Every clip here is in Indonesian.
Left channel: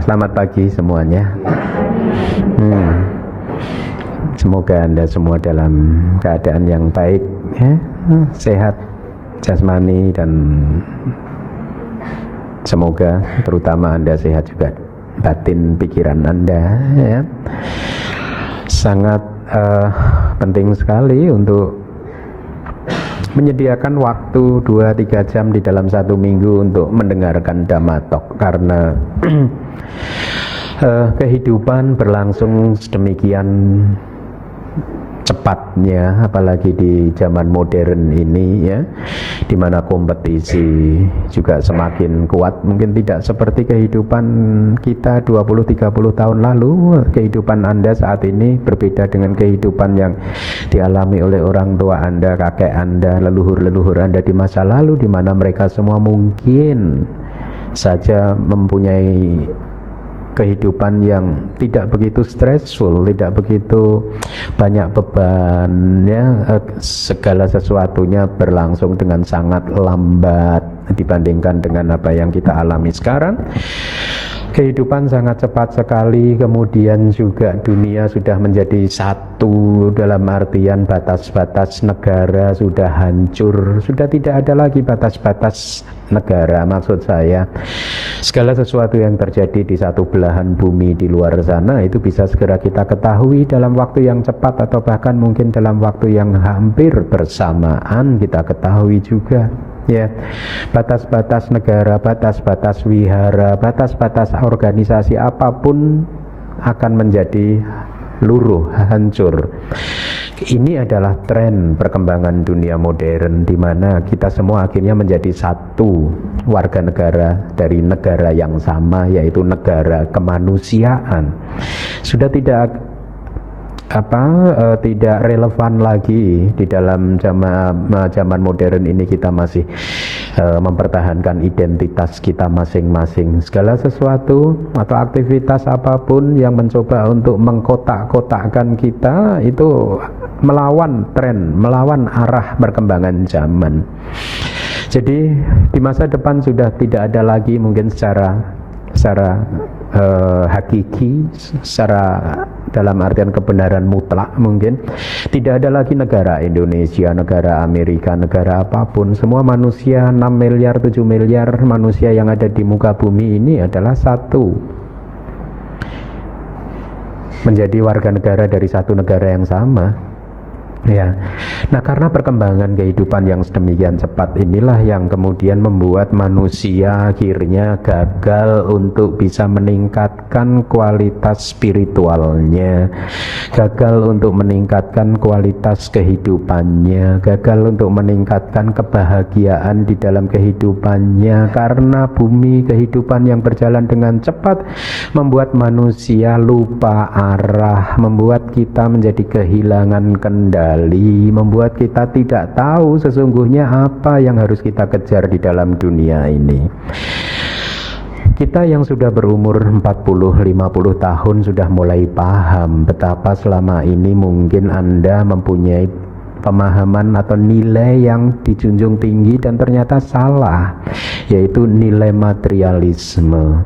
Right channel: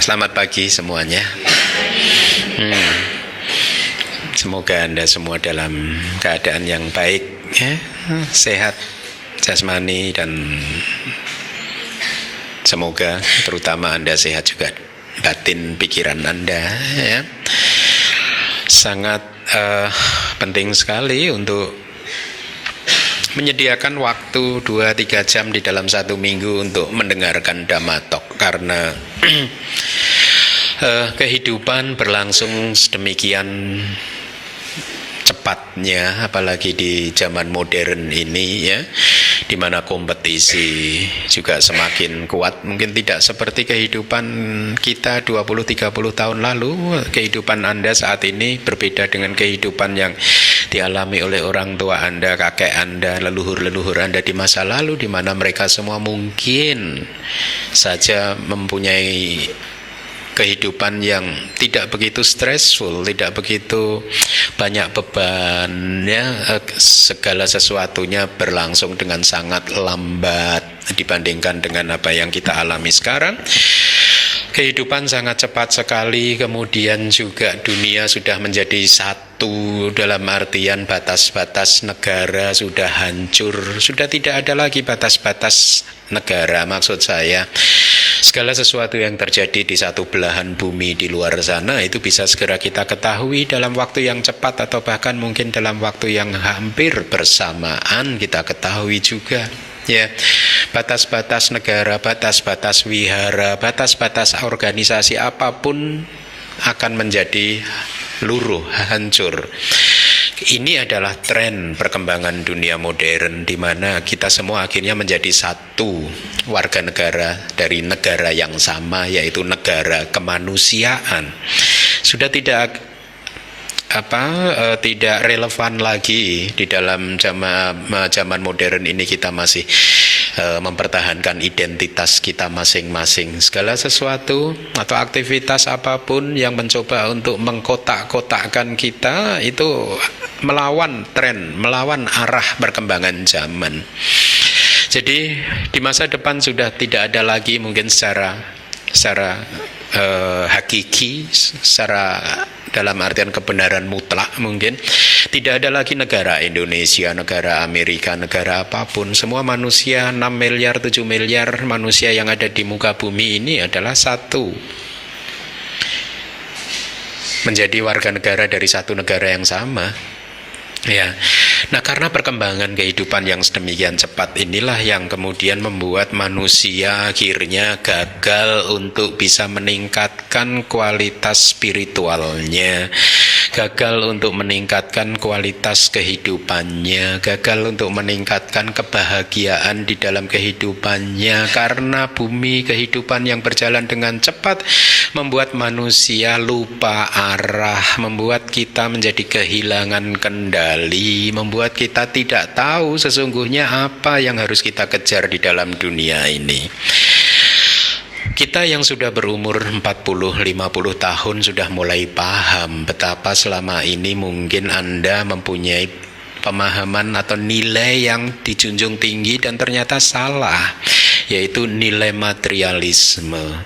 Selamat pagi semuanya. Semoga Anda semua dalam keadaan yang baik, ya, sehat jasmani, dan semoga terutama Anda sehat juga batin pikiran Anda, ya. Sangat penting sekali untuk menyediakan waktu 2-3 jam di dalam satu minggu untuk mendengarkan Dhamma Talk, karena kehidupan berlangsung sedemikian cepatnya, apalagi di zaman modern ini, ya, di mana kompetisi juga semakin kuat. Mungkin tidak seperti kehidupan kita 20-30 tahun lalu. Kehidupan Anda saat ini berbeda dengan kehidupan yang dialami oleh orang tua Anda, kakek Anda, leluhur-leluhur Anda di masa lalu, di mana mereka semua mungkin saja mempunyai kehidupan yang tidak begitu stressful, tidak begitu banyak beban, ya. Segala sesuatunya berlangsung dengan sangat lambat dibandingkan dengan apa yang kita alami sekarang. Kehidupan sangat cepat sekali, kemudian juga dunia sudah menjadi satu, dalam artian batas-batas negara sudah hancur, sudah tidak ada lagi batas-batas negara. Maksud saya, segala sesuatu yang terjadi di satu belahan bumi di luar sana itu bisa segera kita ketahui dalam waktu yang cepat, atau bahkan mungkin dalam waktu yang hampir bersamaan kita ketahui juga. Ya, batas-batas negara, batas-batas wihara, batas-batas organisasi apapun akan menjadi luruh, hancur. Ini adalah tren perkembangan dunia modern, di mana kita semua akhirnya menjadi satu warga negara dari negara yang sama, yaitu negara kemanusiaan. Sudah tidak relevan lagi di dalam zaman modern ini. Kita masih mempertahankan identitas kita masing-masing. Segala sesuatu atau aktivitas apapun yang mencoba untuk mengkotak-kotakkan kita itu melawan tren, melawan arah perkembangan zaman. Jadi di masa depan sudah tidak ada lagi mungkin secara hakiki, secara dalam artian kebenaran mutlak, mungkin tidak ada lagi negara Indonesia, negara Amerika, negara apapun. Semua manusia, 6 miliar, 7 miliar manusia yang ada di muka bumi ini adalah satu, menjadi warga negara dari satu negara yang sama. Ya, nah karena perkembangan kehidupan yang sedemikian cepat inilah yang kemudian membuat manusia akhirnya gagal untuk bisa meningkatkan kualitas spiritualnya, gagal untuk meningkatkan kualitas kehidupannya, gagal untuk meningkatkan kebahagiaan di dalam kehidupannya, karena bumi kehidupan yang berjalan dengan cepat membuat manusia lupa arah, membuat kita menjadi kehilangan kendali, membuat kita tidak tahu sesungguhnya apa yang harus kita kejar di dalam dunia ini. Kita yang sudah berumur 40-50 tahun sudah mulai paham betapa selama ini mungkin Anda mempunyai pemahaman atau nilai yang dijunjung tinggi dan ternyata salah, yaitu nilai materialisme.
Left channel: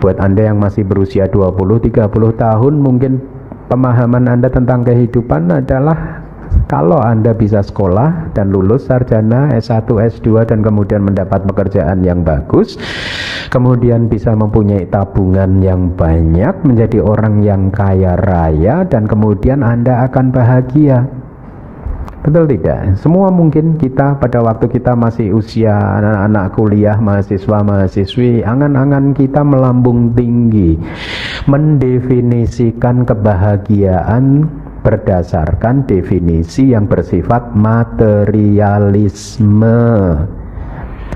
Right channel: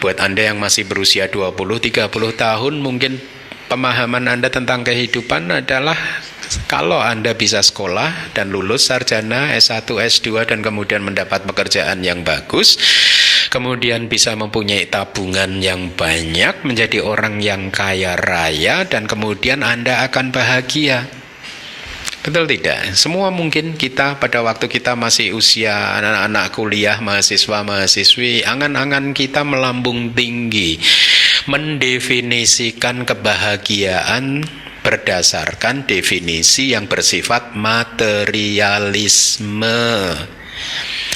Buat Anda yang masih berusia 20-30 tahun, mungkin pemahaman Anda tentang kehidupan adalah kalau Anda bisa sekolah dan lulus sarjana S1, S2 dan kemudian mendapat pekerjaan yang bagus, kemudian bisa mempunyai tabungan yang banyak, menjadi orang yang kaya raya, dan kemudian Anda akan bahagia. Betul tidak? Semua mungkin kita pada waktu kita masih usia anak-anak kuliah, mahasiswa-mahasiswi, angan-angan kita melambung tinggi, mendefinisikan kebahagiaan berdasarkan definisi yang bersifat materialisme.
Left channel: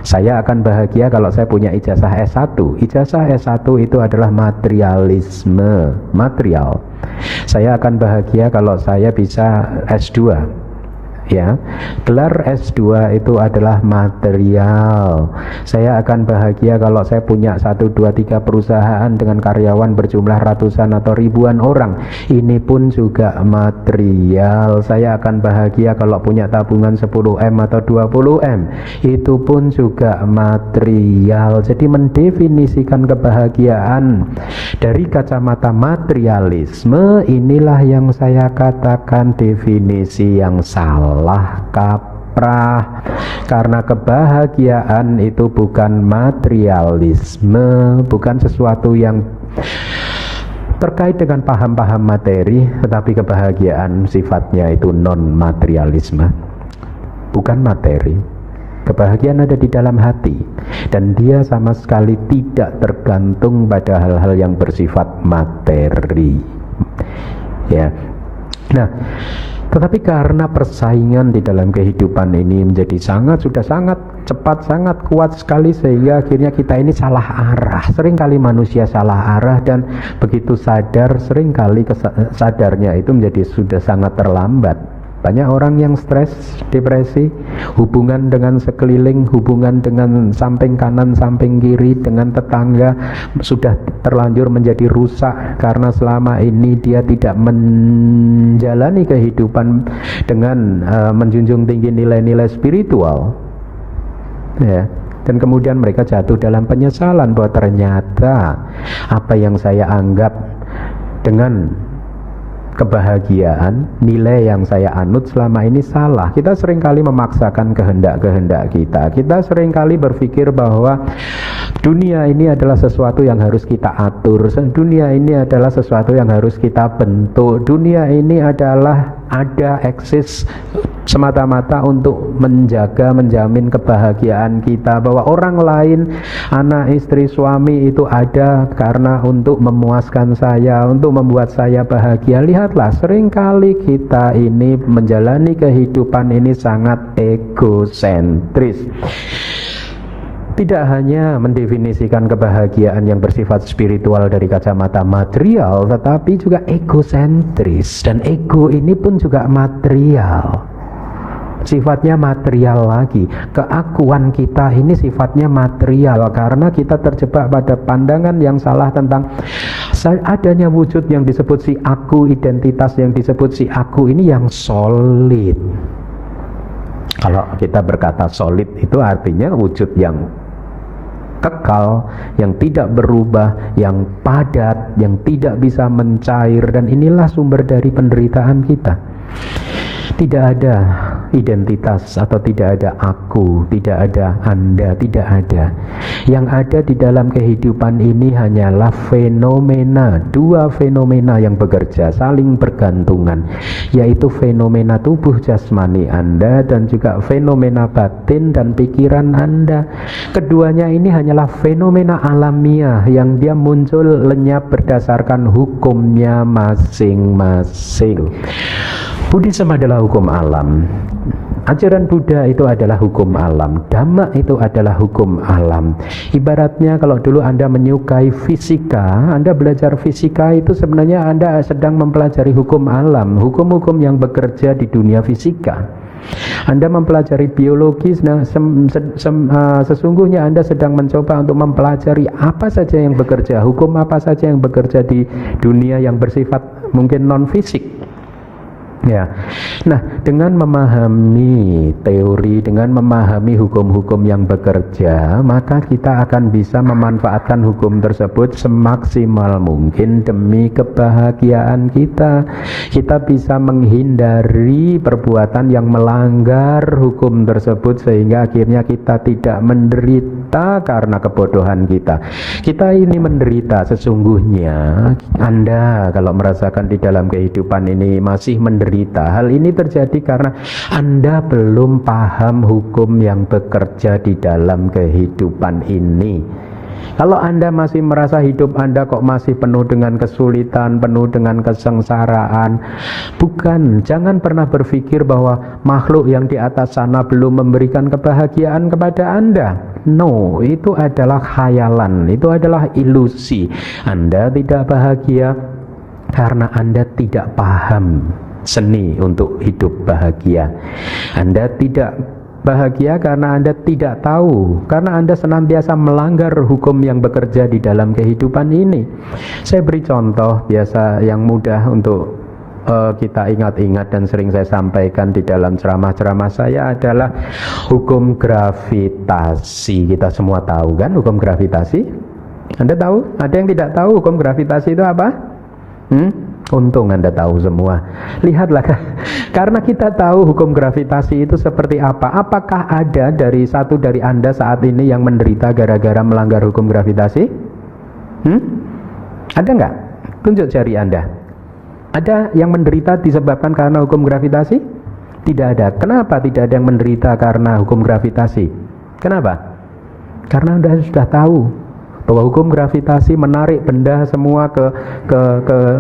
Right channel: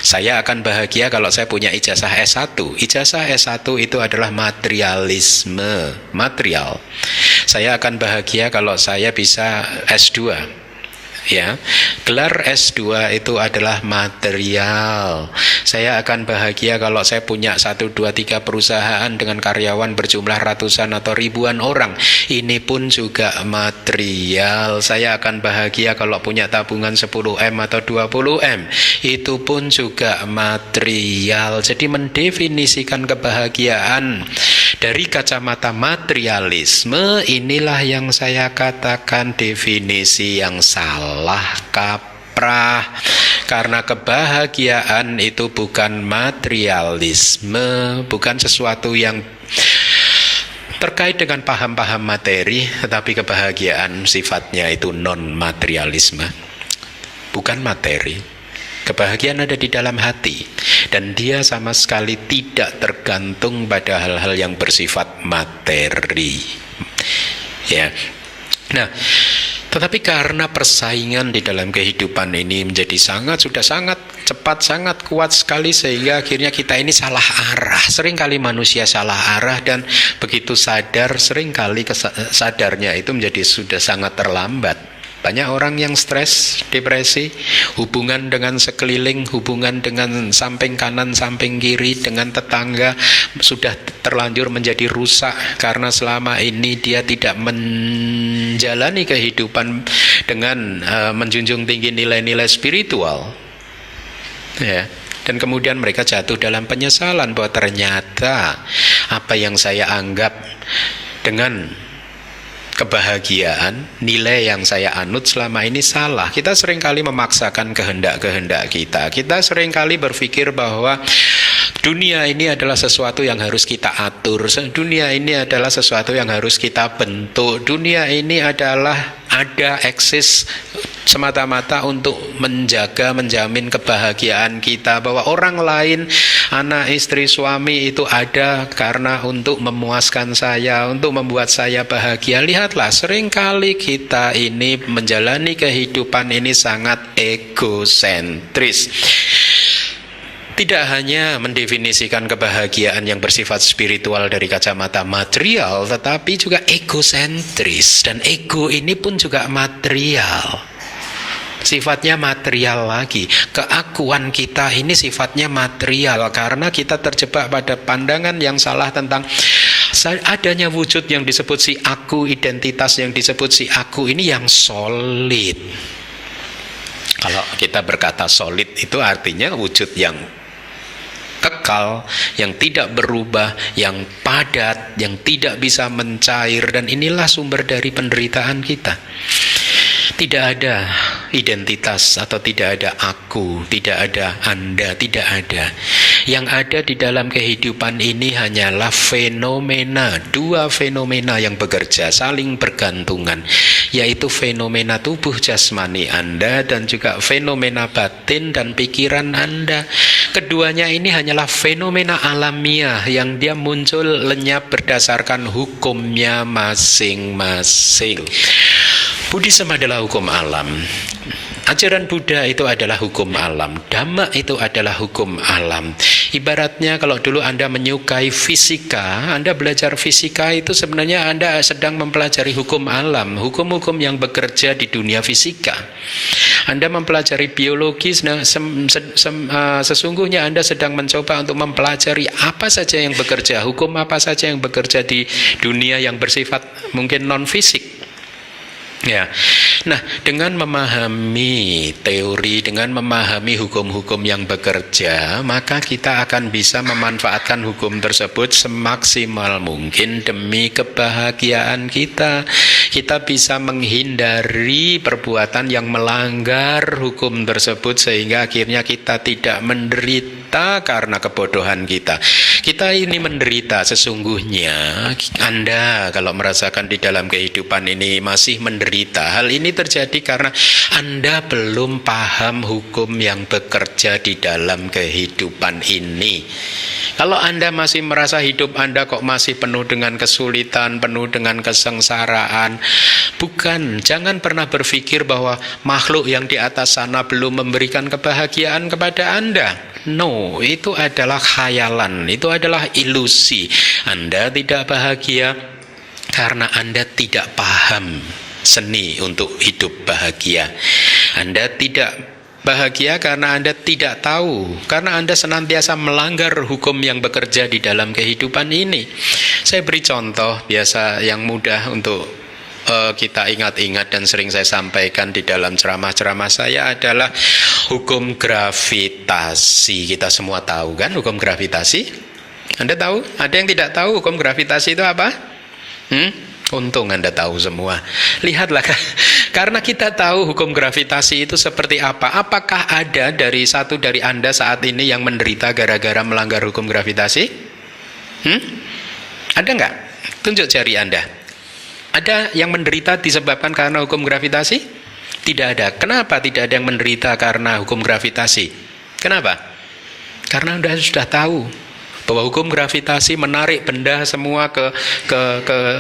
Saya akan bahagia kalau saya punya ijazah S1. Ijazah S1 itu adalah materialisme, material. Saya akan bahagia kalau saya bisa S2. Ya, gelar S2 itu adalah material. Saya akan bahagia kalau saya punya 1, 2, 3 perusahaan dengan karyawan berjumlah ratusan atau ribuan orang. Ini pun juga material. Saya akan bahagia kalau punya tabungan 10M atau 20M. Itu pun juga material. Jadi mendefinisikan kebahagiaan dari kacamata materialisme, inilah yang saya katakan definisi yang salah, kaprah. Karena kebahagiaan itu bukan materialisme, bukan sesuatu yang terkait dengan paham-paham materi, tetapi kebahagiaan sifatnya itu non-materialisme, bukan materi. Kebahagiaan ada di dalam hati, dan dia sama sekali tidak tergantung pada hal-hal yang bersifat materi. Ya. Nah, tetapi karena persaingan di dalam kehidupan ini menjadi sudah sangat cepat, sangat kuat sekali, sehingga akhirnya kita ini salah arah. Seringkali manusia salah arah, dan begitu sadar, seringkali sadarnya itu menjadi sudah sangat terlambat. Banyak orang yang stres, depresi, hubungan dengan sekeliling, hubungan dengan samping kanan, samping kiri, dengan tetangga sudah terlanjur menjadi rusak karena selama ini dia tidak menjalani kehidupan dengan menjunjung tinggi nilai-nilai spiritual. Ya. Dan kemudian mereka jatuh dalam penyesalan bahwa ternyata apa yang saya anggap dengan kebahagiaan, nilai yang saya anut selama ini salah. Kita seringkali memaksakan kehendak-kehendak kita. Kita seringkali berpikir bahwa dunia ini adalah sesuatu yang harus kita atur. Dunia ini adalah sesuatu yang harus kita bentuk. Dunia ini adalah eksis semata-mata untuk menjamin kebahagiaan kita, bahwa orang lain, anak, istri, suami itu ada karena untuk memuaskan saya, untuk membuat saya bahagia. Lihatlah, seringkali kita ini menjalani kehidupan ini sangat egosentris. Tidak hanya mendefinisikan kebahagiaan yang bersifat spiritual dari kacamata material, tetapi juga egosentris. Dan ego ini pun juga material, sifatnya material lagi. Keakuan kita ini sifatnya material, karena kita terjebak pada pandangan yang salah tentang adanya wujud yang disebut si aku, identitas yang disebut si aku ini yang solid. Kalau kita berkata solid itu artinya wujud yang kekal, yang tidak berubah, yang padat, yang tidak bisa mencair. Dan inilah sumber dari penderitaan kita. Tidak ada identitas atau tidak ada aku, tidak ada Anda, tidak ada. Yang ada di dalam kehidupan ini hanyalah fenomena, dua fenomena yang bekerja, saling bergantungan, yaitu fenomena tubuh jasmani Anda dan juga fenomena batin dan pikiran Anda. Keduanya ini hanyalah fenomena alamiah yang dia muncul lenyap berdasarkan hukumnya masing-masing. Buddhisme adalah hukum alam. Ajaran Buddha itu adalah hukum alam. Dhamma itu adalah hukum alam. Ibaratnya kalau dulu Anda menyukai fisika, Anda belajar fisika itu sebenarnya Anda sedang mempelajari hukum alam, hukum-hukum yang bekerja di dunia fisika. Anda mempelajari biologi, sesungguhnya Anda sedang mencoba untuk mempelajari apa saja yang bekerja, hukum apa saja yang bekerja di dunia yang bersifat mungkin non-fisik. Ya, nah dengan memahami teori, dengan memahami hukum-hukum yang bekerja, maka kita akan bisa memanfaatkan hukum tersebut semaksimal mungkin demi kebahagiaan kita. Kita bisa menghindari perbuatan yang melanggar hukum tersebut sehingga akhirnya kita tidak menderita karena kebodohan kita. Kita ini menderita sesungguhnya. Anda kalau merasakan di dalam kehidupan ini masih menderita, hal ini terjadi karena Anda belum paham hukum yang bekerja di dalam kehidupan ini. Kalau Anda masih merasa hidup Anda kok masih penuh dengan kesulitan, penuh dengan kesengsaraan, jangan pernah berpikir bahwa makhluk yang di atas sana belum memberikan kebahagiaan kepada Anda. No, itu adalah khayalan, itu adalah ilusi. Anda tidak bahagia karena Anda tidak paham seni untuk hidup bahagia. Anda tidak bahagia karena Anda tidak tahu, karena Anda senantiasa melanggar hukum yang bekerja di dalam kehidupan ini. Saya beri contoh biasa yang mudah untuk kita ingat-ingat dan sering saya sampaikan di dalam ceramah-ceramah saya adalah hukum gravitasi. Kita semua tahu kan hukum gravitasi? Anda tahu? Ada yang tidak tahu hukum gravitasi itu apa? Untung Anda tahu semua. Lihatlah, karena kita tahu hukum gravitasi itu seperti apa. Apakah ada satu dari Anda saat ini yang menderita gara-gara melanggar hukum gravitasi? Ada nggak? Tunjuk jari Anda. Ada yang menderita disebabkan karena hukum gravitasi? Tidak ada. Kenapa tidak ada yang menderita karena hukum gravitasi? Kenapa? Karena Anda sudah tahu bahwa hukum gravitasi menarik benda semua ke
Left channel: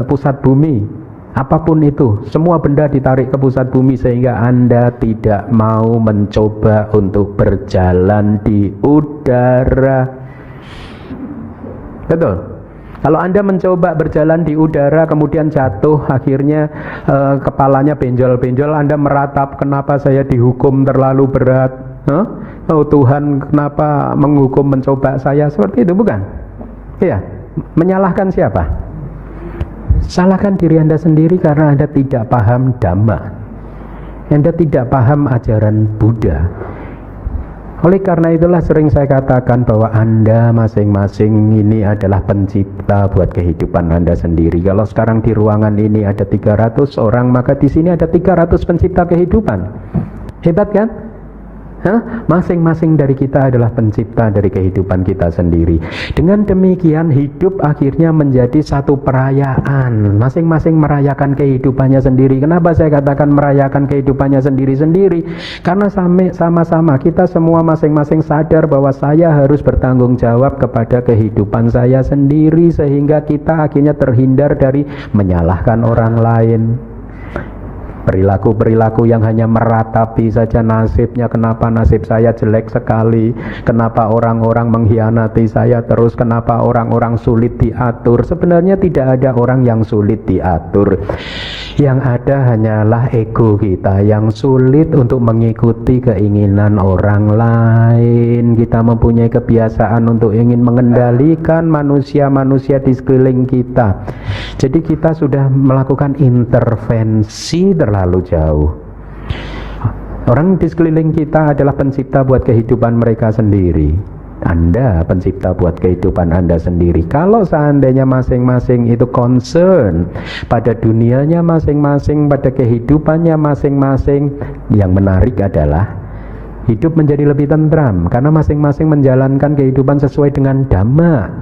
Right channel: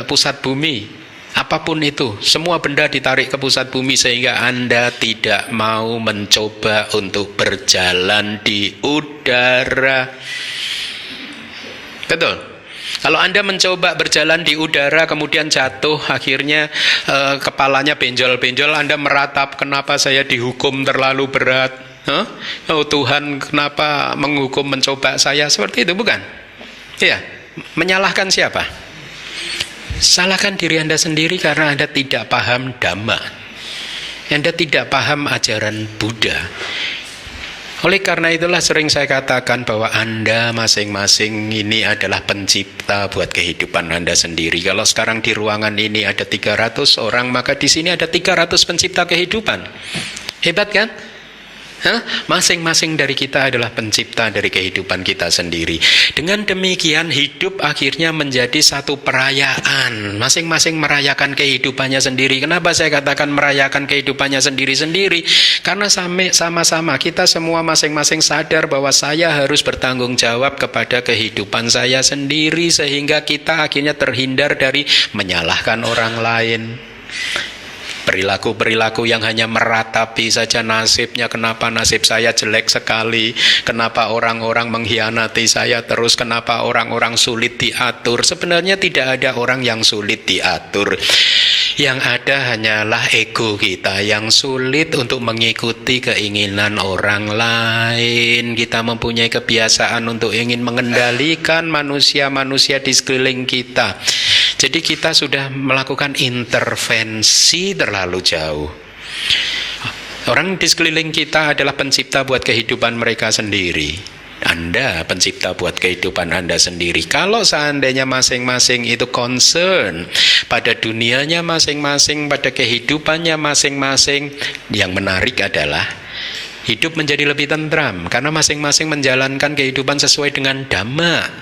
pusat bumi. Apapun itu, semua benda ditarik ke pusat bumi sehingga Anda tidak mau mencoba untuk berjalan di udara. Betul? Kalau Anda mencoba berjalan di udara kemudian jatuh, akhirnya kepalanya benjol-benjol, Anda meratap, kenapa saya dihukum terlalu berat? Oh Tuhan, kenapa menghukum mencoba saya? Seperti itu, bukan? Iya. Menyalahkan siapa? Salahkan diri Anda sendiri karena Anda tidak paham Dhamma. Anda tidak paham ajaran Buddha. Oleh karena itulah sering saya katakan bahwa Anda masing-masing ini adalah pencipta buat kehidupan Anda sendiri. Kalau sekarang di ruangan ini ada 300 orang, maka di sini ada 300 pencipta kehidupan. Hebat kan? Masing-masing dari kita adalah pencipta dari kehidupan kita sendiri. Dengan demikian hidup akhirnya menjadi satu perayaan. Masing-masing merayakan kehidupannya sendiri. Kenapa saya katakan merayakan kehidupannya sendiri-sendiri? Karena sama-sama kita semua masing-masing sadar bahwa saya harus bertanggung jawab kepada kehidupan saya sendiri, sehingga kita akhirnya terhindar dari menyalahkan orang lain. Perilaku-perilaku yang hanya meratapi saja nasibnya, kenapa nasib saya jelek sekali, kenapa orang-orang mengkhianati saya terus, kenapa orang-orang sulit diatur. Sebenarnya tidak ada orang yang sulit diatur. Yang ada hanyalah ego kita yang sulit untuk mengikuti keinginan orang lain. Kita mempunyai kebiasaan untuk ingin mengendalikan manusia-manusia di sekeliling kita. Jadi kita sudah melakukan intervensi terlalu jauh. Orang di sekeliling kita adalah pencipta buat kehidupan mereka sendiri. Anda pencipta buat kehidupan Anda sendiri. Kalau seandainya masing-masing itu concern pada dunianya masing-masing, pada kehidupannya masing-masing, yang menarik adalah hidup menjadi lebih tentram karena masing-masing menjalankan kehidupan sesuai dengan Dhamma.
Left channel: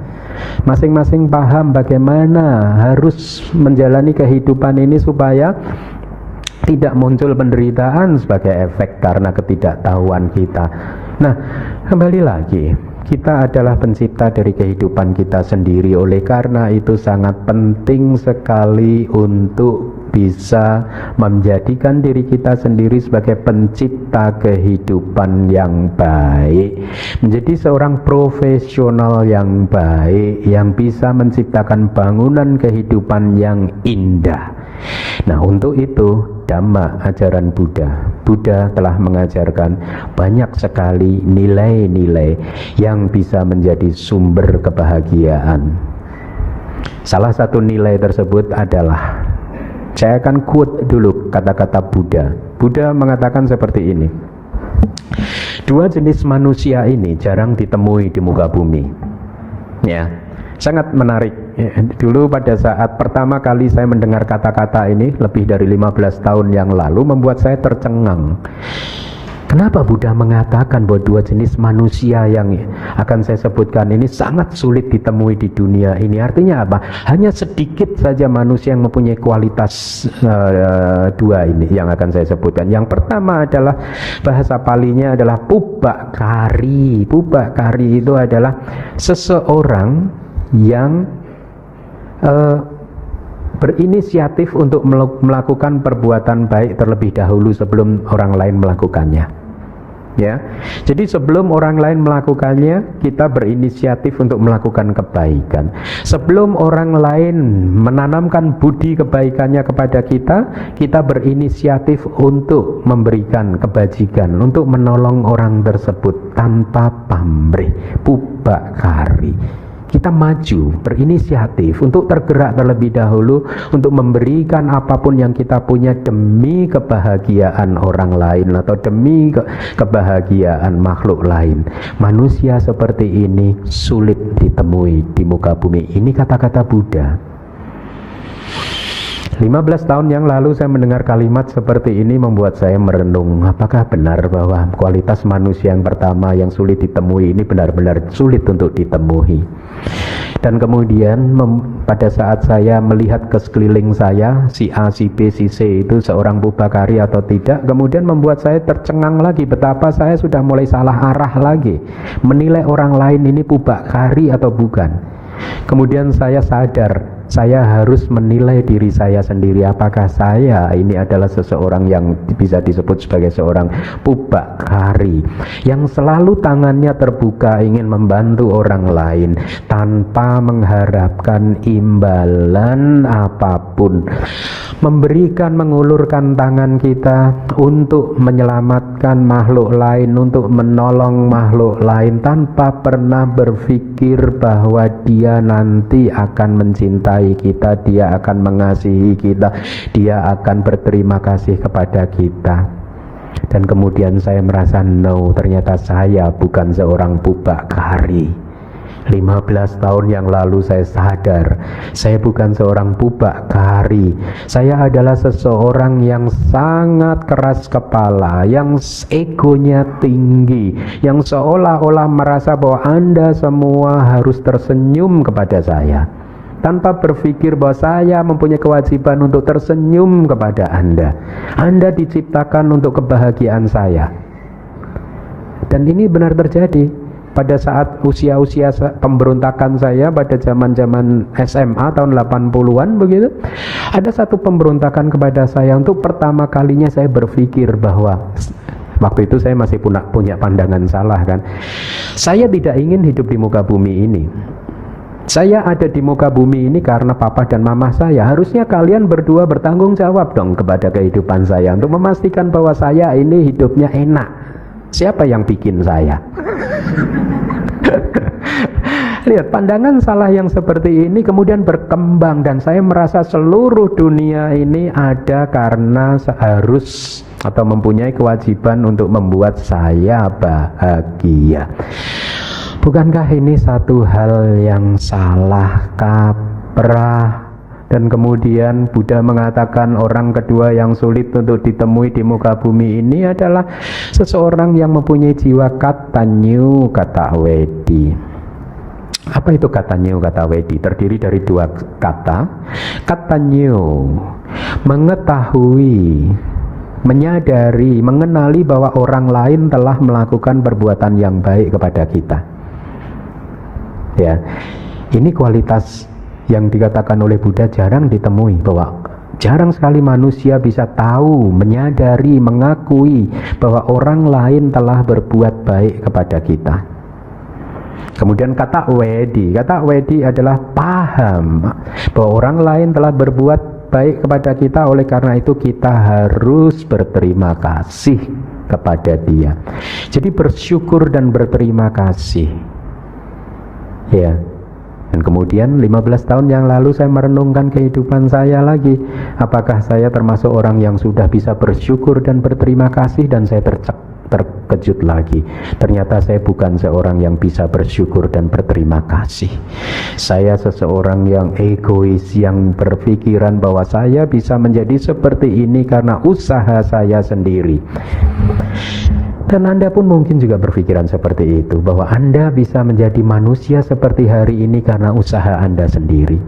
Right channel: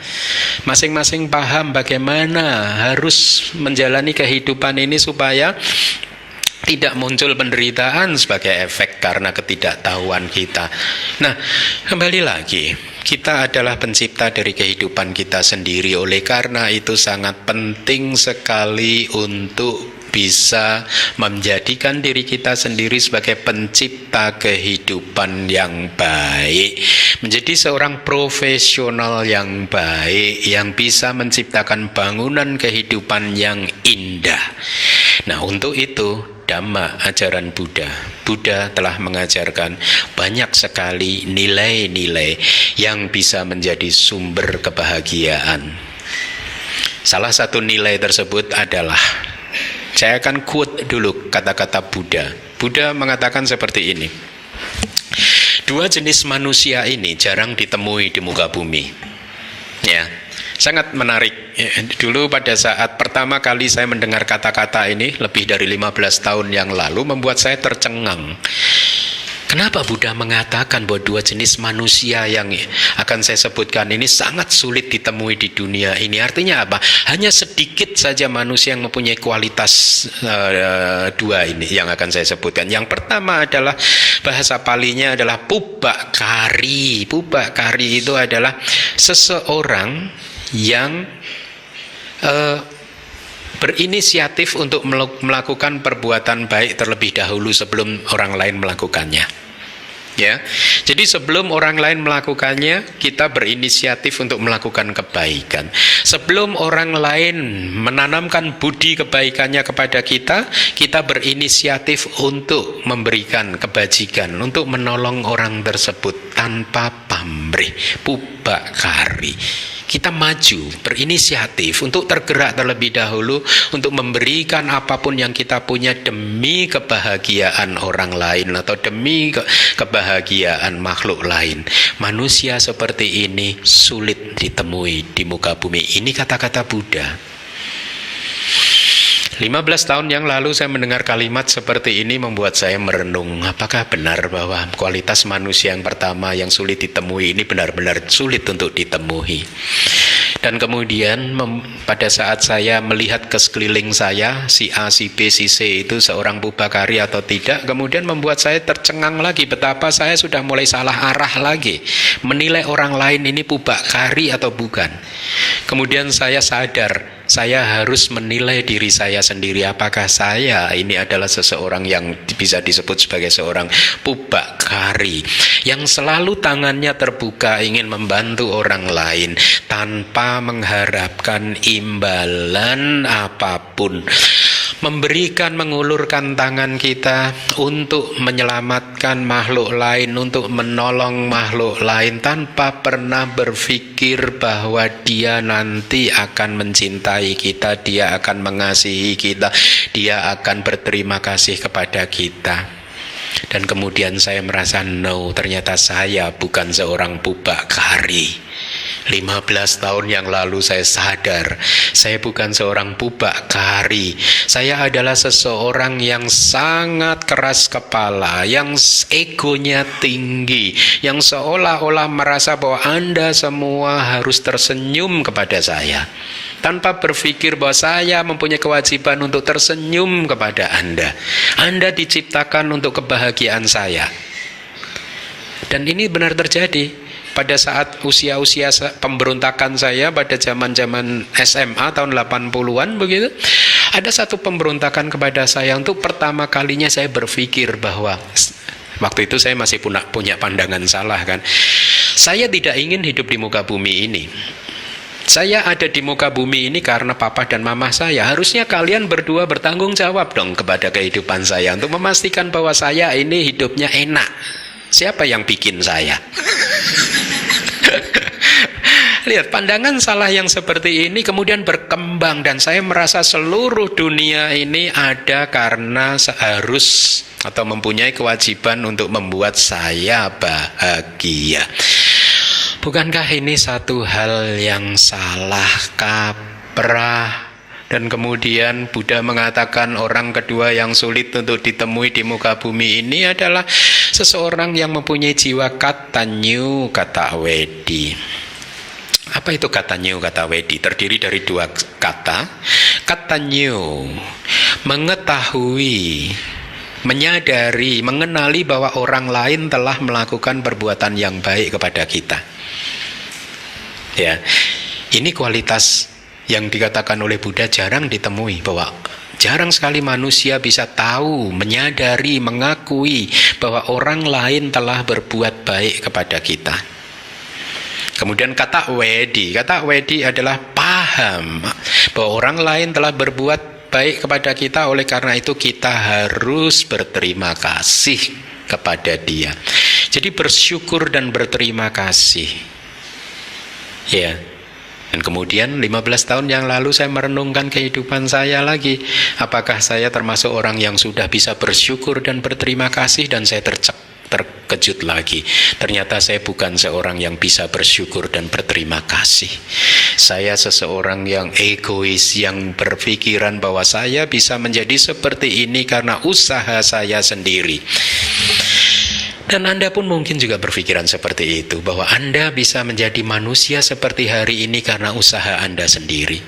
Masing-masing paham bagaimana harus menjalani kehidupan ini supaya tidak muncul penderitaan sebagai efek karena ketidaktahuan kita. Nah, kembali lagi, kita adalah pencipta dari kehidupan kita sendiri. Oleh karena itu sangat penting sekali untuk bisa menjadikan diri kita sendiri sebagai pencipta kehidupan yang baik, menjadi seorang profesional yang baik yang bisa menciptakan bangunan kehidupan yang indah. Nah, untuk itu Dhamma, ajaran Buddha telah mengajarkan banyak sekali nilai-nilai yang bisa menjadi sumber kebahagiaan. Salah satu nilai tersebut adalah, saya akan quote dulu kata-kata Buddha. Buddha mengatakan seperti ini: dua jenis manusia ini jarang ditemui di muka bumi. Ya, sangat menarik. Dulu pada saat pertama kali saya mendengar kata-kata ini lebih dari 15 tahun yang lalu, membuat saya tercengang. Kenapa Buddha mengatakan bahwa dua jenis manusia yang akan saya sebutkan ini sangat sulit ditemui di dunia ini? Artinya apa? Hanya sedikit saja manusia yang mempunyai kualitas dua ini yang akan saya sebutkan. Yang pertama adalah, bahasa Palinya adalah Pubbakari. Pubbakari itu adalah seseorang yang berinisiatif untuk melakukan perbuatan baik terlebih dahulu sebelum orang lain melakukannya. Ya, jadi sebelum orang lain melakukannya, kita berinisiatif untuk melakukan kebaikan. Sebelum orang lain menanamkan budi kebaikannya kepada kita, kita berinisiatif untuk memberikan kebajikan, untuk menolong orang tersebut tanpa pamrih, pubakari. Kita maju, berinisiatif untuk tergerak terlebih dahulu untuk memberikan apapun yang kita punya demi kebahagiaan orang lain atau demi kebahagiaan makhluk lain. Manusia seperti ini sulit ditemui di muka bumi. Ini kata-kata Buddha. 15 tahun yang lalu saya mendengar kalimat seperti ini membuat saya merenung, apakah benar bahwa kualitas manusia yang pertama yang sulit ditemui ini benar-benar sulit untuk ditemui. Dan kemudian pada saat saya melihat ke sekeliling saya, si A, si B, si C itu seorang pubakari atau tidak, kemudian membuat saya tercengang lagi betapa saya sudah mulai salah arah lagi, menilai orang lain ini pubakari atau bukan. Kemudian saya sadar, saya harus menilai diri saya sendiri, apakah saya ini adalah seseorang yang bisa disebut sebagai seorang pubakari yang selalu tangannya terbuka ingin membantu orang lain tanpa mengharapkan imbalan apapun, memberikan, mengulurkan tangan kita untuk menyelamatkan makhluk lain, untuk menolong makhluk lain tanpa pernah berpikir bahwa dia nanti akan mencintai kita, dia akan mengasihi kita, dia akan berterima kasih kepada kita. Dan kemudian saya merasa ternyata saya bukan seorang pubakari. 15 tahun yang lalu saya sadar saya bukan seorang pubakari. Saya adalah seseorang yang sangat keras kepala, yang egonya tinggi, yang seolah-olah merasa bahwa Anda semua harus tersenyum kepada saya, tanpa berpikir bahwa saya mempunyai kewajiban untuk tersenyum kepada Anda. Anda diciptakan untuk kebahagiaan saya. Dan ini benar terjadi. Pada saat usia-usia pemberontakan saya pada zaman-zaman SMA tahun 80-an begitu, ada satu pemberontakan kepada saya. Untuk pertama kalinya saya berpikir bahwa waktu itu saya masih punya pandangan salah kan. Saya tidak ingin hidup di muka bumi ini. Saya ada di muka bumi ini karena papa dan mama saya. Harusnya kalian berdua bertanggung jawab dong kepada kehidupan saya untuk memastikan bahwa saya ini hidupnya enak. Siapa yang bikin saya? Lihat, pandangan salah yang seperti ini kemudian berkembang dan saya merasa seluruh dunia ini ada karena harus atau mempunyai kewajiban untuk membuat saya bahagia. Bukankah ini satu hal yang salah kaprah? Dan kemudian Buddha mengatakan orang kedua yang sulit untuk ditemui di muka bumi ini adalah seseorang yang mempunyai jiwa katanyu kata wedi. Apa itu katanyu kata wedi? Terdiri dari dua kata. Katanyu, mengetahui, menyadari, mengenali bahwa orang lain telah melakukan perbuatan yang baik kepada kita. Ya, ini kualitas yang dikatakan oleh Buddha jarang ditemui, bahwa jarang sekali manusia bisa tahu, menyadari, mengakui bahwa orang lain telah berbuat baik kepada kita. Kemudian kata wedi adalah paham bahwa orang lain telah berbuat baik kepada kita, oleh karena itu kita harus berterima kasih kepada dia. Jadi bersyukur dan berterima kasih. Ya. Dan kemudian 15 tahun yang lalu saya merenungkan kehidupan saya lagi. Apakah saya termasuk orang yang sudah bisa bersyukur dan berterima kasih? Dan saya terkejut lagi. Ternyata saya bukan seorang yang bisa bersyukur dan berterima kasih. Saya seseorang yang egois, yang berpikiran bahwa saya bisa menjadi seperti ini karena usaha saya sendiri. Dan Anda pun mungkin juga berpikiran seperti itu, bahwa Anda bisa menjadi manusia seperti hari ini karena usaha Anda sendiri,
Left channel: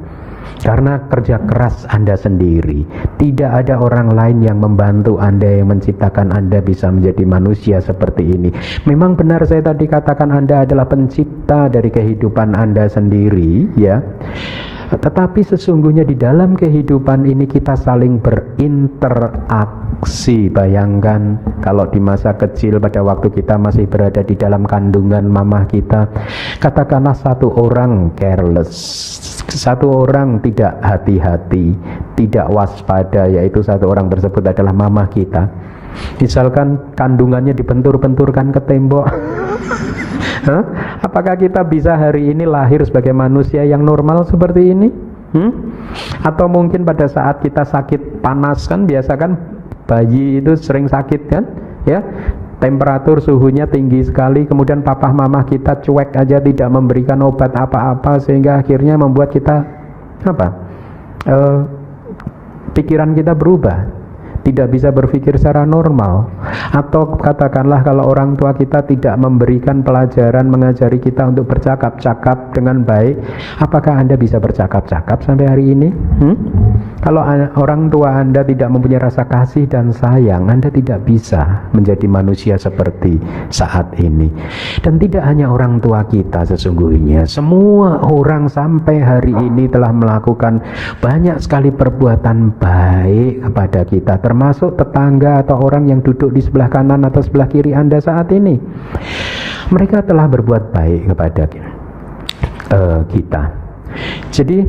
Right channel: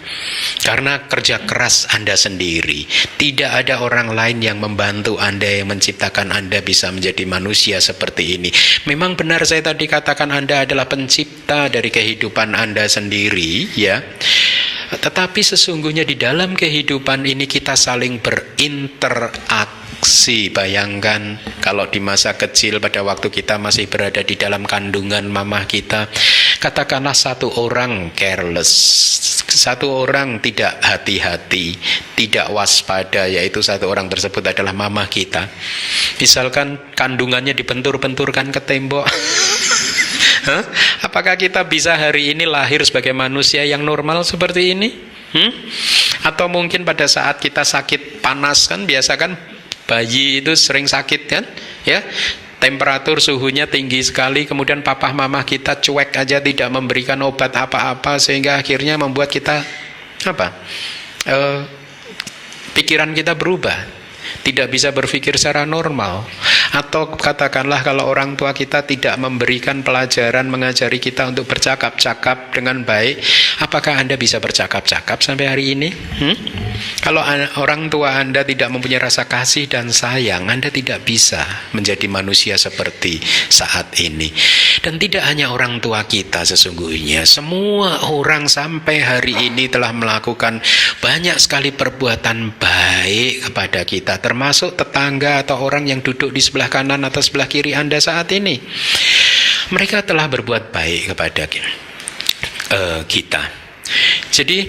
karena kerja keras Anda sendiri. Tidak ada orang lain yang membantu Anda, yang menciptakan Anda bisa menjadi manusia seperti ini. Memang benar saya tadi katakan Anda adalah pencipta dari kehidupan Anda sendiri, ya. Tetapi sesungguhnya di dalam kehidupan ini kita saling berinteraksi. Bayangkan kalau di masa kecil pada waktu kita masih berada di dalam kandungan mamah kita, katakanlah satu orang careless, satu orang tidak hati-hati, tidak waspada, yaitu satu orang tersebut adalah mamah kita. Misalkan kandungannya dibentur-benturkan ke tembok. Apakah kita bisa hari ini lahir sebagai manusia yang normal seperti ini? Atau mungkin pada saat kita sakit panas, kan biasa kan bayi itu sering sakit kan, ya, temperatur suhunya tinggi sekali, kemudian papa mama kita cuek aja, tidak memberikan obat apa-apa, sehingga akhirnya membuat kita pikiran kita berubah, tidak bisa berpikir secara normal. Atau katakanlah kalau orang tua kita tidak memberikan pelajaran, mengajari kita untuk bercakap-cakap dengan baik, apakah Anda bisa bercakap-cakap sampai hari ini? Kalau orang tua Anda tidak mempunyai rasa kasih dan sayang, Anda tidak bisa menjadi manusia seperti saat ini. Dan tidak hanya orang tua kita, sesungguhnya semua orang sampai hari ini telah melakukan banyak sekali perbuatan baik kepada kita, termasuk tetangga atau orang yang duduk di sebelah kanan atau sebelah kiri Anda saat ini. Mereka telah berbuat baik kepada kita. Jadi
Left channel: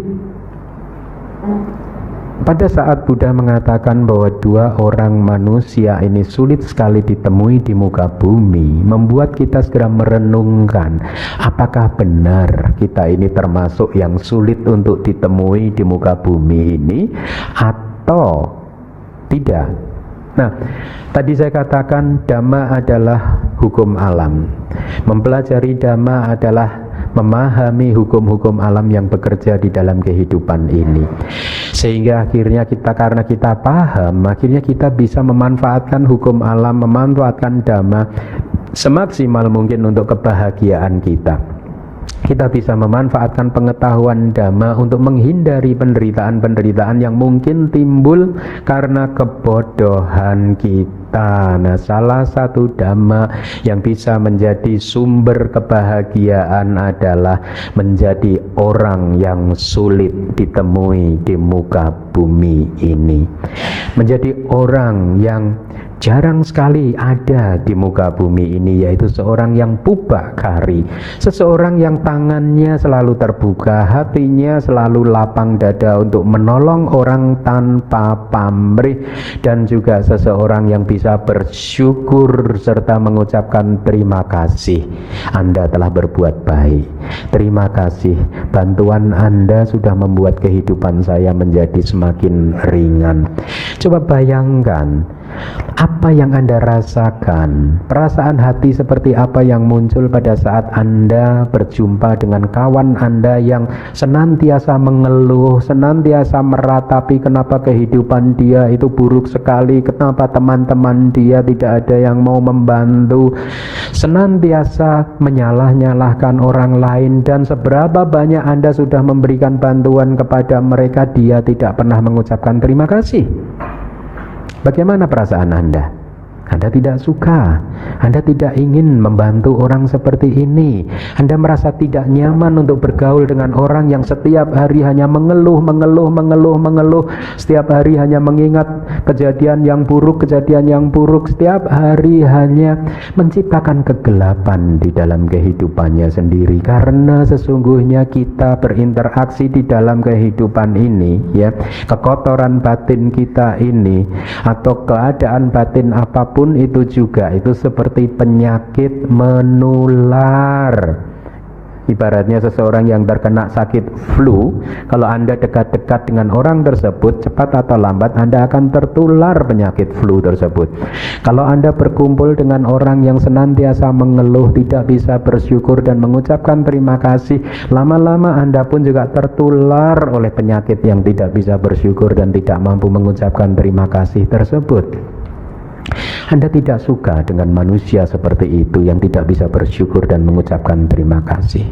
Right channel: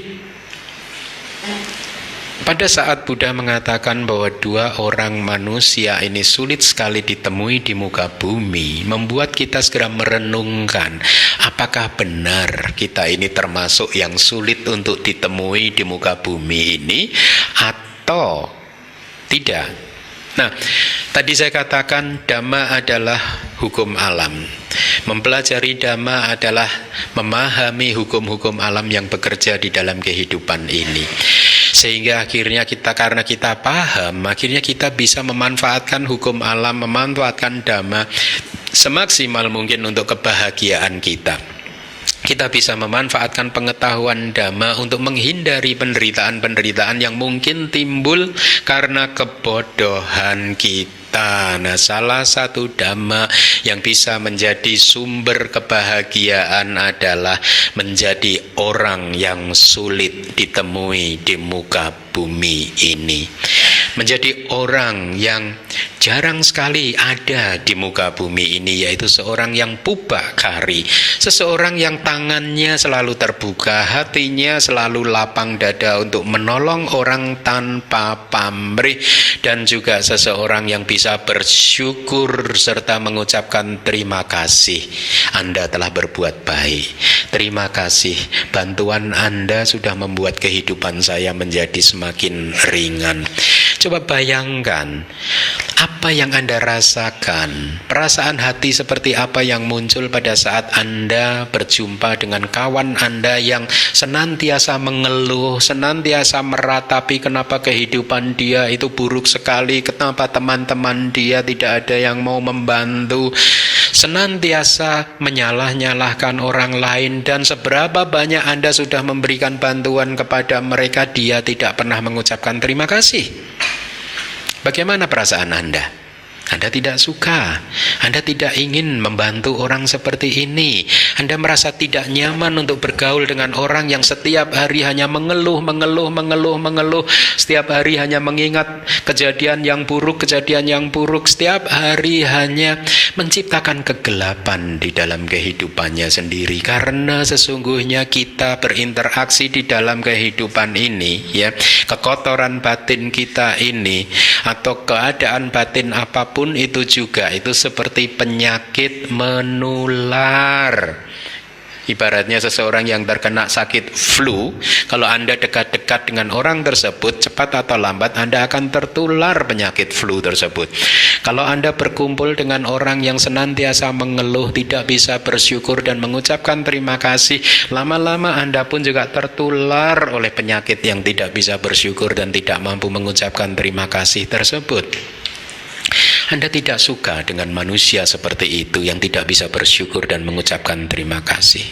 pada saat Buddha mengatakan bahwa dua orang manusia ini sulit sekali ditemui di muka bumi, membuat kita segera merenungkan, apakah benar kita ini termasuk yang sulit untuk ditemui di muka bumi ini atau tidak? Nah, tadi saya katakan Dhamma adalah hukum alam. Mempelajari Dhamma adalah memahami hukum-hukum alam yang bekerja di dalam kehidupan ini. Sehingga akhirnya karena kita paham, akhirnya kita bisa memanfaatkan hukum alam, memanfaatkan Dhamma semaksimal mungkin untuk kebahagiaan kita. Kita bisa memanfaatkan pengetahuan Dhamma untuk menghindari penderitaan-penderitaan yang mungkin timbul karena kebodohan kita. Nah, salah satu Dhamma yang bisa menjadi sumber kebahagiaan adalah menjadi orang yang sulit ditemui di muka bumi ini. Menjadi orang yang jarang sekali ada di muka bumi ini, yaitu seorang yang pubakari, seseorang yang tangannya selalu terbuka, hatinya selalu lapang dada untuk menolong orang tanpa pamrih, dan juga seseorang yang bisa bersyukur serta mengucapkan terima kasih. Anda telah berbuat baik, terima kasih, bantuan Anda sudah membuat kehidupan saya menjadi semakin ringan. Coba bayangkan apa yang Anda rasakan, perasaan hati seperti apa yang muncul pada saat Anda berjumpa dengan kawan Anda yang senantiasa mengeluh, senantiasa meratapi kenapa kehidupan dia itu buruk sekali, kenapa teman-teman dia tidak ada yang mau membantu, senantiasa menyalah-nyalahkan orang lain, dan seberapa banyak Anda sudah memberikan bantuan kepada mereka, dia tidak pernah mengucapkan terima kasih. Bagaimana perasaan Anda? Anda tidak suka, Anda tidak ingin membantu orang seperti ini. Anda merasa tidak nyaman untuk bergaul dengan orang yang setiap hari hanya mengeluh. Setiap hari hanya mengingat kejadian yang buruk. Setiap hari hanya menciptakan kegelapan di dalam kehidupannya sendiri. Karena sesungguhnya kita berinteraksi di dalam kehidupan ini, ya, kekotoran batin kita ini atau keadaan batin apapun itu juga itu seperti penyakit menular. Ibaratnya seseorang yang terkena sakit flu, kalau Anda dekat-dekat dengan orang tersebut, cepat atau lambat Anda akan tertular penyakit flu tersebut. Kalau Anda berkumpul dengan orang yang senantiasa mengeluh, tidak bisa bersyukur dan mengucapkan terima kasih, lama-lama Anda pun juga tertular oleh penyakit yang tidak bisa bersyukur dan tidak mampu mengucapkan terima kasih tersebut. Anda tidak suka dengan manusia seperti itu yang tidak bisa bersyukur dan mengucapkan terima kasih.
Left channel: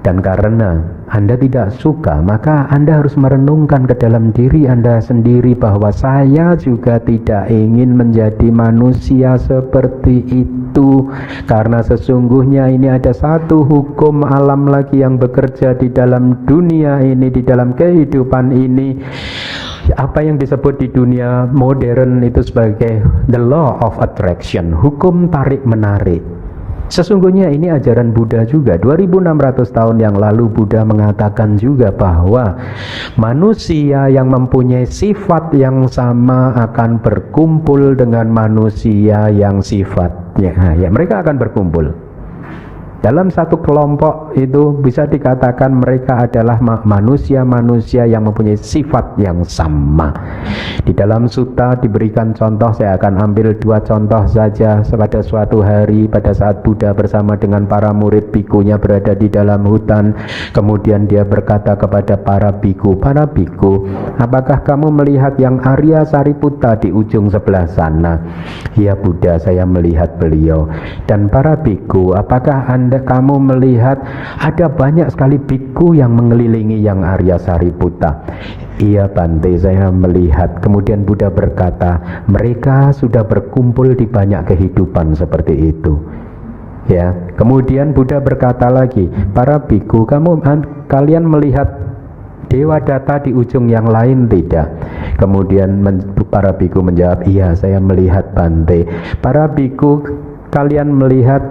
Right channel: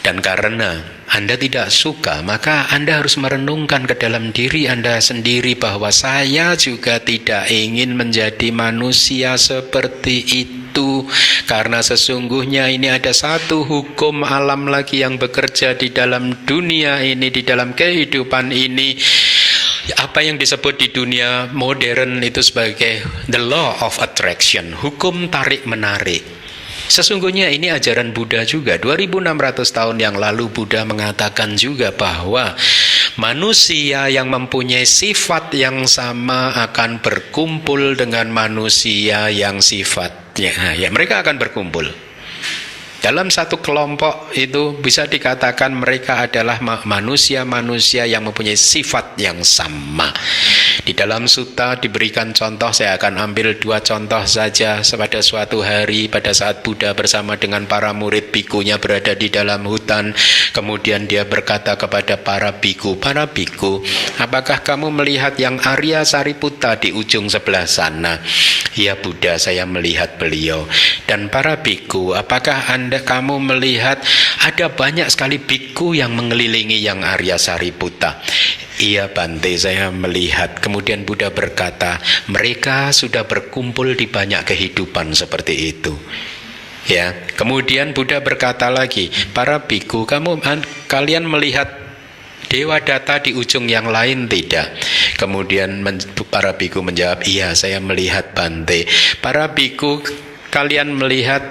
Dan karena Anda tidak suka, maka Anda harus merenungkan ke dalam diri Anda sendiri bahwa saya juga tidak ingin menjadi manusia seperti itu. Karena sesungguhnya ini ada satu hukum alam lagi yang bekerja di dalam dunia ini, di dalam kehidupan ini. Apa yang disebut di dunia modern itu sebagai the law of attraction, hukum tarik-menarik. Sesungguhnya ini ajaran Buddha juga. 2600 tahun yang lalu Buddha mengatakan juga bahwa manusia yang mempunyai sifat yang sama akan berkumpul dengan manusia yang sifatnya, ya mereka akan berkumpul. Dalam satu kelompok itu bisa dikatakan mereka adalah manusia-manusia yang mempunyai sifat yang sama. Di dalam sutta diberikan contoh, saya akan ambil 2 contoh saja. Pada suatu hari pada saat Buddha bersama dengan para murid bikunya berada di dalam hutan, kemudian dia berkata kepada para biku, apakah kamu melihat yang Arya Sariputta di ujung sebelah sana? Ya Buddha, saya melihat beliau. Dan para biku, apakah kamu melihat ada banyak sekali biku yang mengelilingi yang Arya Sariputta? Iya Bante, saya melihat. Kemudian Buddha berkata, mereka sudah berkumpul di banyak kehidupan seperti itu. Ya, kemudian Buddha berkata lagi, para biku, kalian melihat Dewa Data di ujung yang lain tidak? Kemudian para biku menjawab, iya saya melihat Bante. Para biku, kalian melihat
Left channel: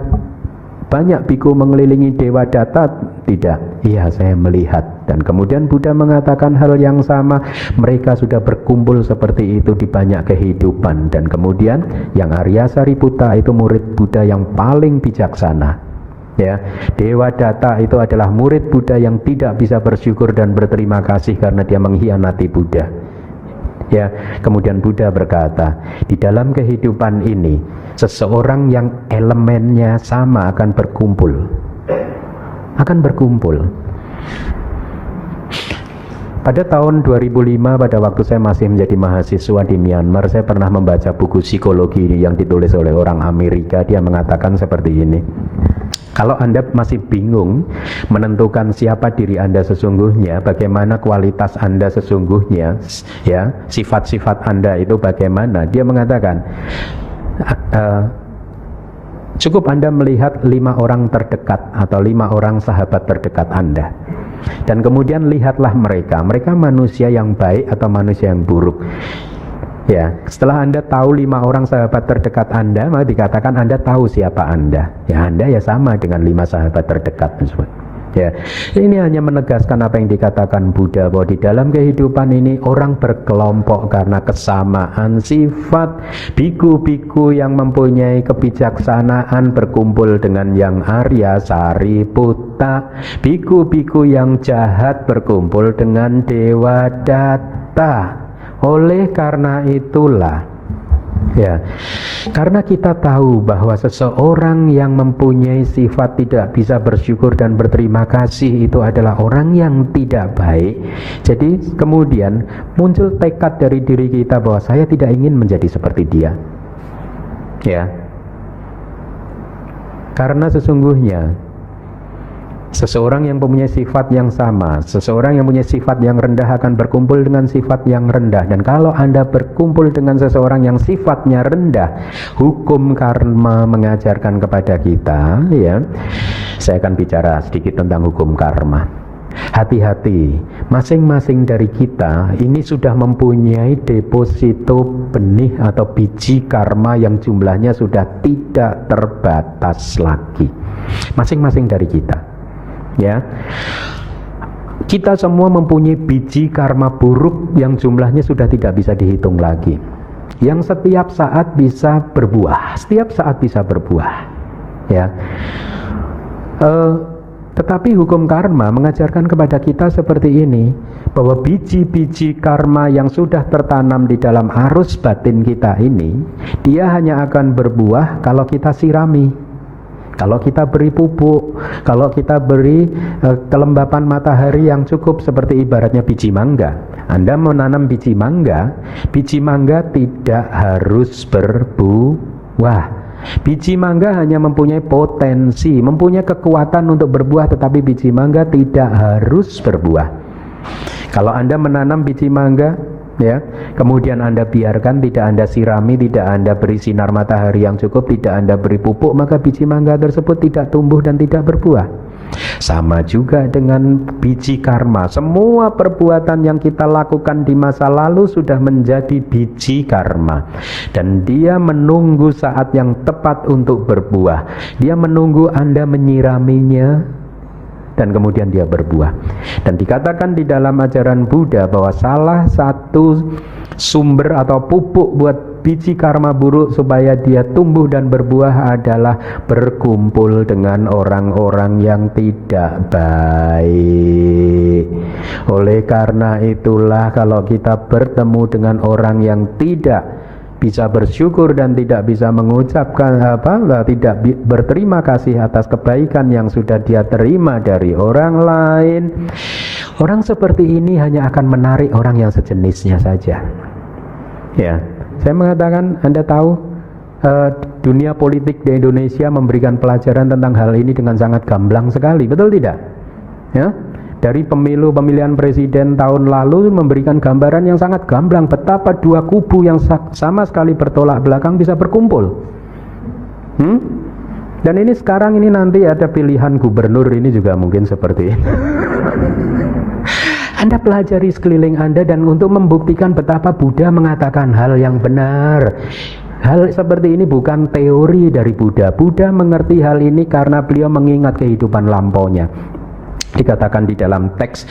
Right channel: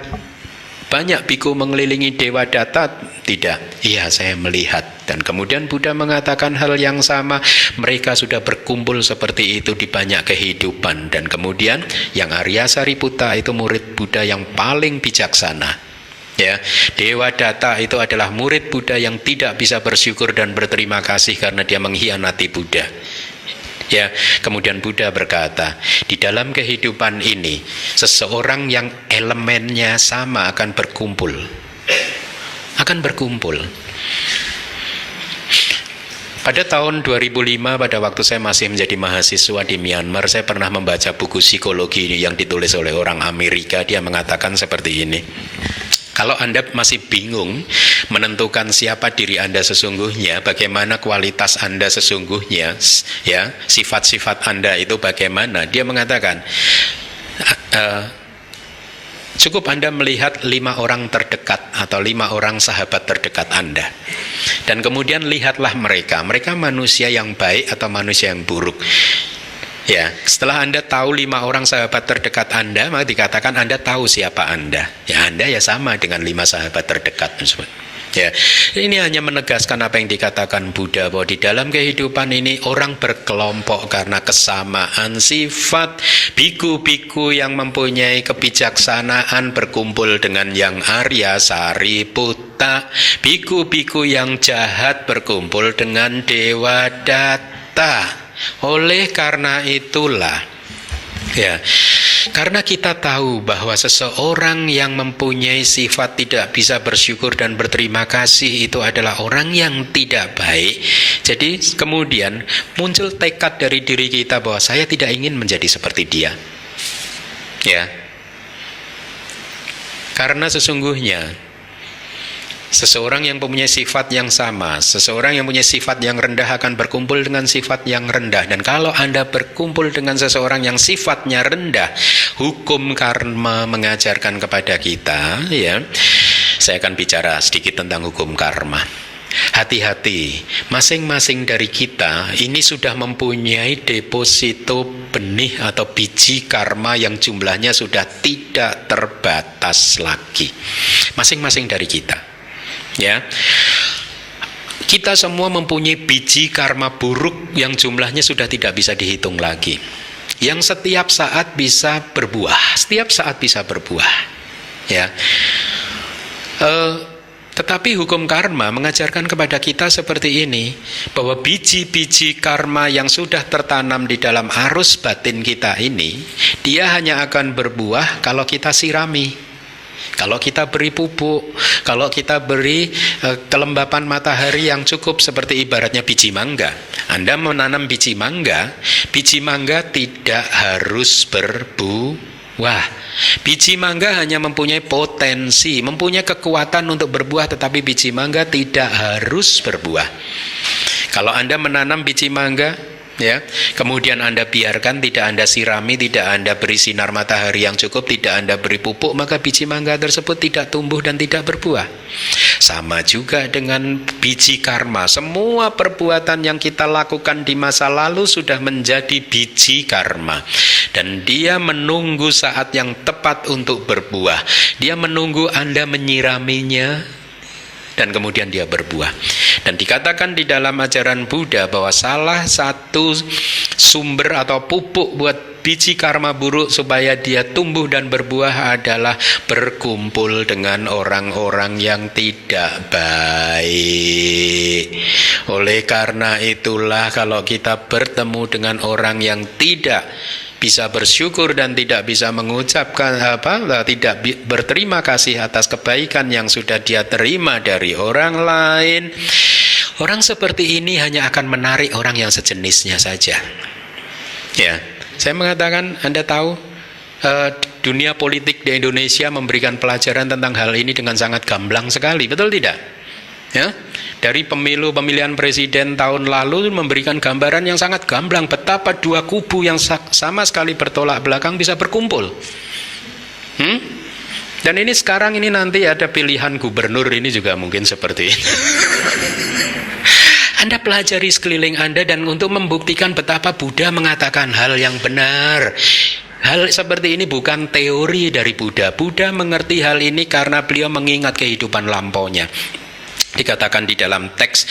banyak biku mengelilingi Dewa Data tidak? Iya saya melihat. Dan kemudian Buddha mengatakan hal yang sama, mereka sudah berkumpul seperti itu di banyak kehidupan. Dan kemudian yang Arya Sariputta itu murid Buddha yang paling bijaksana. Ya, Dewa Data itu adalah murid Buddha yang tidak bisa bersyukur dan berterima kasih karena dia mengkhianati Buddha. Ya, kemudian Buddha berkata, di dalam kehidupan ini seseorang yang elemennya sama akan berkumpul. Pada tahun 2005, pada waktu saya masih menjadi mahasiswa di Myanmar, saya pernah membaca buku psikologi yang ditulis oleh orang Amerika. Dia mengatakan seperti ini. Kalau Anda masih bingung menentukan siapa diri Anda sesungguhnya, bagaimana kualitas Anda sesungguhnya, ya, sifat-sifat Anda itu bagaimana, dia mengatakan cukup Anda melihat 5 orang terdekat atau 5 orang sahabat terdekat Anda, dan kemudian lihatlah mereka manusia yang baik atau manusia yang buruk. Ya, setelah Anda tahu 5 orang sahabat terdekat Anda, maka dikatakan Anda tahu siapa Anda. Ya, Anda ya sama dengan 5 sahabat terdekat tersebut. Ya, ini hanya menegaskan apa yang dikatakan Buddha, bahwa di dalam kehidupan ini orang berkelompok karena kesamaan sifat. Biku-biku yang mempunyai kebijaksanaan berkumpul dengan yang Arya Sariputta. Biku-biku yang jahat berkumpul dengan Dewa Data. Oleh karena itulah, ya, karena kita tahu bahwa seseorang yang mempunyai sifat tidak bisa bersyukur dan berterima kasih itu adalah orang yang tidak baik. Jadi kemudian muncul tekad dari diri kita bahwa saya tidak ingin menjadi seperti dia. Ya, karena sesungguhnya seseorang yang mempunyai sifat yang sama, seseorang yang punya sifat yang rendah akan berkumpul dengan sifat yang rendah. Dan kalau Anda berkumpul dengan seseorang yang sifatnya rendah, hukum karma mengajarkan kepada kita, ya, saya akan bicara sedikit tentang hukum karma. Hati-hati, masing-masing dari kita ini sudah mempunyai deposito benih atau biji karma yang jumlahnya sudah tidak terbatas lagi. Masing-masing dari kita. Ya, kita semua mempunyai biji karma buruk yang jumlahnya sudah tidak bisa dihitung lagi, yang setiap saat bisa berbuah, ya. Tetapi hukum karma mengajarkan kepada kita seperti ini, bahwa biji-biji karma yang sudah tertanam di dalam arus batin kita ini, dia hanya akan berbuah kalau kita sirami, kalau kita beri pupuk, kalau kita beri kelembapan matahari yang cukup. Seperti ibaratnya biji mangga. Anda menanam biji mangga tidak harus berbuah. Biji mangga hanya mempunyai potensi, mempunyai kekuatan untuk berbuah, tetapi biji mangga tidak harus berbuah. Kalau Anda menanam biji mangga, ya, kemudian Anda biarkan, tidak Anda sirami, tidak Anda beri sinar matahari yang cukup, tidak Anda beri pupuk, maka biji mangga tersebut tidak tumbuh dan tidak berbuah. Sama juga dengan biji karma. Semua perbuatan yang kita lakukan di masa lalu sudah menjadi biji karma, dan dia menunggu saat yang tepat untuk berbuah. Dia menunggu Anda menyiraminya, dan kemudian dia berbuah. Dan dikatakan di dalam ajaran Buddha bahwa salah satu sumber atau pupuk buat biji karma buruk supaya dia tumbuh dan berbuah adalah berkumpul dengan orang-orang yang tidak baik. Oleh karena itulah, kalau kita bertemu dengan orang yang tidak bisa bersyukur dan tidak bisa mengucapkan tidak berterima kasih atas kebaikan yang sudah dia terima dari orang lain, orang seperti ini hanya akan menarik orang yang sejenisnya saja. Ya, saya mengatakan, Anda tahu, dunia politik di Indonesia memberikan pelajaran tentang hal ini dengan sangat gamblang sekali, betul tidak? Ya, dari pemilihan presiden tahun lalu memberikan gambaran yang sangat gamblang betapa dua kubu yang sama sekali bertolak belakang bisa berkumpul. Dan ini sekarang ini nanti ada pilihan gubernur ini juga mungkin seperti ini. Anda pelajari sekeliling Anda, dan untuk membuktikan betapa Buddha mengatakan hal yang benar. Hal seperti ini bukan teori dari Buddha. Buddha mengerti hal ini karena beliau mengingat kehidupan lampaunya. Dikatakan di dalam teks,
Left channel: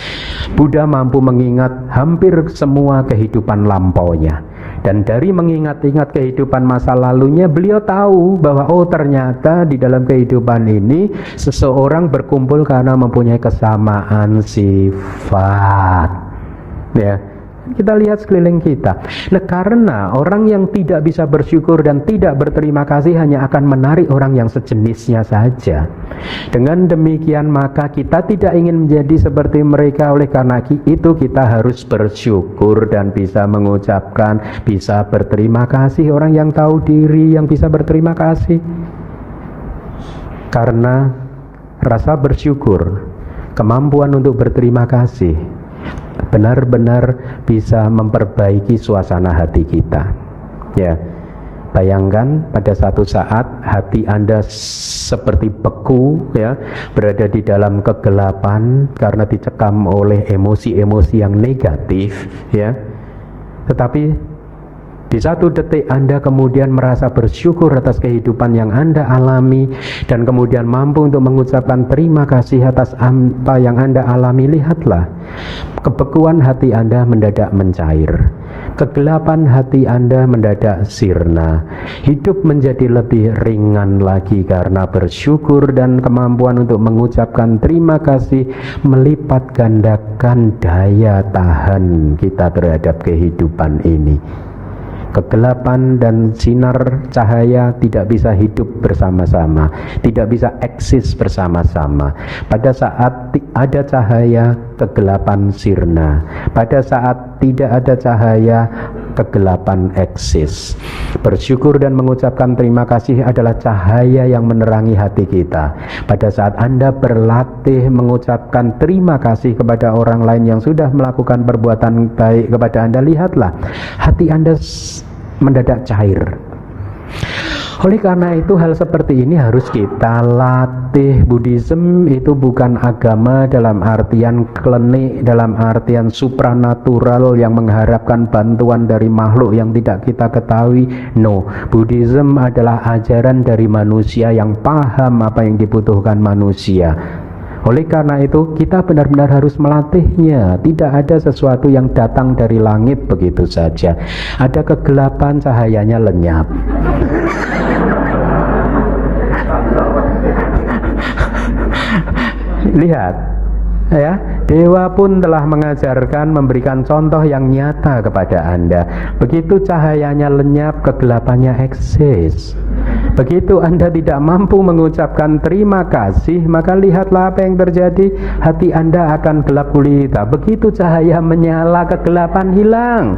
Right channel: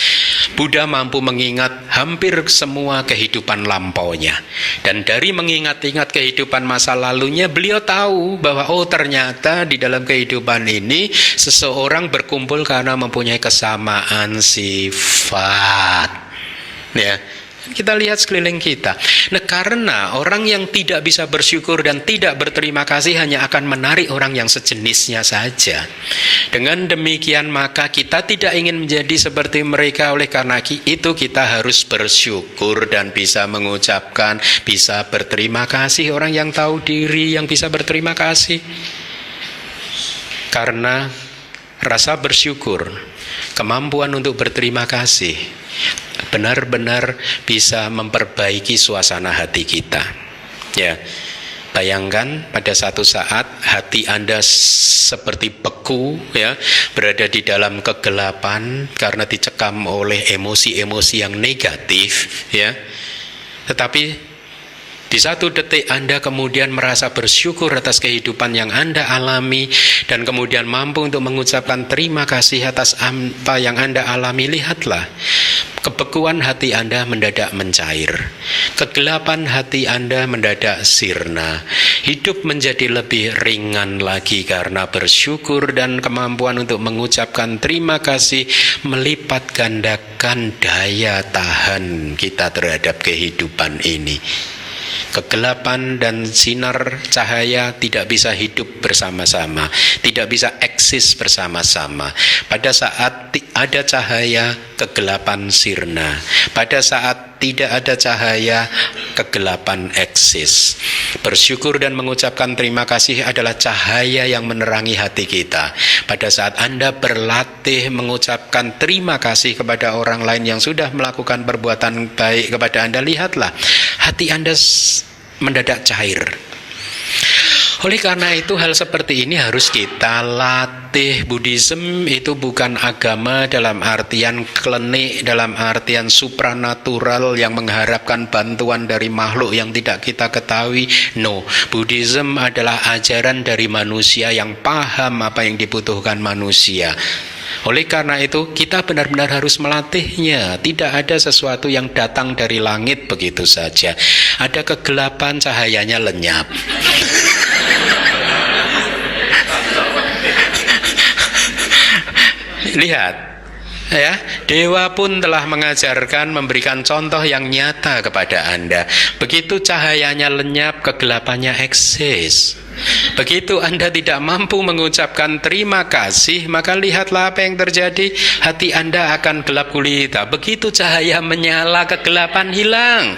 Buddha mampu mengingat hampir semua kehidupan lampaunya. Dan dari mengingat-ingat kehidupan masa lalunya, beliau tahu bahwa ternyata di dalam kehidupan ini seseorang berkumpul karena mempunyai kesamaan sifat. Ya, kita lihat sekeliling kita. Nah, karena orang yang tidak bisa bersyukur dan tidak berterima kasih hanya akan menarik orang yang sejenisnya saja. Dengan demikian maka kita tidak ingin menjadi seperti mereka. Oleh karena itu kita harus bersyukur dan bisa mengucapkan, bisa berterima kasih. Orang yang tahu diri yang bisa berterima kasih, karena rasa bersyukur, kemampuan untuk berterima kasih benar-benar bisa memperbaiki suasana hati kita. Ya, bayangkan pada satu saat hati Anda seperti beku, ya, berada di dalam kegelapan karena dicekam oleh emosi-emosi yang negatif, ya. Tetapi di satu detik Anda kemudian merasa bersyukur atas kehidupan yang Anda alami, dan kemudian mampu untuk mengucapkan terima kasih atas apa yang Anda alami. Lihatlah, kebekuan hati Anda mendadak mencair, kegelapan hati Anda mendadak sirna, hidup menjadi lebih ringan lagi karena bersyukur, dan kemampuan untuk mengucapkan terima kasih melipat gandakan daya tahan kita terhadap kehidupan ini. Kegelapan dan sinar cahaya tidak bisa hidup bersama-sama, tidak bisa eksis bersama-sama. Pada saat ada cahaya, kegelapan sirna. Pada saat tidak ada cahaya, kegelapan eksis. Bersyukur dan mengucapkan terima kasih adalah cahaya yang menerangi hati kita. Pada saat Anda berlatih mengucapkan terima kasih kepada orang lain yang sudah melakukan perbuatan baik kepada Anda, lihatlah, hati Anda mendadak cair. Oleh karena itu, hal seperti ini harus kita latih. Buddhism itu bukan agama dalam artian klinik, dalam artian supranatural yang mengharapkan bantuan dari makhluk yang tidak kita ketahui. No, Buddhism adalah ajaran dari manusia yang paham apa yang dibutuhkan manusia. Oleh karena itu kita benar-benar harus melatihnya. Tidak ada sesuatu yang datang dari langit begitu saja. Ada kegelapan, cahayanya lenyap. Lihat, ya, dewa pun telah mengajarkan, memberikan contoh yang nyata kepada Anda. Begitu cahayanya lenyap, kegelapannya eksis. Begitu Anda tidak mampu mengucapkan terima kasih, maka lihatlah apa yang terjadi. Hati Anda akan gelap gulita. Begitu cahaya menyala, kegelapan hilang.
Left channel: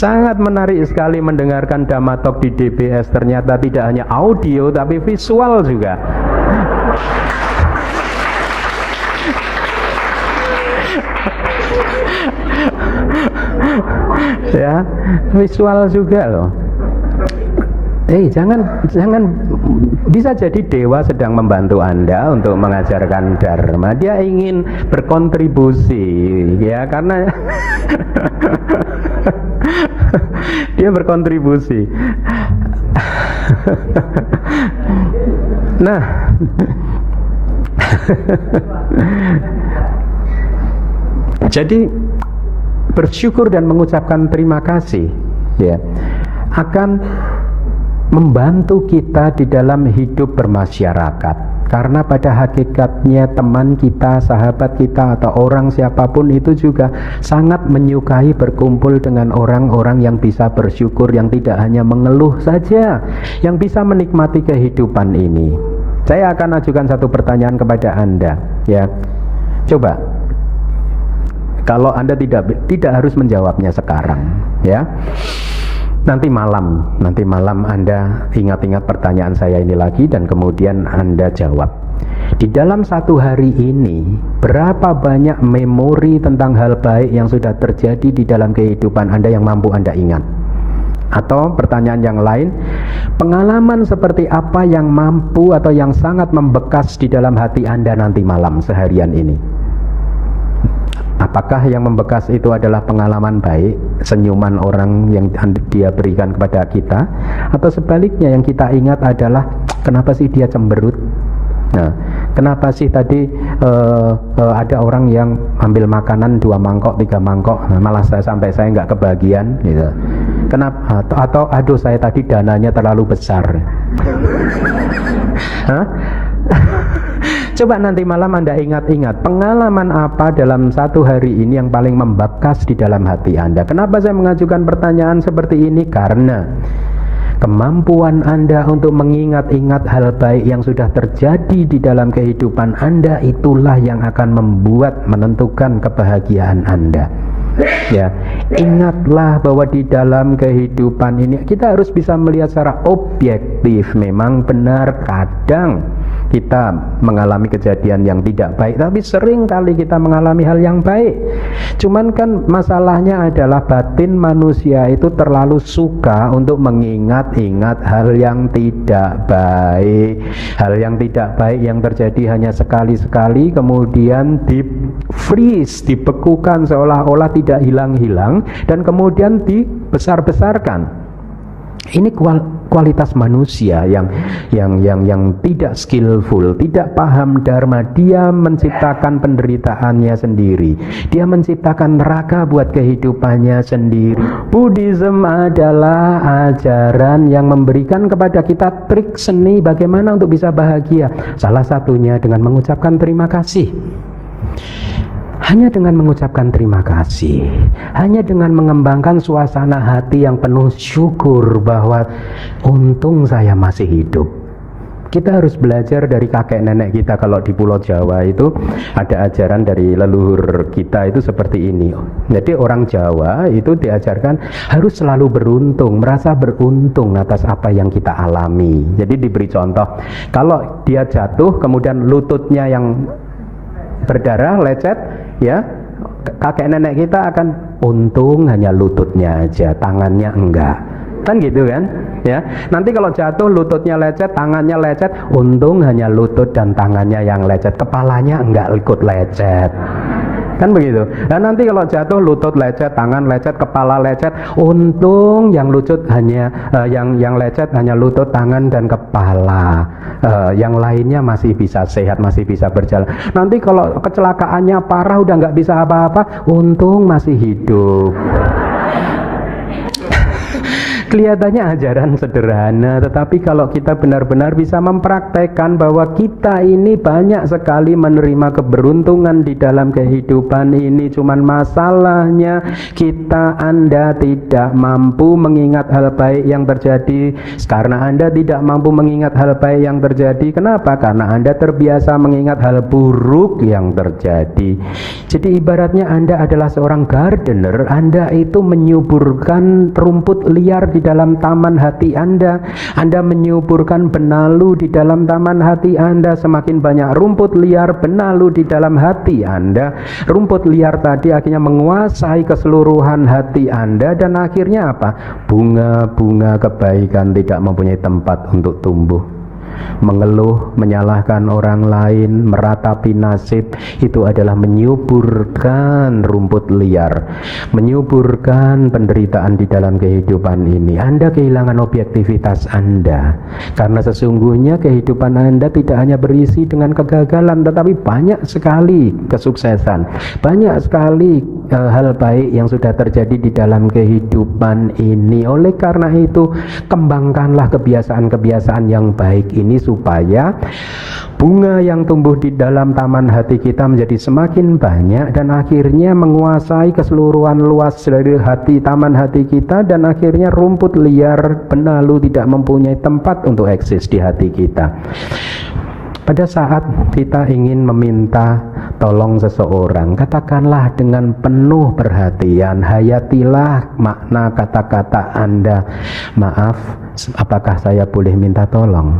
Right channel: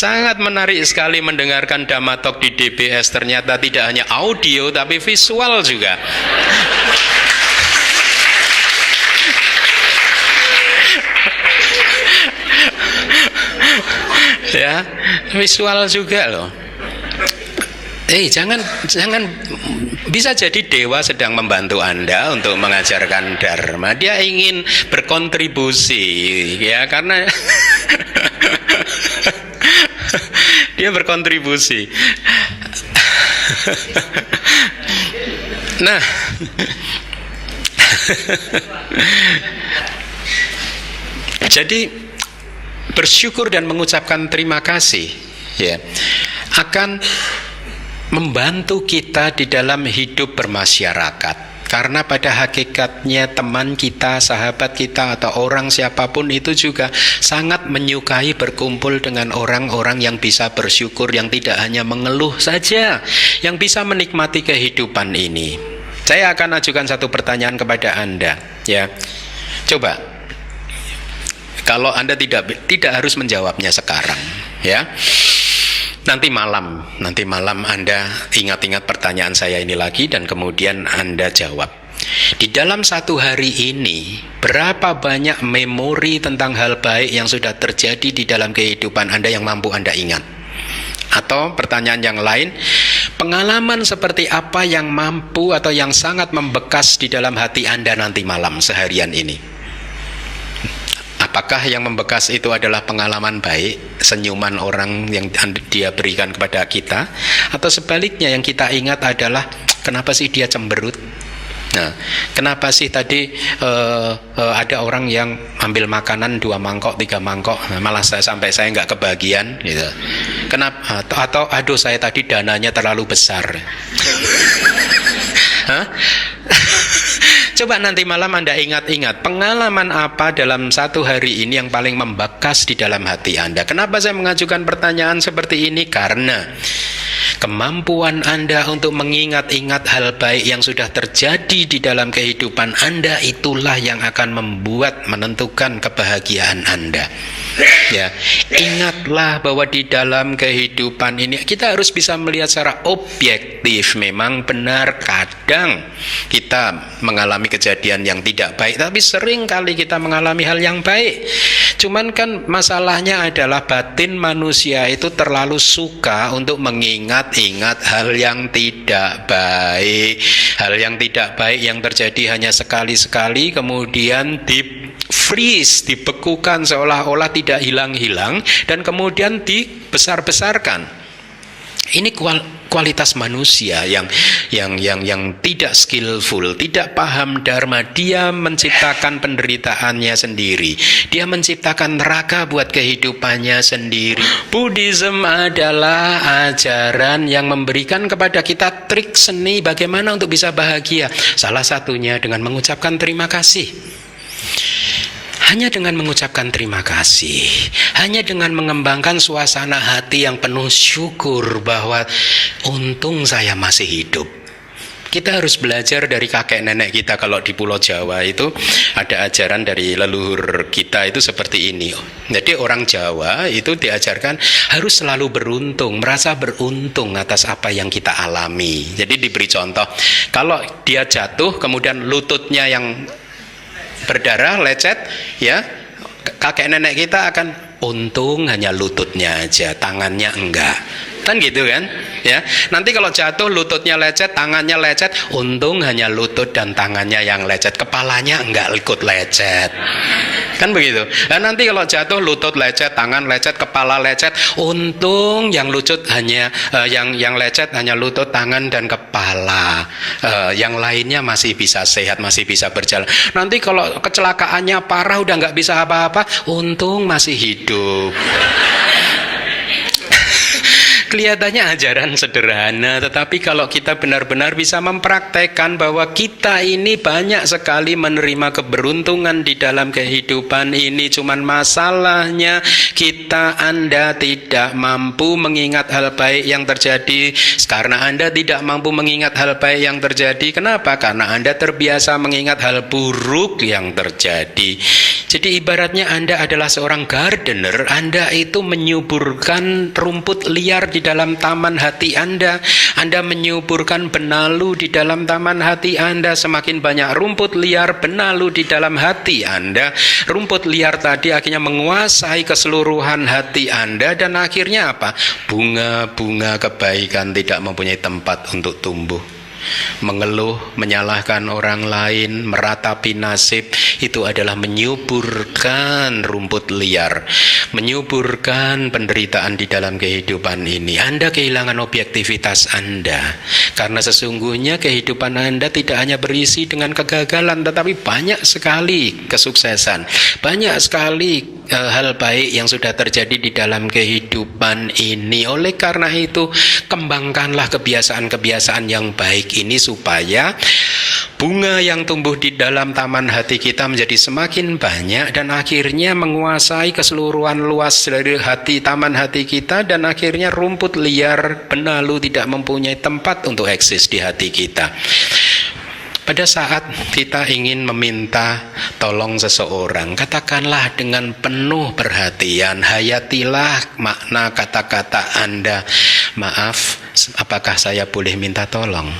Sangat menarik sekali mendengarkan Dhamma Talk di DBS. Ternyata tidak hanya audio tapi visual juga. Ya, visual juga loh. Jangan bisa jadi dewa sedang membantu Anda untuk mengajarkan dharma. Dia ingin berkontribusi, ya, karena dia berkontribusi. Nah, jadi bersyukur dan mengucapkan terima kasih, ya, akan membantu kita di dalam hidup bermasyarakat. Karena pada hakikatnya teman kita, sahabat kita, atau orang siapapun itu juga sangat menyukai berkumpul dengan orang-orang yang bisa bersyukur, yang tidak hanya mengeluh saja, yang bisa menikmati kehidupan ini. Saya akan ajukan satu pertanyaan kepada Anda, ya. Coba, kalau Anda tidak harus menjawabnya sekarang, ya. Nanti malam Anda ingat-ingat pertanyaan saya ini lagi dan kemudian Anda jawab. Di dalam satu hari ini, berapa banyak memori tentang hal baik yang sudah terjadi di dalam kehidupan Anda yang mampu Anda ingat? Atau pertanyaan yang lain, pengalaman seperti apa yang mampu atau yang sangat membekas di dalam hati Anda nanti malam seharian ini? Apakah yang membekas itu adalah pengalaman baik, senyuman orang yang dia berikan kepada kita, atau sebaliknya yang kita ingat adalah kenapa sih dia cemberut? Nah, kenapa sih tadi ada orang yang ambil makanan 2 mangkok, 3 mangkok, malah sampai saya nggak kebagian, gitu. Kenapa? Atau aduh, saya tadi dananya terlalu besar. Hah? Coba nanti malam Anda ingat-ingat pengalaman apa dalam satu hari ini yang paling membekas di dalam hati Anda. Kenapa saya mengajukan pertanyaan seperti ini? Karena kemampuan Anda untuk mengingat-ingat hal baik yang sudah terjadi di dalam kehidupan Anda, itulah yang akan menentukan kebahagiaan Anda. Ya, ingatlah bahwa di dalam kehidupan ini kita harus bisa melihat secara objektif. Memang benar kadang kita mengalami kejadian yang tidak baik, tapi sering kali kita mengalami hal yang baik. Cuman kan masalahnya adalah batin manusia itu terlalu suka untuk mengingat-ingat hal yang tidak baik. Hal yang tidak baik yang terjadi hanya sekali-sekali kemudian di-freeze, dibekukan seolah-olah tidak hilang-hilang dan kemudian dibesar-besarkan. Ini kualitas manusia yang tidak skillful, tidak paham dharma. Dia menciptakan penderitaannya sendiri. Dia menciptakan neraka buat kehidupannya sendiri. Buddhism adalah ajaran yang memberikan kepada kita trik seni bagaimana untuk bisa bahagia. Salah satunya dengan mengucapkan terima kasih. Hanya dengan mengucapkan terima kasih, hanya dengan mengembangkan suasana hati yang penuh syukur bahwa untung saya masih hidup. Kita harus belajar dari kakek nenek kita. Kalau di Pulau Jawa itu ada ajaran dari leluhur kita itu seperti ini. Jadi orang Jawa itu diajarkan harus selalu beruntung, merasa beruntung atas apa yang kita alami. Jadi diberi contoh, kalau dia jatuh kemudian lututnya yang berdarah, lecet, ya, kakek nenek kita akan untung hanya lututnya aja, tangannya enggak, kan gitu kan, ya. Nanti kalau jatuh lututnya lecet, tangannya lecet, untung hanya lutut dan tangannya yang lecet, kepalanya enggak ikut lecet, kan begitu. Dan nanti kalau jatuh lutut lecet, tangan lecet, kepala lecet, untung yang lecet hanya yang lecet hanya lutut, tangan dan kepala, yang lainnya masih bisa sehat, masih bisa berjalan. Nanti kalau kecelakaannya parah udah nggak bisa apa-apa, untung masih hidup. Kelihatannya ajaran sederhana, tetapi kalau kita benar-benar bisa mempraktekkan bahwa kita ini banyak sekali menerima keberuntungan di dalam kehidupan ini, cuman masalahnya Anda tidak mampu mengingat hal baik yang terjadi. Karena Anda tidak mampu mengingat hal baik yang terjadi, kenapa? Karena Anda terbiasa mengingat hal buruk yang terjadi. Jadi ibaratnya Anda adalah seorang gardener, Anda itu menyuburkan rumput liar di dalam taman hati Anda. Anda menyuburkan benalu di dalam taman hati Anda. Semakin banyak rumput liar, benalu di dalam hati Anda, rumput liar tadi akhirnya menguasai keseluruhan hati Anda, dan akhirnya apa? Bunga-bunga kebaikan tidak mempunyai tempat untuk tumbuh. Mengeluh, menyalahkan orang lain, meratapi nasib, itu adalah menyuburkan rumput liar, menyuburkan penderitaan di dalam kehidupan ini. Anda kehilangan objektivitas Anda, karena sesungguhnya kehidupan Anda tidak hanya berisi dengan kegagalan, tetapi banyak sekali kesuksesan, banyak sekali hal baik yang sudah terjadi di dalam kehidupan ini. Oleh karena itu, kembangkanlah kebiasaan-kebiasaan yang baik ini supaya bunga yang tumbuh di dalam taman hati kita menjadi semakin banyak dan akhirnya menguasai keseluruhan luas dari taman hati kita, dan akhirnya rumput liar, benalu tidak mempunyai tempat untuk eksis di hati kita. Pada saat kita ingin meminta tolong seseorang, katakanlah dengan penuh perhatian, hayatilah makna kata-kata Anda. Maaf, apakah saya boleh minta tolong?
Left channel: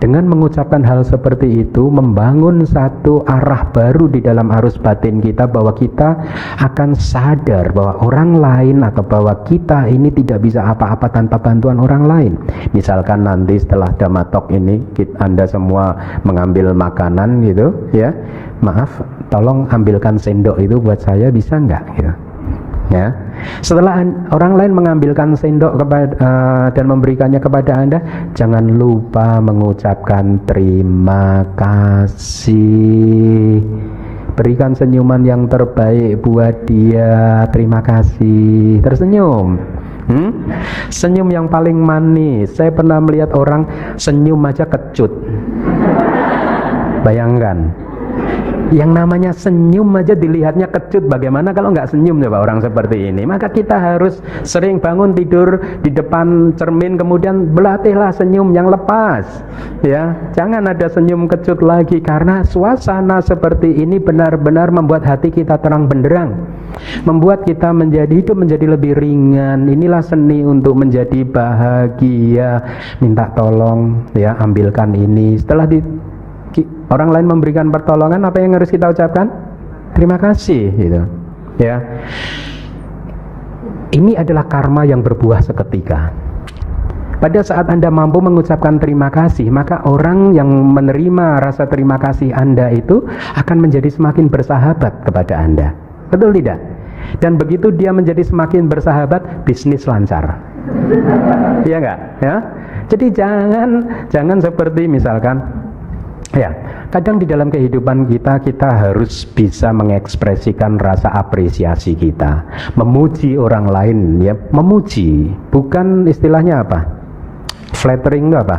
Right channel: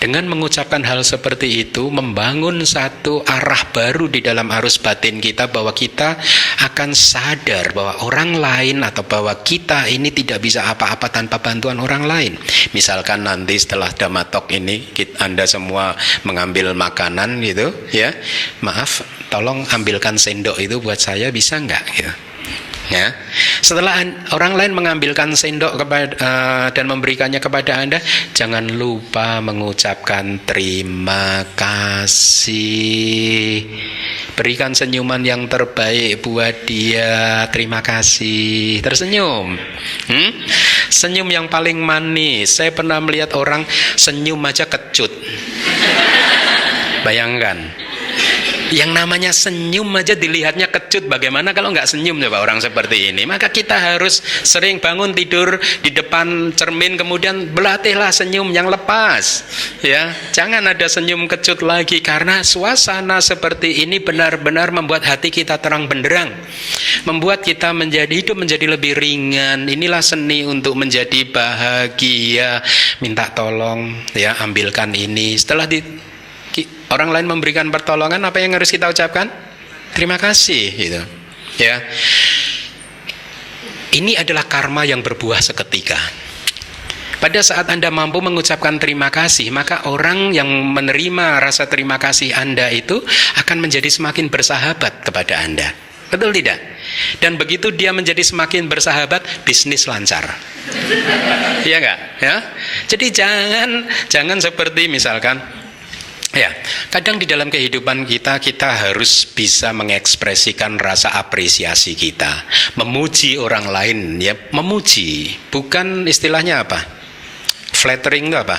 Dengan mengucapkan hal seperti itu, membangun satu arah baru di dalam arus batin kita, bahwa kita akan sadar bahwa orang lain atau bahwa kita ini tidak bisa apa-apa tanpa bantuan orang lain. Misalkan nanti setelah Dhammatalk ini Anda semua mengambil makanan gitu ya, maaf tolong ambilkan sendok itu buat saya, bisa nggak gitu ya. Setelah orang lain mengambilkan sendok dan memberikannya kepada Anda, jangan lupa mengucapkan terima kasih. Berikan senyuman yang terbaik buat dia. Terima kasih. Tersenyum. Senyum yang paling manis. Saya pernah melihat orang senyum aja kecut. Bayangkan, yang namanya senyum aja dilihatnya kecut, bagaimana kalau nggak senyum coba orang seperti ini? Maka kita harus sering bangun tidur di depan cermin, kemudian berlatihlah senyum yang lepas ya, jangan ada senyum kecut lagi, karena suasana seperti ini benar-benar membuat hati kita terang benderang, membuat kita hidup menjadi lebih ringan. Inilah seni untuk menjadi bahagia. Minta tolong ya, ambilkan ini. Setelah orang lain memberikan pertolongan, apa yang harus kita ucapkan? Terima kasih gitu ya. Ini adalah karma yang berbuah seketika. Pada saat Anda mampu mengucapkan terima kasih, maka orang yang menerima rasa terima kasih Anda itu akan menjadi semakin bersahabat kepada Anda. Betul tidak? Dan begitu dia menjadi semakin bersahabat, bisnis lancar. Iya enggak? Ya. Jadi jangan seperti misalkan ya, kadang di dalam kehidupan kita harus bisa mengekspresikan rasa apresiasi kita, memuji orang lain ya, memuji, bukan istilahnya apa? Flattering itu apa?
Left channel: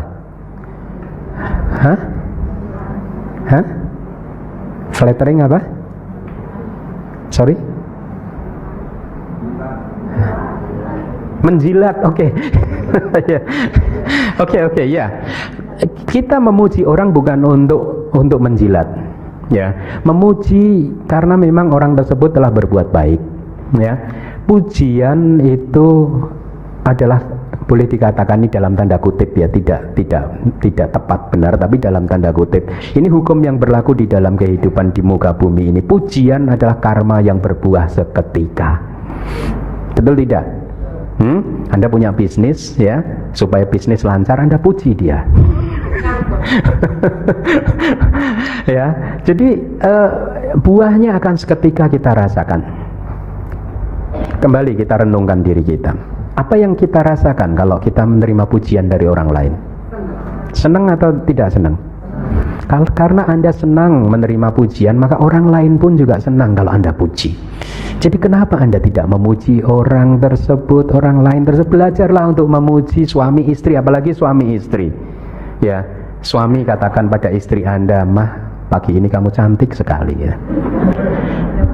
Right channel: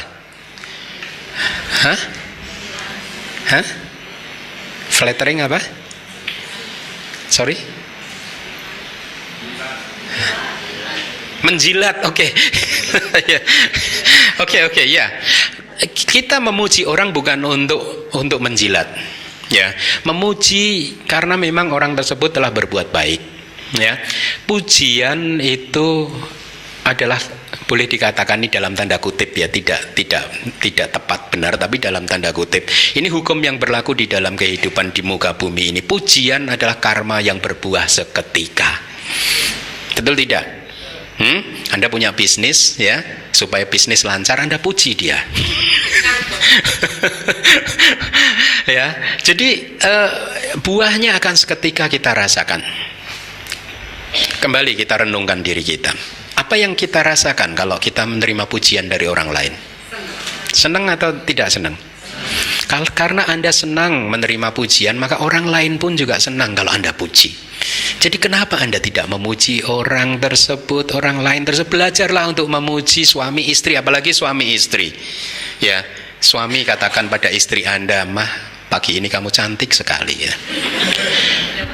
Hah? Flattering apa? Sorry? Menjilat, oke. Oke, ya. Kita memuji orang bukan untuk menjilat ya, memuji karena memang orang tersebut telah berbuat baik ya. Pujian itu adalah boleh dikatakan ini dalam tanda kutip ya, tidak tepat benar, tapi dalam tanda kutip. Ini hukum yang berlaku di dalam kehidupan di muka bumi ini. Pujian adalah karma yang berbuah seketika. Betul tidak? Anda punya bisnis ya, supaya bisnis lancar Anda puji dia. Ya, jadi buahnya akan seketika kita rasakan. Kembali kita renungkan diri kita. Apa yang kita rasakan kalau kita menerima pujian dari orang lain? Senang atau tidak senang? Karena Anda senang menerima pujian, maka orang lain pun juga senang kalau Anda puji. Jadi kenapa Anda tidak memuji orang tersebut, orang lain tersebut? Belajarlah untuk memuji suami istri, apalagi suami istri. Ya, suami katakan pada istri Anda, "Mah, pagi ini kamu cantik sekali ya."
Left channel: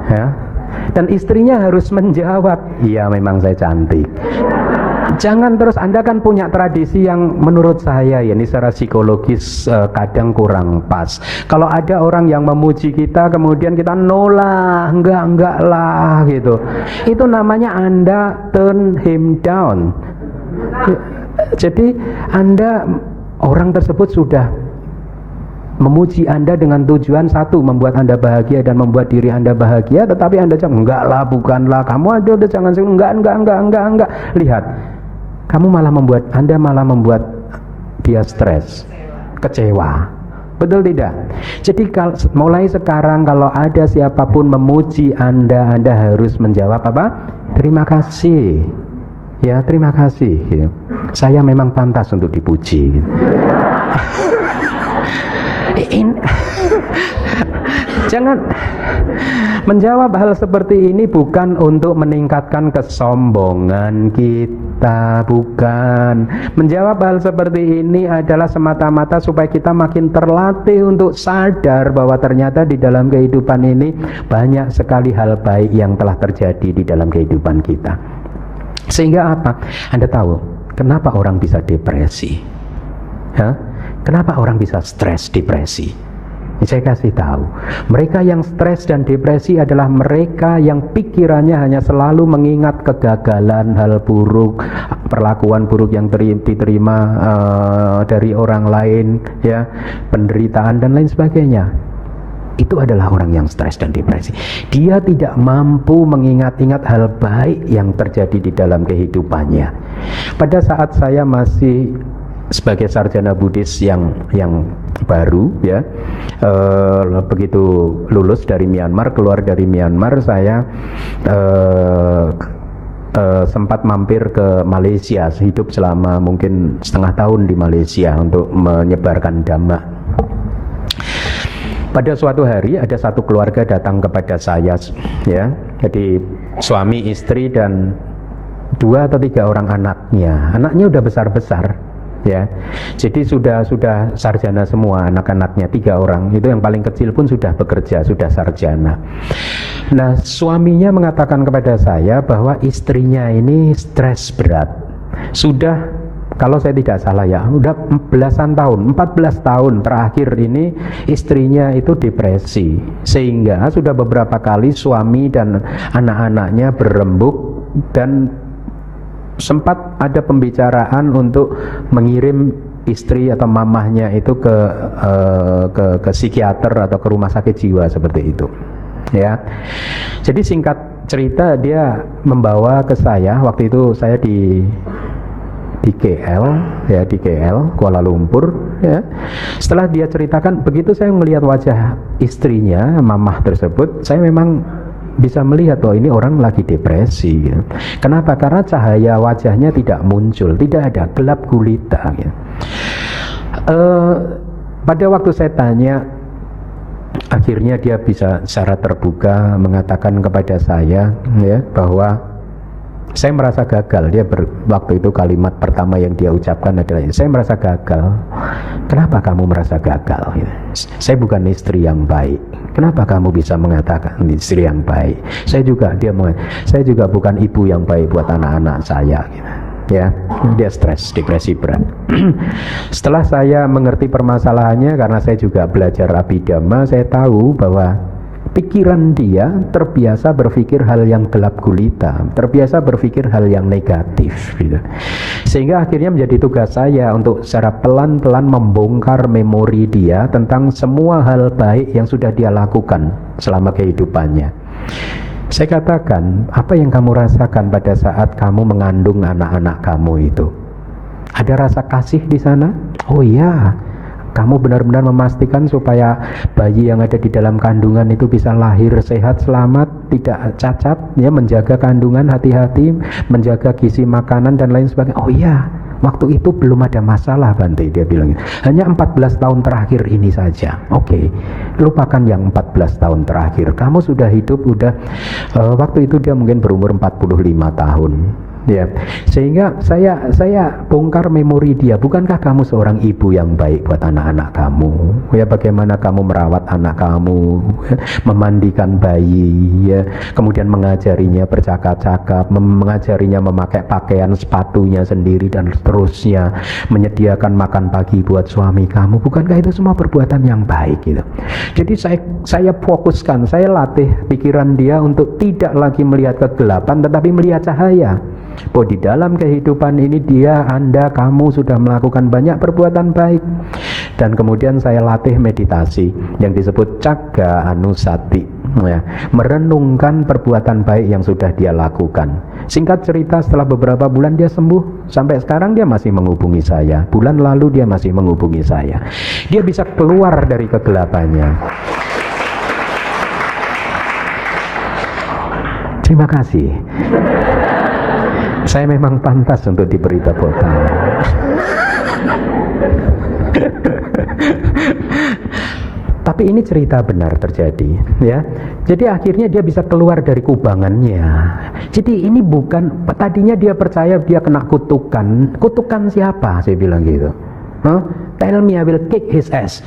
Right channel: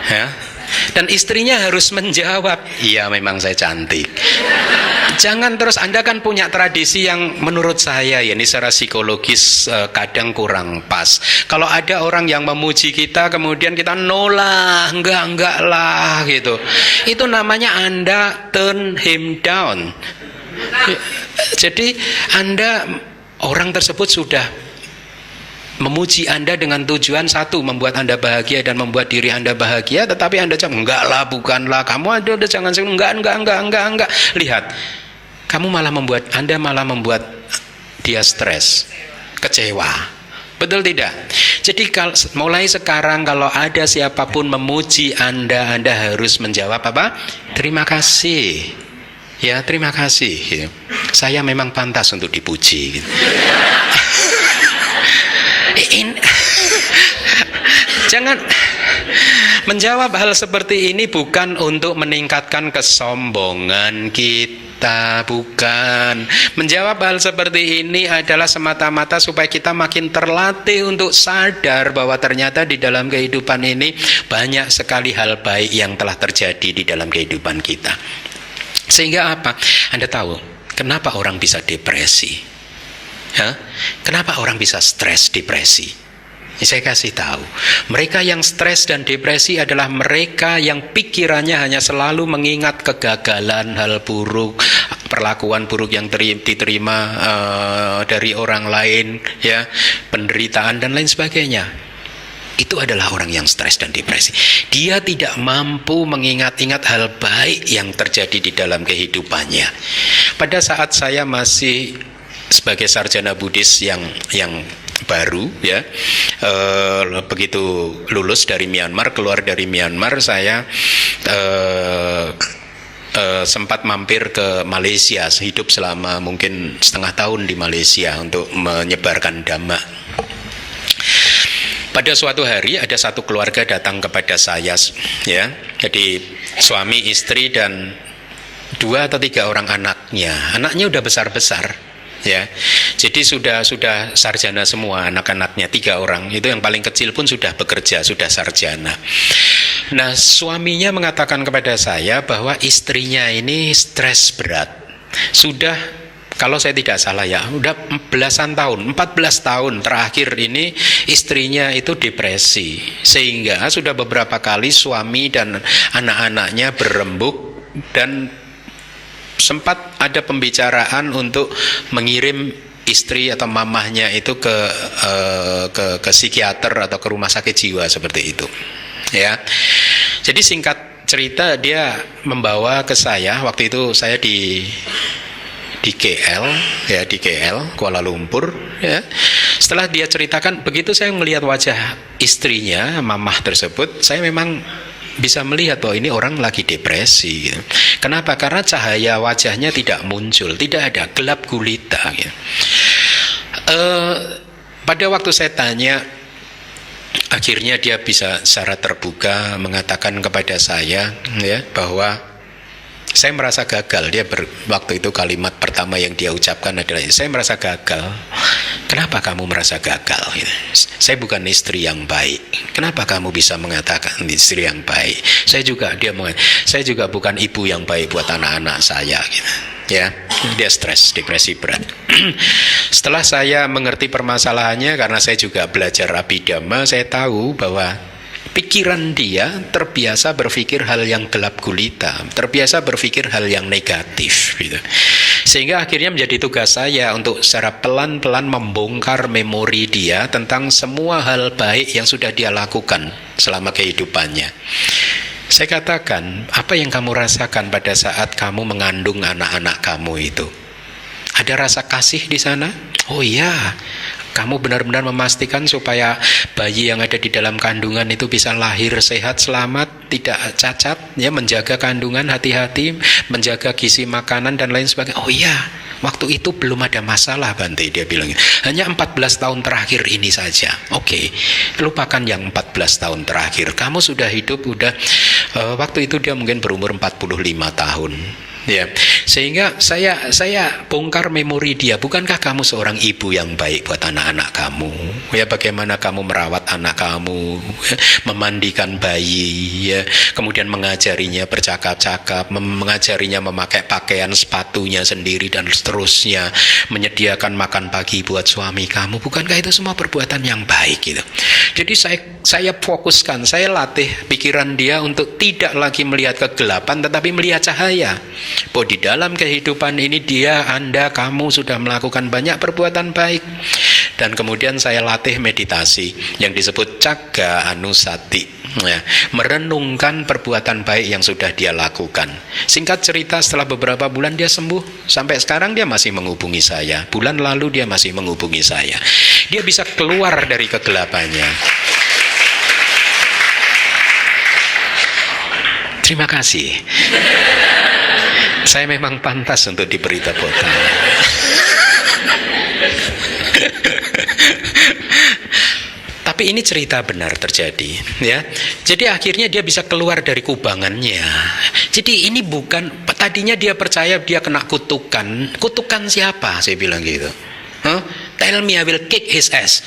Ya. Dan istrinya harus menjawab, "Iya, memang saya cantik." Jangan terus, Anda kan punya tradisi yang menurut saya ya ini secara psikologis kadang kurang pas. Kalau ada orang yang memuji kita kemudian kita nolak, enggak lah gitu. Itu namanya Anda turn him down. Jadi Anda, orang tersebut sudah memuji Anda dengan tujuan satu, membuat Anda bahagia dan membuat diri Anda bahagia, tetapi Anda jawab, "Enggak lah, bukanlah, kamu ada jangan enggak." Lihat, Anda malah membuat dia stres, kecewa. Betul tidak? Jadi mulai sekarang kalau ada siapapun memuji Anda harus menjawab apa? Terima kasih. Ya, terima kasih. Saya memang pantas untuk dipuji. Jangan menjawab hal seperti ini bukan untuk meningkatkan kesombongan kita, bukan. Menjawab hal seperti ini adalah semata-mata supaya kita makin terlatih untuk sadar bahwa ternyata di dalam kehidupan ini banyak sekali hal baik yang telah terjadi di dalam kehidupan kita. Sehingga apa? Anda tahu kenapa orang bisa depresi? Kenapa orang bisa stres, depresi? Saya kasih tahu, mereka yang stres dan depresi adalah mereka yang pikirannya hanya selalu mengingat kegagalan, hal buruk, perlakuan buruk yang diterima dari orang lain, ya, penderitaan dan lain sebagainya. Itu adalah orang yang stres dan depresi. Dia tidak mampu mengingat-ingat hal baik yang terjadi di dalam kehidupannya. Pada saat saya masih sebagai sarjana Buddhis yang baru, ya, begitu lulus dari Myanmar, keluar dari Myanmar, saya sempat mampir ke Malaysia, hidup selama mungkin setengah tahun di Malaysia untuk menyebarkan Dhamma. Pada suatu hari ada satu keluarga datang kepada saya, ya, jadi suami, istri dan 2 atau 3 orang anaknya. Anaknya udah besar-besar, ya. Jadi sudah sarjana semua anak-anaknya, 3 orang. Itu yang paling kecil pun sudah bekerja, sudah sarjana. Nah, suaminya mengatakan kepada saya bahwa istrinya ini stres berat. Sudah, kalau saya tidak salah ya, udah belasan tahun, 14 tahun terakhir ini istrinya itu depresi. Sehingga sudah beberapa kali suami dan anak-anaknya berembuk dan sempat ada pembicaraan untuk mengirim istri atau mamahnya itu ke psikiater atau ke rumah sakit jiwa seperti itu, ya. Jadi singkat cerita, dia membawa ke saya, waktu itu saya di KL, ya, di KL, Kuala Lumpur, ya. Setelah dia ceritakan, begitu saya melihat wajah istrinya, mamah tersebut, saya memang bisa melihat bahwa ini orang lagi depresi, gitu. Kenapa? Karena cahaya wajahnya tidak muncul, tidak ada, gelap gulita, gitu. Pada waktu saya tanya, akhirnya dia bisa secara terbuka mengatakan kepada saya, ya, bahwa saya merasa gagal. Dia waktu itu kalimat pertama yang dia ucapkan adalah, saya merasa gagal. Kenapa kamu merasa gagal? Saya bukan istri yang baik. Kenapa kamu bisa mengatakan istri yang baik? Saya juga bukan ibu yang baik buat anak-anak saya, gitu. Ya, dia stres, depresi berat. Setelah saya mengerti permasalahannya, karena saya juga belajar Abhidhamma, saya tahu bahwa pikiran dia terbiasa berpikir hal yang gelap gulita, terbiasa berpikir hal yang negatif, gitu. Sehingga akhirnya menjadi tugas saya untuk secara pelan-pelan membongkar memori dia tentang semua hal baik yang sudah dia lakukan selama kehidupannya. Saya katakan, apa yang kamu rasakan pada saat kamu mengandung anak-anak kamu itu? Ada rasa kasih di sana? Oh iya. Kamu benar-benar memastikan supaya bayi yang ada di dalam kandungan itu bisa lahir sehat, selamat, tidak cacat, ya, menjaga kandungan, hati-hati, menjaga gizi makanan dan lain sebagainya. Oh iya, Waktu itu belum ada masalah Bante, dia bilang. Hanya 14 tahun terakhir ini saja. Oke, lupakan yang 14 tahun terakhir. Kamu sudah hidup, waktu itu dia mungkin berumur 45 tahun. Ya, sehingga saya bongkar memori dia. Bukankah kamu seorang ibu yang baik buat anak-anak kamu? Ya, bagaimana kamu merawat anak kamu, memandikan bayi, ya, kemudian mengajarinya bercakap-cakap, mengajarinya memakai pakaian sepatunya sendiri dan seterusnya, menyediakan makan pagi buat suami kamu. Bukankah itu semua perbuatan yang baik gitu? Jadi saya fokuskan, saya latih pikiran dia untuk tidak lagi melihat kegelapan tetapi melihat cahaya. Bahwa di dalam kehidupan ini kamu sudah melakukan banyak perbuatan baik. Dan kemudian saya latih meditasi yang disebut Cagga Anusati, ya, merenungkan perbuatan baik yang sudah dia lakukan. Singkat cerita, setelah beberapa bulan dia sembuh. Sampai sekarang dia masih menghubungi saya. Bulan lalu dia masih menghubungi saya. Dia bisa keluar dari kegelapannya. Terima kasih. Saya memang pantas untuk diberi tepuk tangan. Tapi ini cerita benar terjadi, ya. Jadi akhirnya dia bisa keluar dari kubangannya. Jadi ini bukan, tadinya dia percaya dia kena kutukan. Kutukan siapa? Saya bilang gitu. Tell me I will kick his ass.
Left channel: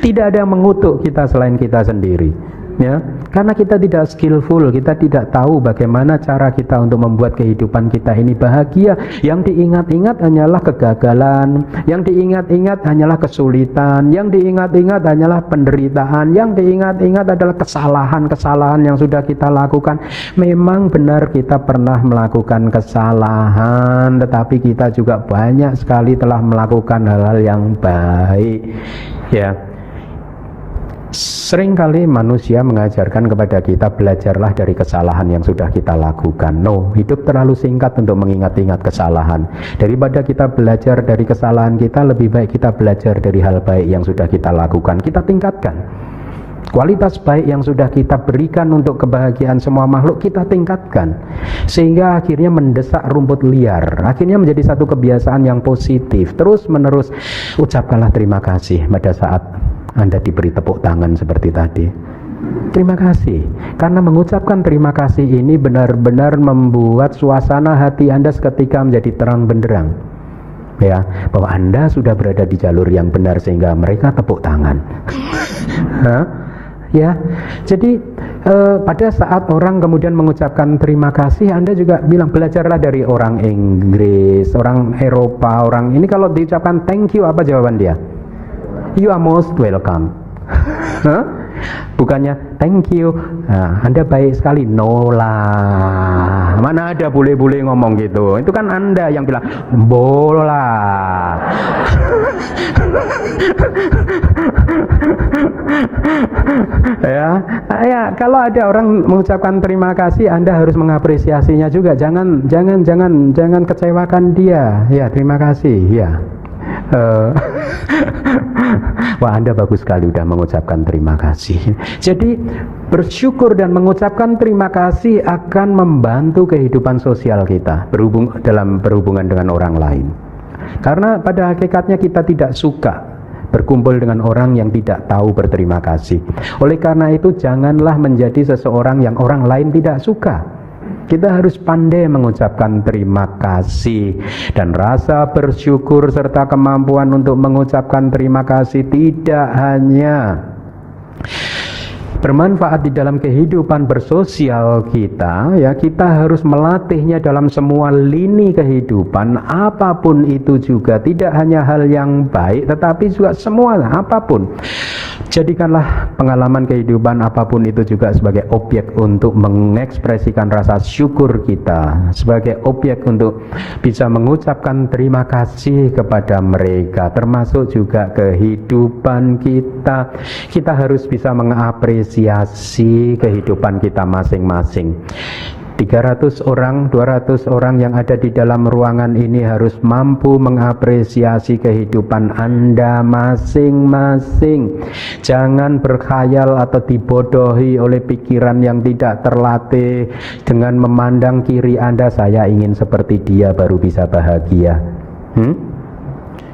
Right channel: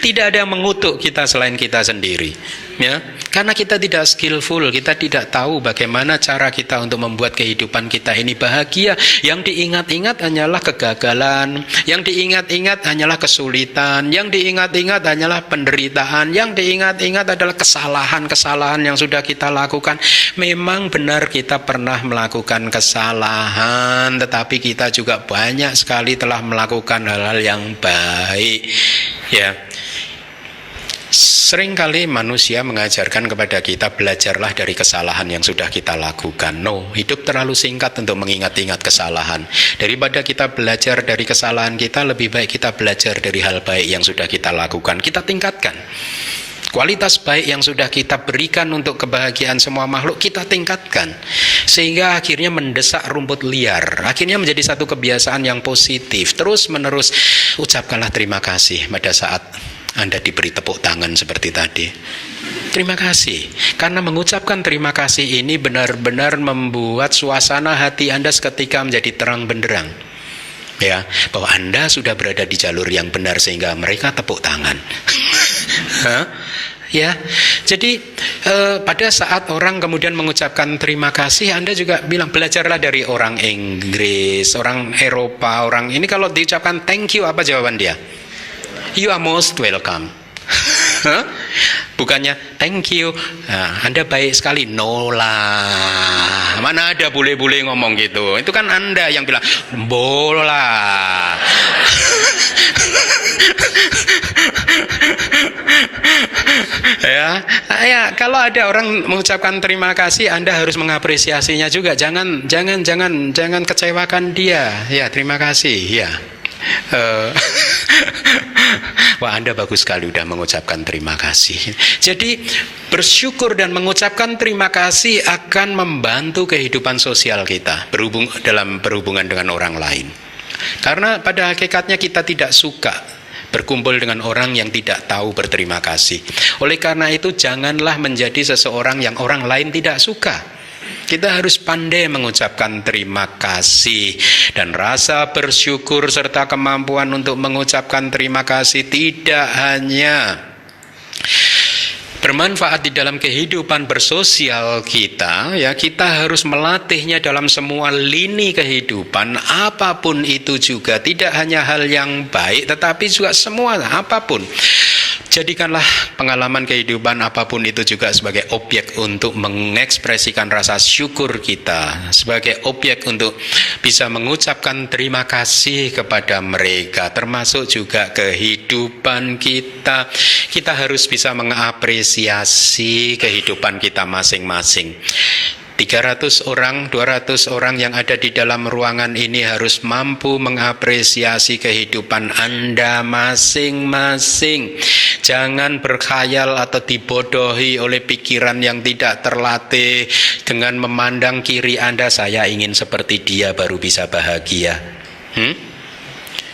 Tidak ada yang mengutuk kita selain kita sendiri, ya. Karena kita tidak skillful, kita tidak tahu bagaimana cara kita untuk membuat kehidupan kita ini bahagia. Yang diingat-ingat hanyalah kegagalan, yang diingat-ingat hanyalah kesulitan, yang diingat-ingat hanyalah penderitaan, yang diingat-ingat adalah kesalahan-kesalahan yang sudah kita lakukan. Memang benar kita pernah melakukan kesalahan, tetapi kita juga banyak sekali telah melakukan hal-hal yang baik, ya. Seringkali manusia mengajarkan kepada kita, belajarlah dari kesalahan yang sudah kita lakukan. No, hidup terlalu singkat untuk mengingat-ingat kesalahan. Daripada kita belajar dari kesalahan kita, lebih baik kita belajar dari hal baik yang sudah kita lakukan. Kita tingkatkan kualitas baik yang sudah kita berikan untuk kebahagiaan semua makhluk, kita tingkatkan. Sehingga akhirnya mendesak rumput liar. Akhirnya menjadi satu kebiasaan yang positif. Terus menerus ucapkanlah terima kasih pada saat Anda diberi tepuk tangan seperti tadi. Terima kasih. Karena mengucapkan terima kasih ini benar-benar membuat suasana hati Anda seketika menjadi terang benderang. Ya, bahwa Anda sudah berada di jalur yang benar sehingga mereka tepuk tangan. Ya, jadi pada saat orang kemudian mengucapkan terima kasih, Anda juga bilang, belajarlah dari orang Inggris, orang Eropa, orang ini kalau diucapkan thank you, apa jawaban dia? You are most welcome. Bukannya thank you, Anda baik sekali. No lah, mana ada bule-bule ngomong gitu. Itu kan Anda yang bilang bola. Ya, kalau ada orang mengucapkan terima kasih, Anda harus mengapresiasinya juga. Jangan kecewakan dia. Ya, terima kasih. Ya. Wah, Anda bagus sekali udah mengucapkan terima kasih. Jadi bersyukur dan mengucapkan terima kasih akan membantu kehidupan sosial kita dalam berhubungan dengan orang lain. Karena pada hakikatnya kita tidak suka berkumpul dengan orang yang tidak tahu berterima kasih. Oleh karena itu janganlah menjadi seseorang yang orang lain tidak suka. Kita harus pandai mengucapkan terima kasih, dan rasa bersyukur serta kemampuan untuk mengucapkan terima kasih tidak hanya bermanfaat di dalam kehidupan bersosial kita, ya, kita harus melatihnya dalam semua lini kehidupan, apapun itu juga, tidak hanya hal yang baik tetapi juga semua apapun. Jadikanlah pengalaman kehidupan apapun itu juga sebagai objek untuk mengekspresikan rasa syukur kita, sebagai objek untuk bisa mengucapkan terima kasih kepada mereka, termasuk juga kehidupan kita. Kita harus bisa mengapresiasi kehidupan kita masing-masing. 300 orang, 200 orang yang ada di dalam ruangan ini harus mampu mengapresiasi kehidupan Anda masing-masing. Jangan berkhayal atau dibodohi oleh pikiran yang tidak terlatih dengan memandang kiri Anda, saya ingin seperti dia baru bisa bahagia.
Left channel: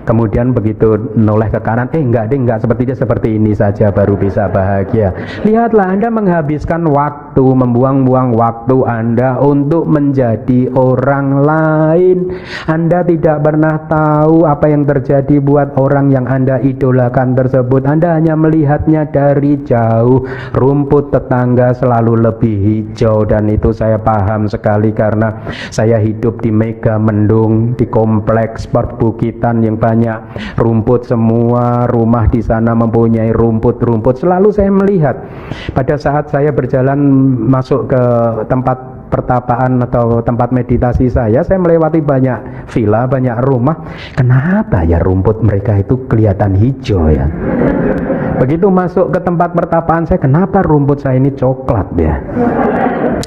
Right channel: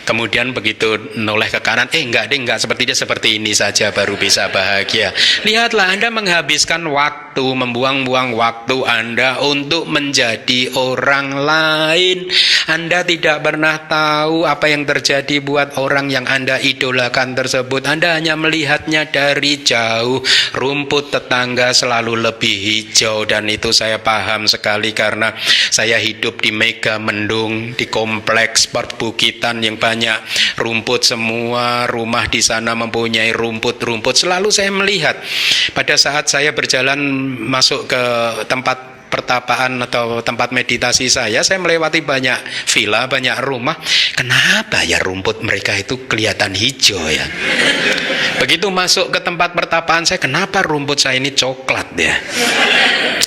Kemudian begitu noleh ke kanan, enggak seperti dia, seperti ini saja baru bisa bahagia. Lihatlah, Anda menghabiskan waktu, membuang-buang waktu Anda untuk menjadi orang lain. Anda tidak pernah tahu apa yang terjadi buat orang yang Anda idolakan tersebut. Anda hanya melihatnya dari jauh. Rumput tetangga selalu lebih hijau, dan itu saya paham sekali karena saya hidup di Mega Mendung, di kompleks perbukitan yang banyak rumput, semua rumah di sana mempunyai rumput-rumput. Selalu saya melihat pada saat saya berjalan masuk ke tempat pertapaan atau tempat meditasi saya melewati banyak villa, banyak rumah. Kenapa ya rumput mereka itu kelihatan hijau ya? Begitu masuk ke tempat pertapaan saya, kenapa rumput saya ini coklat ya?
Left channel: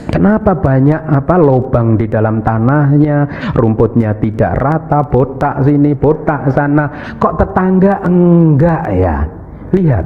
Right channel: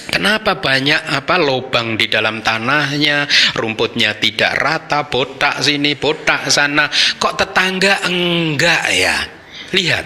Kenapa banyak lubang di dalam tanahnya, rumputnya tidak rata, botak sini, botak sana. Kok tetangga enggak ya? Lihat,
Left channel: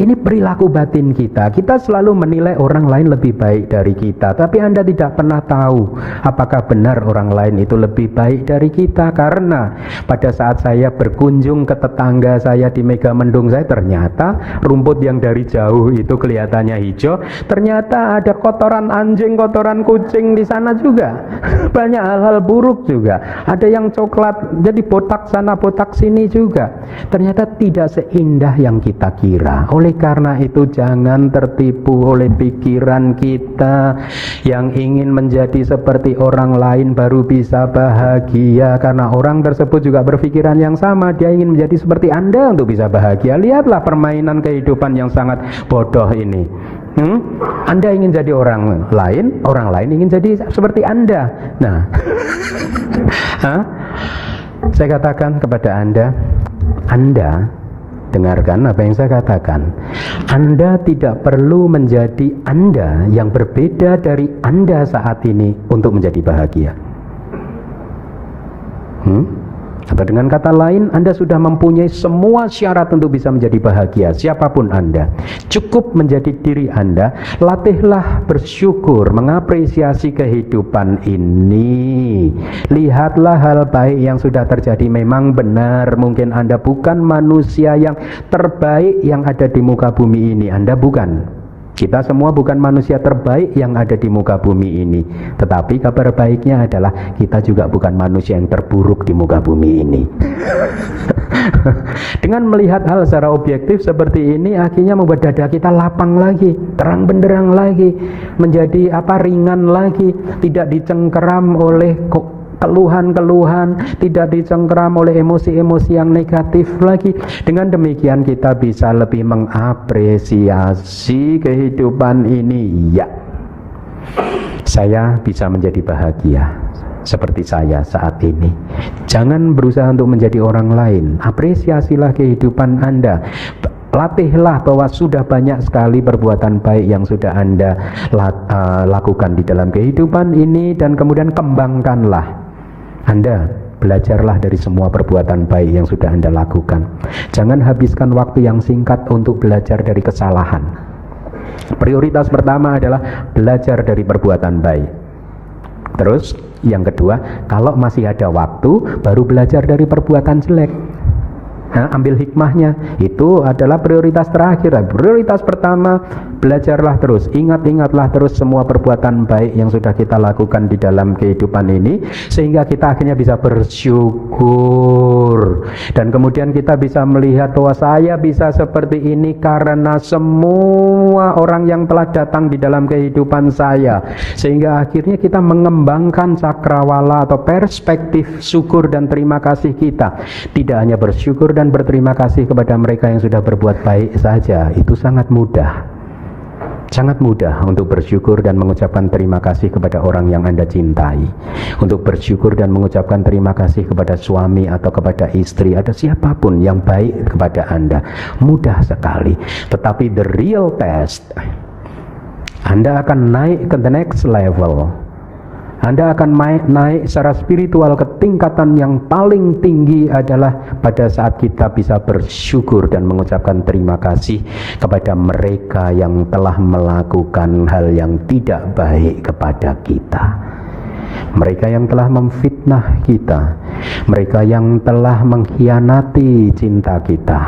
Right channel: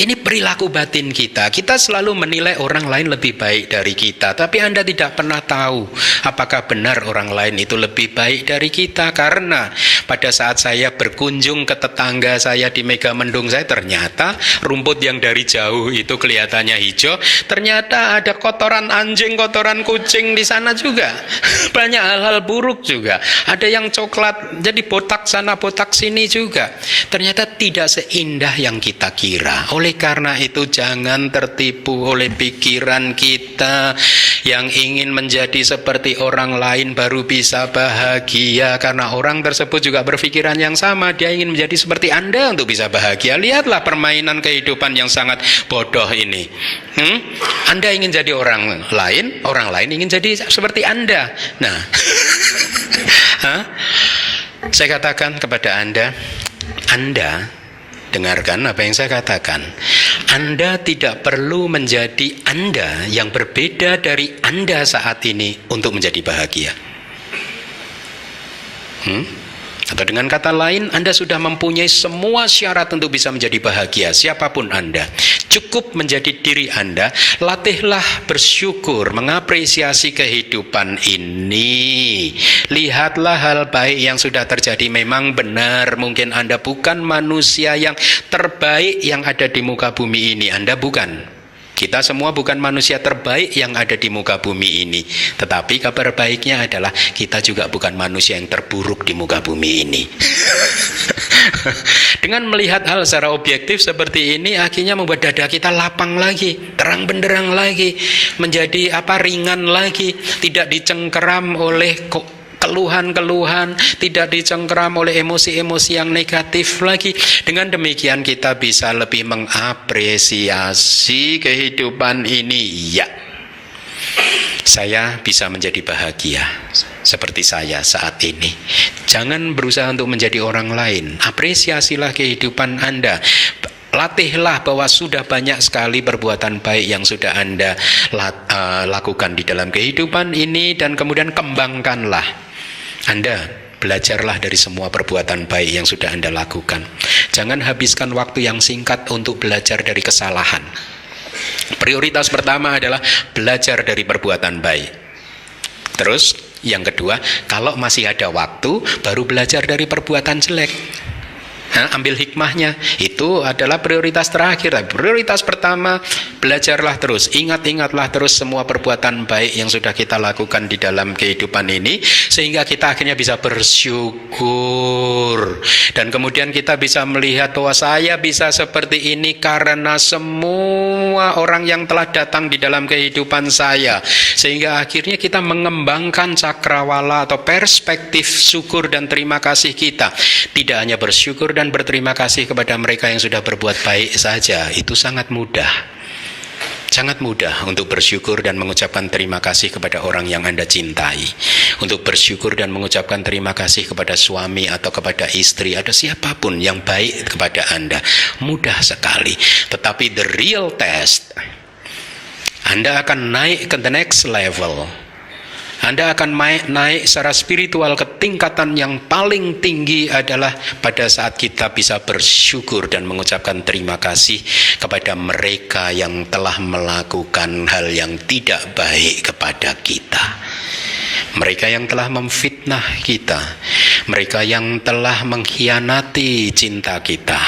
ini perilaku batin kita. Kita selalu menilai orang lain lebih baik dari kita, tapi Anda tidak pernah tahu apakah benar orang lain itu lebih baik dari kita. Karena pada saat saya berkunjung ke tetangga saya di Mega Mendung saya, ternyata rumput yang dari jauh itu kelihatannya hijau, ternyata ada kotoran anjing, kotoran kucing di sana juga. Banyak hal-hal buruk juga. Ada yang coklat, jadi botak sana, botak sini juga. Ternyata tidak seindah yang kita kira. Oleh karena itu jangan tertipu oleh pikiran kita yang ingin menjadi seperti orang lain baru bisa bahagia, karena orang tersebut juga berpikiran yang sama, dia ingin menjadi seperti Anda untuk bisa bahagia. Lihatlah permainan kehidupan yang sangat bodoh ini. Anda ingin jadi orang lain ingin jadi seperti Anda. Nah, saya katakan kepada Anda dengarkan apa yang saya katakan. Anda tidak perlu menjadi Anda yang berbeda dari Anda saat ini untuk menjadi bahagia. Atau dengan kata lain, Anda sudah mempunyai semua syarat untuk bisa menjadi bahagia. Siapapun Anda, cukup menjadi diri Anda. Latihlah bersyukur, mengapresiasi kehidupan ini. Lihatlah hal baik yang sudah terjadi. Memang benar, mungkin Anda bukan manusia yang terbaik yang ada di muka bumi ini. Anda bukan. Kita semua bukan manusia terbaik yang ada di muka bumi ini. Tetapi kabar baiknya adalah kita juga bukan manusia yang terburuk di muka bumi ini. Dengan melihat hal secara objektif seperti ini, akhirnya membuat dada kita lapang lagi, terang benderang lagi, menjadi ringan lagi, tidak dicengkeram oleh keluhan-keluhan, tidak dicengkeram oleh emosi-emosi yang negatif lagi. Dengan demikian kita bisa lebih mengapresiasi kehidupan ini. Ya, saya bisa menjadi bahagia seperti saya saat ini. Jangan berusaha untuk menjadi orang lain. Apresiasilah kehidupan Anda. Latihlah bahwa sudah banyak sekali perbuatan baik yang sudah Anda lakukan di dalam kehidupan ini, dan kemudian kembangkanlah. Anda belajarlah dari semua perbuatan baik yang sudah Anda lakukan. Jangan habiskan waktu yang singkat untuk belajar dari kesalahan. Prioritas pertama adalah belajar dari perbuatan baik. Terus yang kedua, kalau masih ada waktu, baru belajar dari perbuatan jelek. Ambil hikmahnya. Itu adalah prioritas terakhir. Prioritas pertama, belajarlah terus, ingat-ingatlah terus semua perbuatan baik yang sudah kita lakukan di dalam kehidupan ini, sehingga kita akhirnya bisa bersyukur. Dan kemudian kita bisa melihat bahwa saya bisa seperti ini karena semua orang yang telah datang di dalam kehidupan saya. Sehingga akhirnya kita mengembangkan cakrawala atau perspektif syukur dan terima kasih kita. Tidak hanya bersyukur dan berterima kasih kepada mereka yang sudah berbuat baik saja. Itu sangat mudah. Sangat mudah untuk bersyukur dan mengucapkan terima kasih kepada orang yang Anda cintai. Untuk bersyukur dan mengucapkan terima kasih kepada suami atau kepada istri atau siapapun yang baik kepada Anda. Mudah sekali. Tetapi the real test, Anda akan naik ke the next level. Anda akan naik secara spiritual ke tingkatan yang paling tinggi adalah pada saat kita bisa bersyukur dan mengucapkan terima kasih kepada mereka yang telah melakukan hal yang tidak baik kepada kita. Mereka yang telah memfitnah kita, mereka yang telah mengkhianati cinta kita,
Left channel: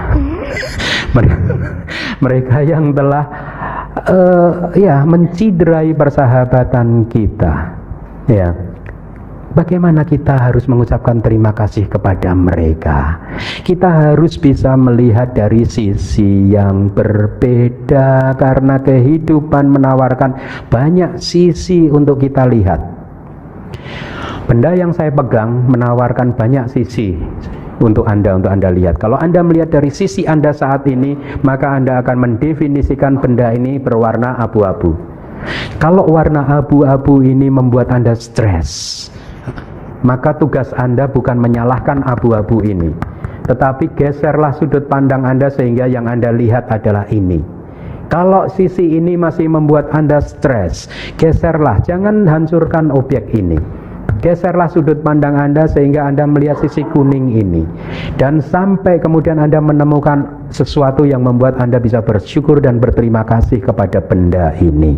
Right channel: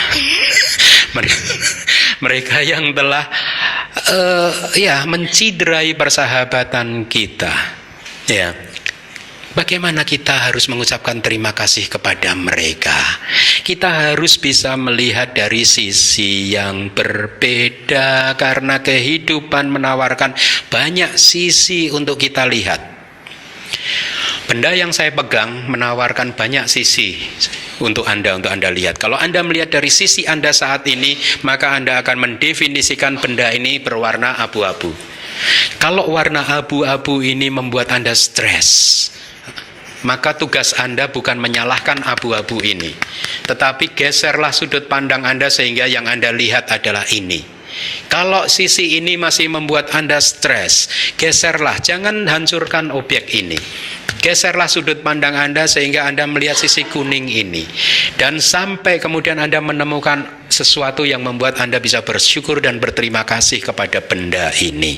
mereka yang telah mencidrai persahabatan kita. Ya, bagaimana kita harus mengucapkan terima kasih kepada mereka? Kita harus bisa melihat dari sisi yang berbeda, karena kehidupan menawarkan banyak sisi untuk kita lihat. Benda yang saya pegang menawarkan banyak sisi untuk Anda lihat. Kalau Anda melihat dari sisi Anda saat ini, maka Anda akan mendefinisikan benda ini berwarna abu-abu. Kalau warna abu-abu ini membuat Anda stres, maka tugas Anda bukan menyalahkan abu-abu ini, tetapi geserlah sudut pandang Anda sehingga yang Anda lihat adalah ini. Kalau sisi ini masih membuat Anda stres, geserlah, jangan hancurkan objek ini. Geserlah sudut pandang Anda sehingga Anda melihat sisi kuning ini, dan sampai kemudian Anda menemukan sesuatu yang membuat Anda bisa bersyukur dan berterima kasih kepada benda ini.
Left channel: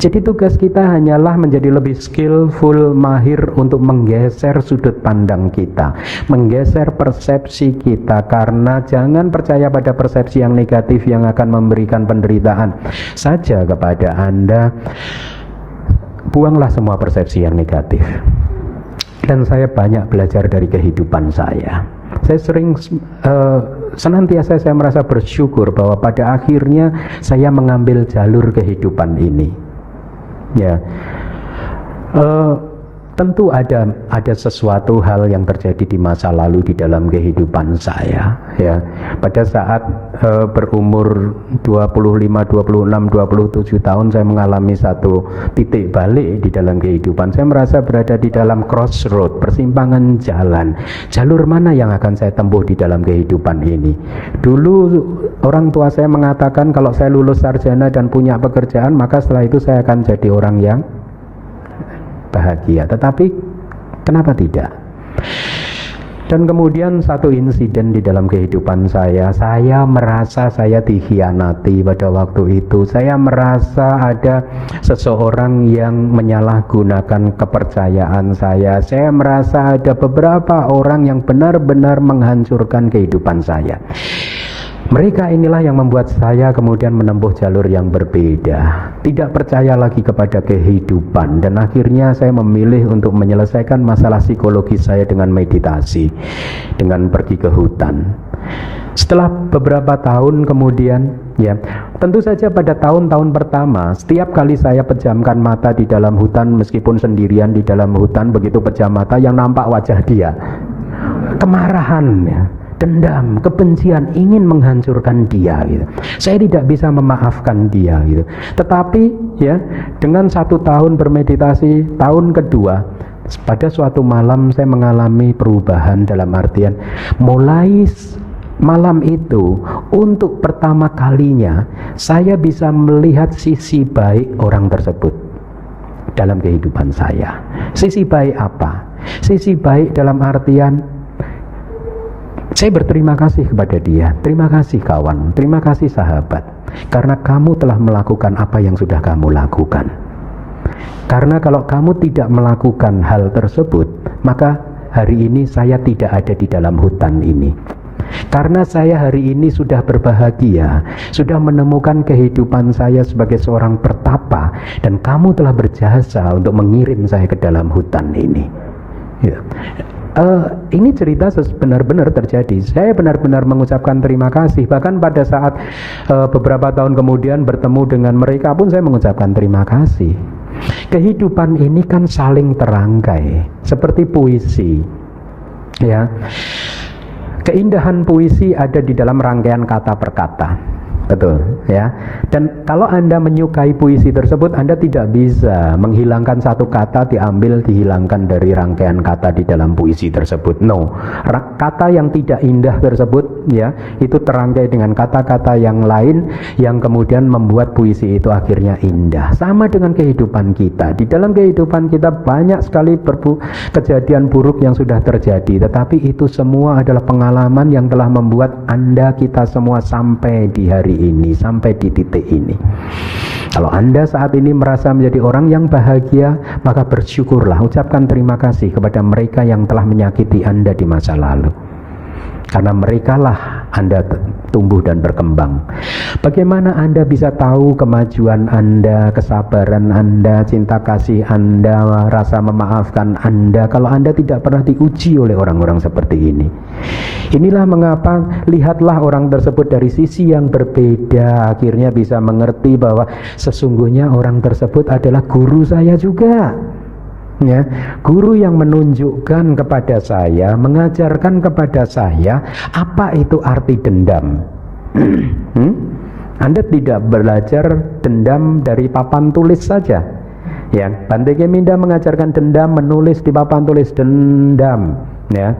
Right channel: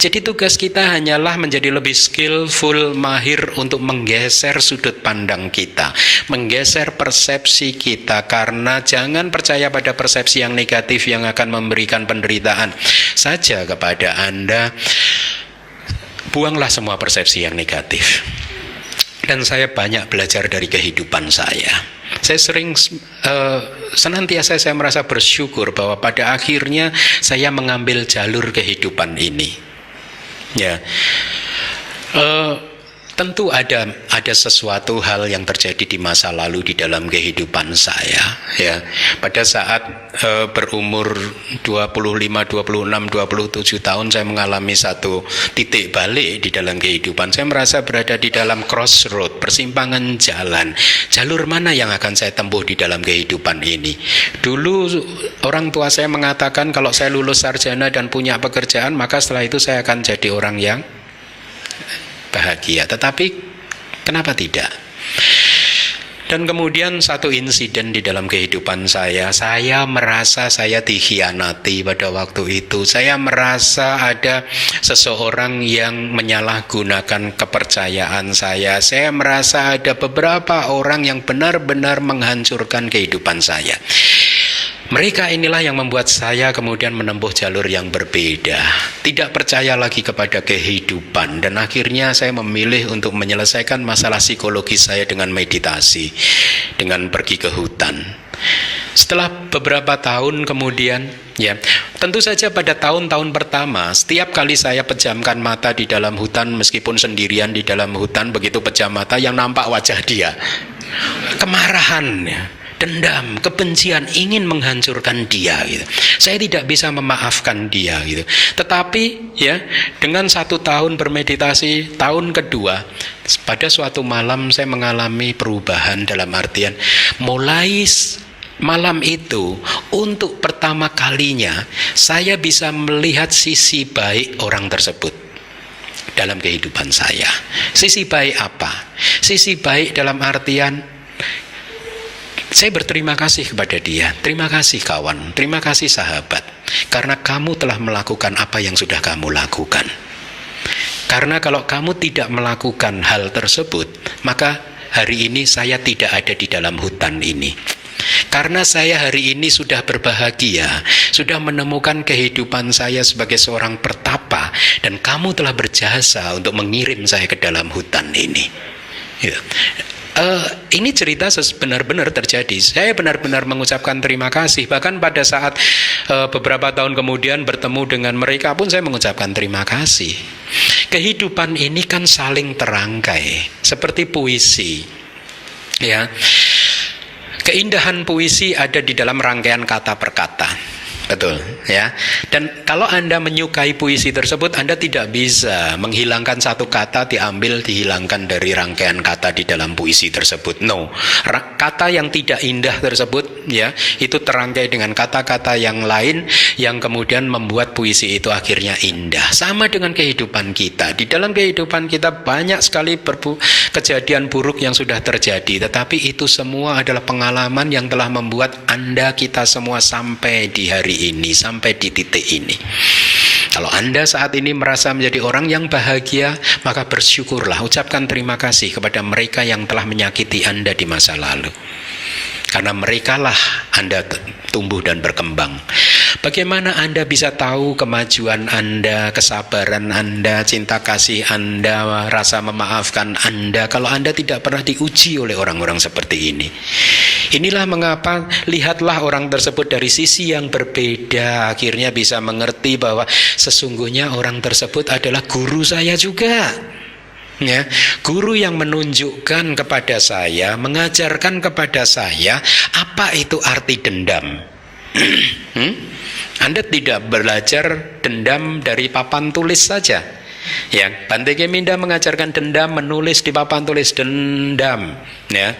Jadi tugas kita hanyalah menjadi lebih skillful, mahir untuk menggeser sudut pandang kita, menggeser persepsi kita, karena jangan percaya pada persepsi yang negatif yang akan memberikan penderitaan saja kepada Anda. Buanglah semua persepsi yang negatif. Dan saya banyak belajar dari kehidupan saya. Saya sering senantiasa saya merasa bersyukur bahwa pada akhirnya saya mengambil jalur kehidupan ini. Ya, tentu ada sesuatu hal yang terjadi di masa lalu di dalam kehidupan saya. Ya, pada saat berumur 25, 26, 27 tahun saya mengalami satu titik balik di dalam kehidupan. Saya merasa berada di dalam crossroad, persimpangan jalan. Jalur mana yang akan saya tempuh di dalam kehidupan ini? Dulu orang tua saya mengatakan kalau saya lulus sarjana dan punya pekerjaan, maka setelah itu saya akan jadi orang yang bahagia. Tetapi kenapa tidak? Dan kemudian satu insiden di dalam kehidupan saya merasa saya dikhianati pada waktu itu. Saya merasa ada seseorang yang menyalahgunakan kepercayaan saya. Saya merasa ada beberapa orang yang benar-benar menghancurkan kehidupan saya. Mereka inilah yang membuat saya kemudian menempuh jalur yang berbeda, tidak percaya lagi kepada kehidupan, dan akhirnya saya memilih untuk menyelesaikan masalah psikologi saya dengan meditasi, dengan pergi ke hutan. Setelah beberapa tahun kemudian, ya, tentu saja pada tahun-tahun pertama, setiap kali saya pejamkan mata di dalam hutan, meskipun sendirian di dalam hutan, begitu pejam mata yang nampak wajah dia, kemarahan, dendam, kebencian, ingin menghancurkan dia gitu. Saya tidak bisa memaafkan dia gitu. Tetapi ya, dengan 1 tahun bermeditasi, tahun kedua, pada suatu malam saya mengalami perubahan, dalam artian mulai malam itu untuk pertama kalinya saya bisa melihat sisi baik orang tersebut dalam kehidupan saya. Sisi baik apa? Sisi baik dalam artian saya berterima kasih kepada dia. Terima kasih kawan, terima kasih sahabat, karena kamu telah melakukan apa yang sudah kamu lakukan. Karena kalau kamu tidak melakukan hal tersebut, maka hari ini saya tidak ada di dalam hutan ini. Karena saya hari ini sudah berbahagia, sudah menemukan kehidupan saya sebagai seorang pertapa, dan kamu telah berjasa untuk mengirim saya ke dalam hutan ini. Ya. Ini cerita benar-benar terjadi. Saya benar-benar mengucapkan terima kasih. Bahkan pada saat beberapa tahun kemudian bertemu dengan mereka pun saya mengucapkan terima kasih. Kehidupan ini kan saling terangkai seperti puisi. Ya, keindahan puisi ada di dalam rangkaian kata per kata. Betul. ya. Dan kalau Anda menyukai puisi tersebut, Anda tidak bisa menghilangkan satu kata dihilangkan dari rangkaian kata di dalam puisi tersebut. No, kata yang tidak indah tersebut ya, itu terangkai dengan kata-kata yang lain yang kemudian membuat puisi itu akhirnya indah. Sama dengan kehidupan kita. Di dalam kehidupan kita banyak sekali kejadian buruk yang sudah terjadi, tetapi itu semua adalah pengalaman yang telah membuat Anda, kita semua sampai di hari ini, sampai di titik ini. Kalau Anda saat ini merasa menjadi orang yang bahagia, maka bersyukurlah, ucapkan terima kasih kepada mereka yang telah menyakiti Anda di masa lalu. Karena merekalah Anda tumbuh dan berkembang. Bagaimana Anda bisa tahu kemajuan Anda, kesabaran Anda, cinta kasih Anda, rasa memaafkan Anda, kalau Anda tidak pernah diuji oleh orang-orang seperti ini? Inilah mengapa lihatlah orang tersebut dari sisi yang berbeda, akhirnya bisa mengerti bahwa sesungguhnya orang tersebut adalah guru saya juga. Ya, guru yang menunjukkan kepada saya, mengajarkan kepada saya apa itu arti dendam. Anda tidak belajar dendam dari papan tulis saja. Ya, Bante Keminda mengajarkan dendam, menulis di papan tulis dendam. Ya,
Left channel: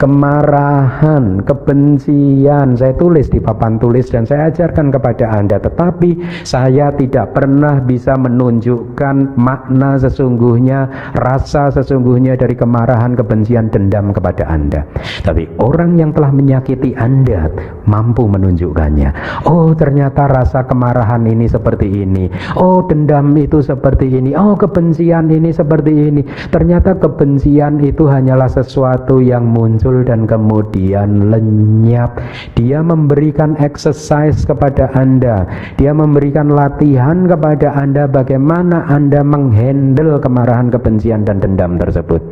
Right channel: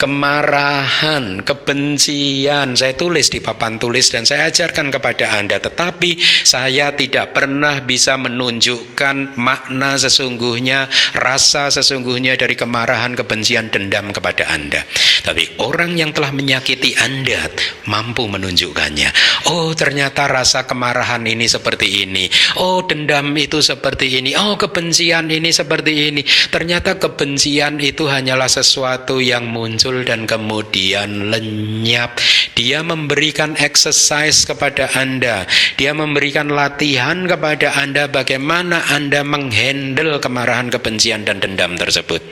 kemarahan, kebencian, saya tulis di papan tulis dan saya ajarkan kepada Anda. Tetapi saya tidak pernah bisa menunjukkan makna sesungguhnya, rasa sesungguhnya dari kemarahan, kebencian, dendam kepada Anda. Tapi orang yang telah menyakiti Anda mampu menunjukkannya. Oh, ternyata rasa kemarahan ini seperti ini. Oh, dendam itu seperti ini. Oh, kebencian ini seperti ini. Ternyata kebencian itu hanyalah sesuatu yang muncul dan kemudian lenyap. Dia memberikan exercise kepada Anda. Dia memberikan latihan kepada Anda bagaimana Anda menghandle kemarahan, kebencian, dan dendam tersebut.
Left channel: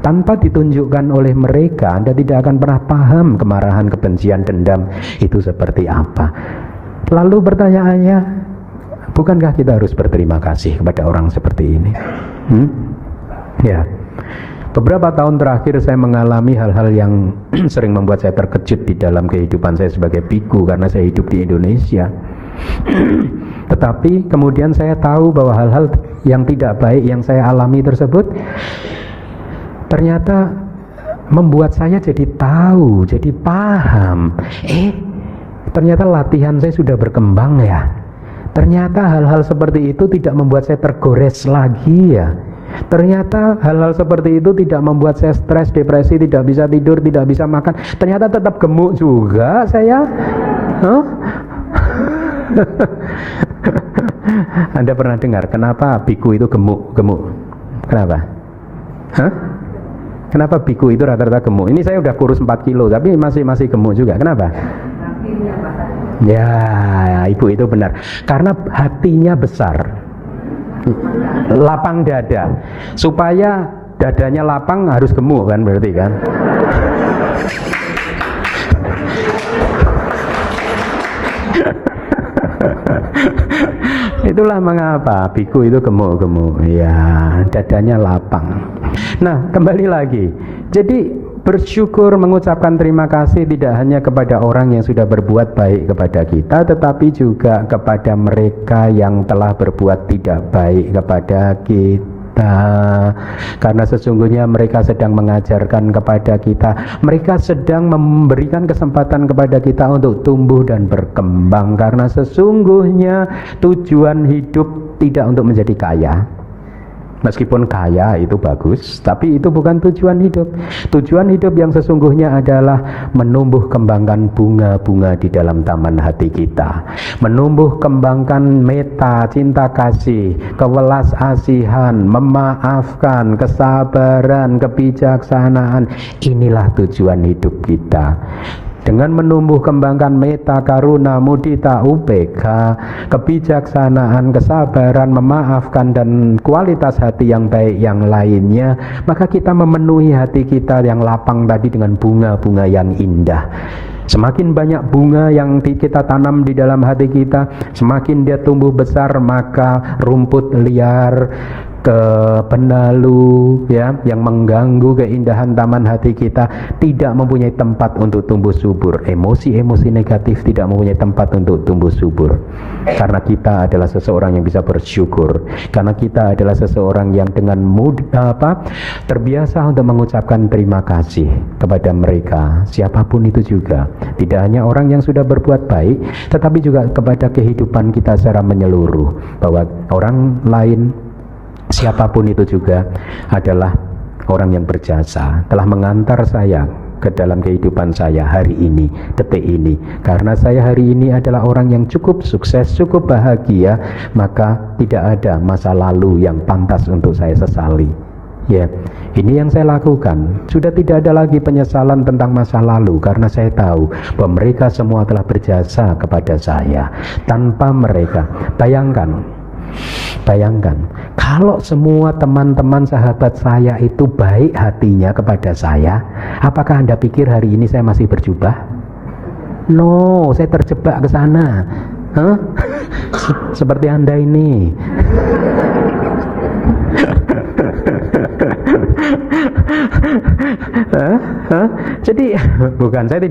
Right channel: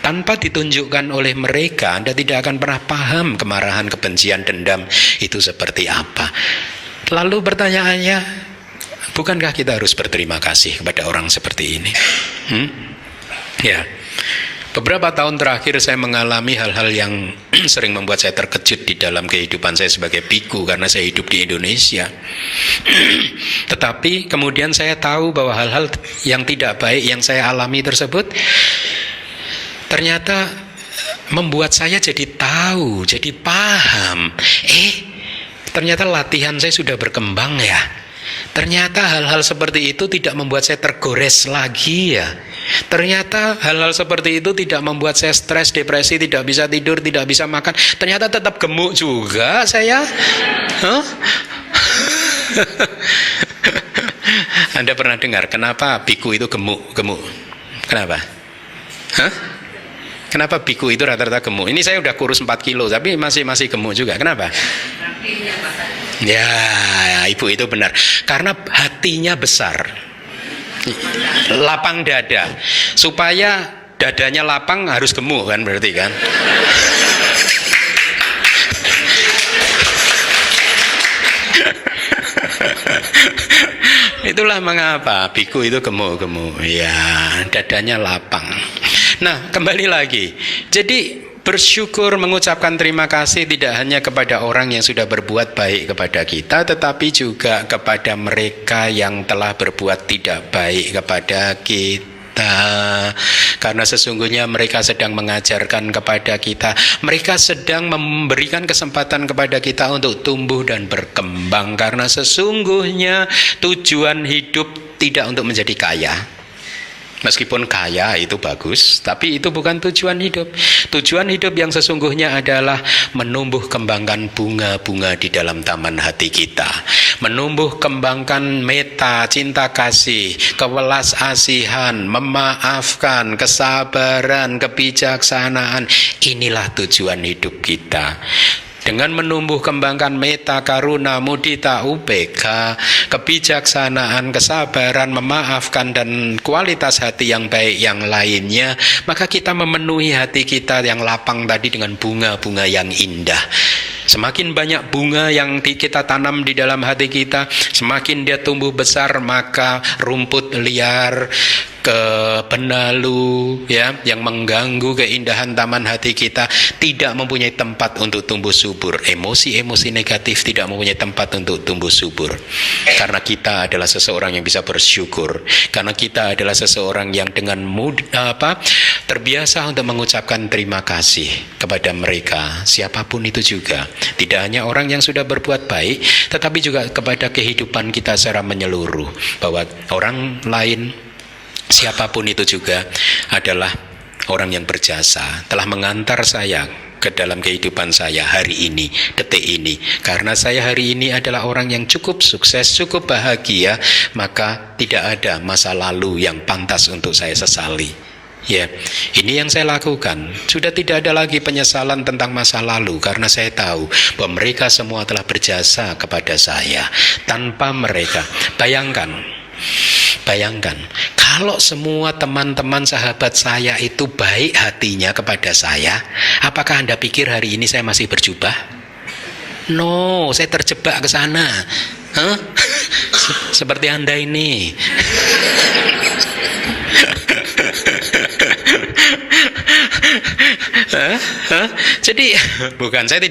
Tanpa ditunjukkan oleh mereka, Anda tidak akan pernah paham kemarahan, kebencian, dendam itu seperti apa. Lalu pertanyaannya, bukankah kita harus berterima kasih kepada orang seperti ini? Ya. Beberapa tahun terakhir saya mengalami hal-hal yang sering membuat saya terkejut di dalam kehidupan saya sebagai biku, karena saya hidup di Indonesia. Tetapi kemudian saya tahu bahwa hal-hal yang tidak baik yang saya alami tersebut ternyata membuat saya jadi tahu, jadi paham. Ternyata latihan saya sudah berkembang ya. Ternyata hal-hal seperti itu tidak membuat saya tergores lagi ya. Ternyata hal-hal seperti itu tidak membuat saya stres, depresi, tidak bisa tidur, tidak bisa makan. Ternyata tetap gemuk juga saya. Anda pernah dengar kenapa biku itu gemuk? Kenapa? Kenapa biku itu rata-rata gemuk? Ini saya udah kurus 4 kilo tapi masih gemuk juga. Kenapa? Ya, ibu itu benar. Karena hatinya besar, lapang dada. Supaya dadanya lapang harus gemuk kan, berarti kan? Itulah mengapa biku itu gemuk-gemuk. Ya, dadanya lapang. Nah, kembali lagi. Jadi bersyukur, mengucapkan terima kasih tidak hanya kepada orang yang sudah berbuat baik kepada kita, tetapi juga kepada mereka yang telah berbuat tidak baik kepada kita. Karena sesungguhnya mereka sedang mengajarkan kepada kita, mereka sedang memberikan kesempatan kepada kita untuk tumbuh dan berkembang. Karena sesungguhnya tujuan hidup tidak untuk menjadi kaya. Meskipun kaya itu bagus, tapi itu bukan tujuan hidup. Tujuan hidup yang sesungguhnya adalah menumbuh kembangkan bunga-bunga di dalam taman hati kita. Menumbuh kembangkan meta, cinta kasih, kewelas asihan, memaafkan, kesabaran, kebijaksanaan. Inilah tujuan hidup kita. Dengan menumbuh kembangkan meta, karuna, mudita, ubeka, kebijaksanaan, kesabaran, memaafkan, dan kualitas hati yang baik yang lainnya, maka kita memenuhi hati kita yang lapang tadi dengan bunga-bunga yang indah. Semakin banyak bunga yang kita tanam di dalam hati kita, semakin dia tumbuh besar, maka rumput liar, kebenalu, ya, yang mengganggu keindahan taman hati kita, tidak mempunyai tempat untuk tumbuh subur. Emosi-emosi negatif tidak mempunyai tempat untuk tumbuh subur. Karena kita adalah seseorang yang bisa bersyukur. Karena kita adalah seseorang yang dengan terbiasa untuk mengucapkan terima kasih kepada mereka, siapapun itu juga. Tidak hanya orang yang sudah berbuat baik, tetapi juga kepada kehidupan kita secara menyeluruh, bahwa orang lain, siapapun itu juga adalah orang yang berjasa, telah mengantar saya ke dalam kehidupan saya hari ini, detik ini. Karena saya hari ini adalah orang yang cukup sukses, cukup bahagia, maka tidak ada masa lalu yang pantas untuk saya sesali. Ya, ini yang saya lakukan. Sudah tidak ada lagi penyesalan tentang masa lalu, karena saya tahu bahwa mereka semua telah berjasa kepada saya. Tanpa mereka, bayangkan kalau semua teman-teman sahabat saya itu baik hatinya kepada saya, apakah Anda pikir hari ini saya masih berjubah? No, saya terjebak ke sana. Seperti Anda ini. Jadi bukan, saya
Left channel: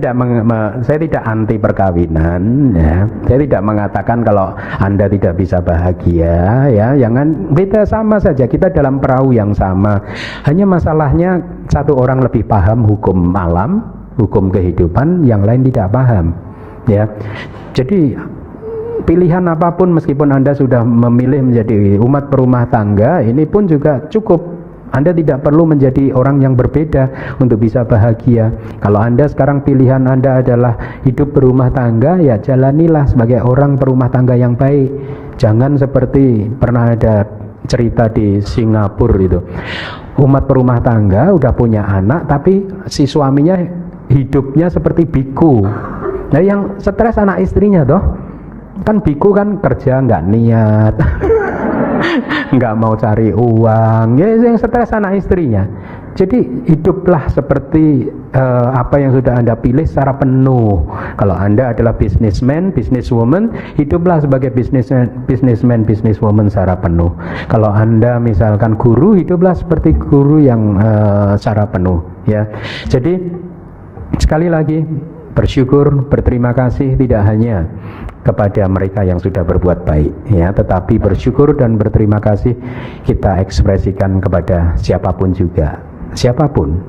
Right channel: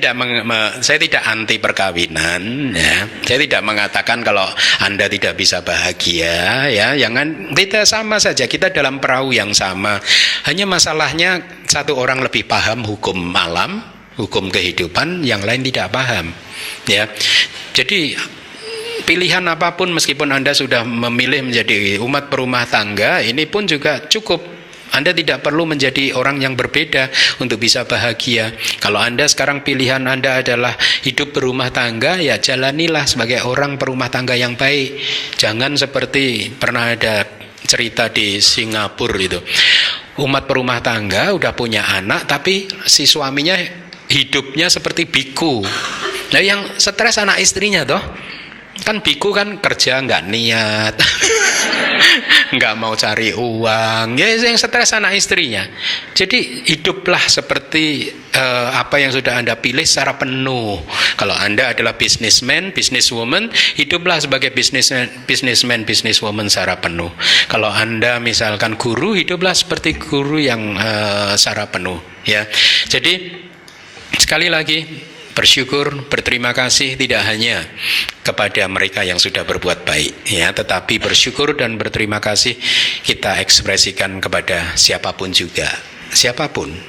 tidak anti perkawinan, ya. Saya tidak mengatakan kalau Anda tidak bisa bahagia, ya. Jangan, kita sama saja, kita dalam perahu yang sama. Hanya masalahnya satu orang lebih paham hukum alam, hukum kehidupan, yang lain tidak paham, ya. Jadi pilihan apapun, meskipun Anda sudah memilih menjadi umat berumah tangga, ini pun juga cukup. Anda tidak perlu menjadi orang yang berbeda untuk bisa bahagia. Kalau Anda sekarang pilihan Anda adalah hidup berumah tangga, ya jalanilah sebagai orang berumah tangga yang baik. Jangan seperti pernah ada cerita di Singapura itu. Umat berumah tangga udah punya anak, tapi si suaminya hidupnya seperti biku. Nah, yang stres anak istrinya toh. Kan biku kan kerja nggak niat. Nggak mau cari uang, ya yang stres anak istrinya. Jadi hiduplah seperti apa yang sudah Anda pilih secara penuh. Kalau Anda adalah businessman, businesswoman, hiduplah sebagai businessman, businesswoman secara penuh. Kalau Anda misalkan guru, hiduplah seperti guru yang secara penuh, ya. Jadi sekali lagi, bersyukur, berterima kasih tidak hanya kepada mereka yang sudah berbuat baik, ya, tetapi bersyukur dan berterima kasih kita ekspresikan kepada siapapun juga, siapapun,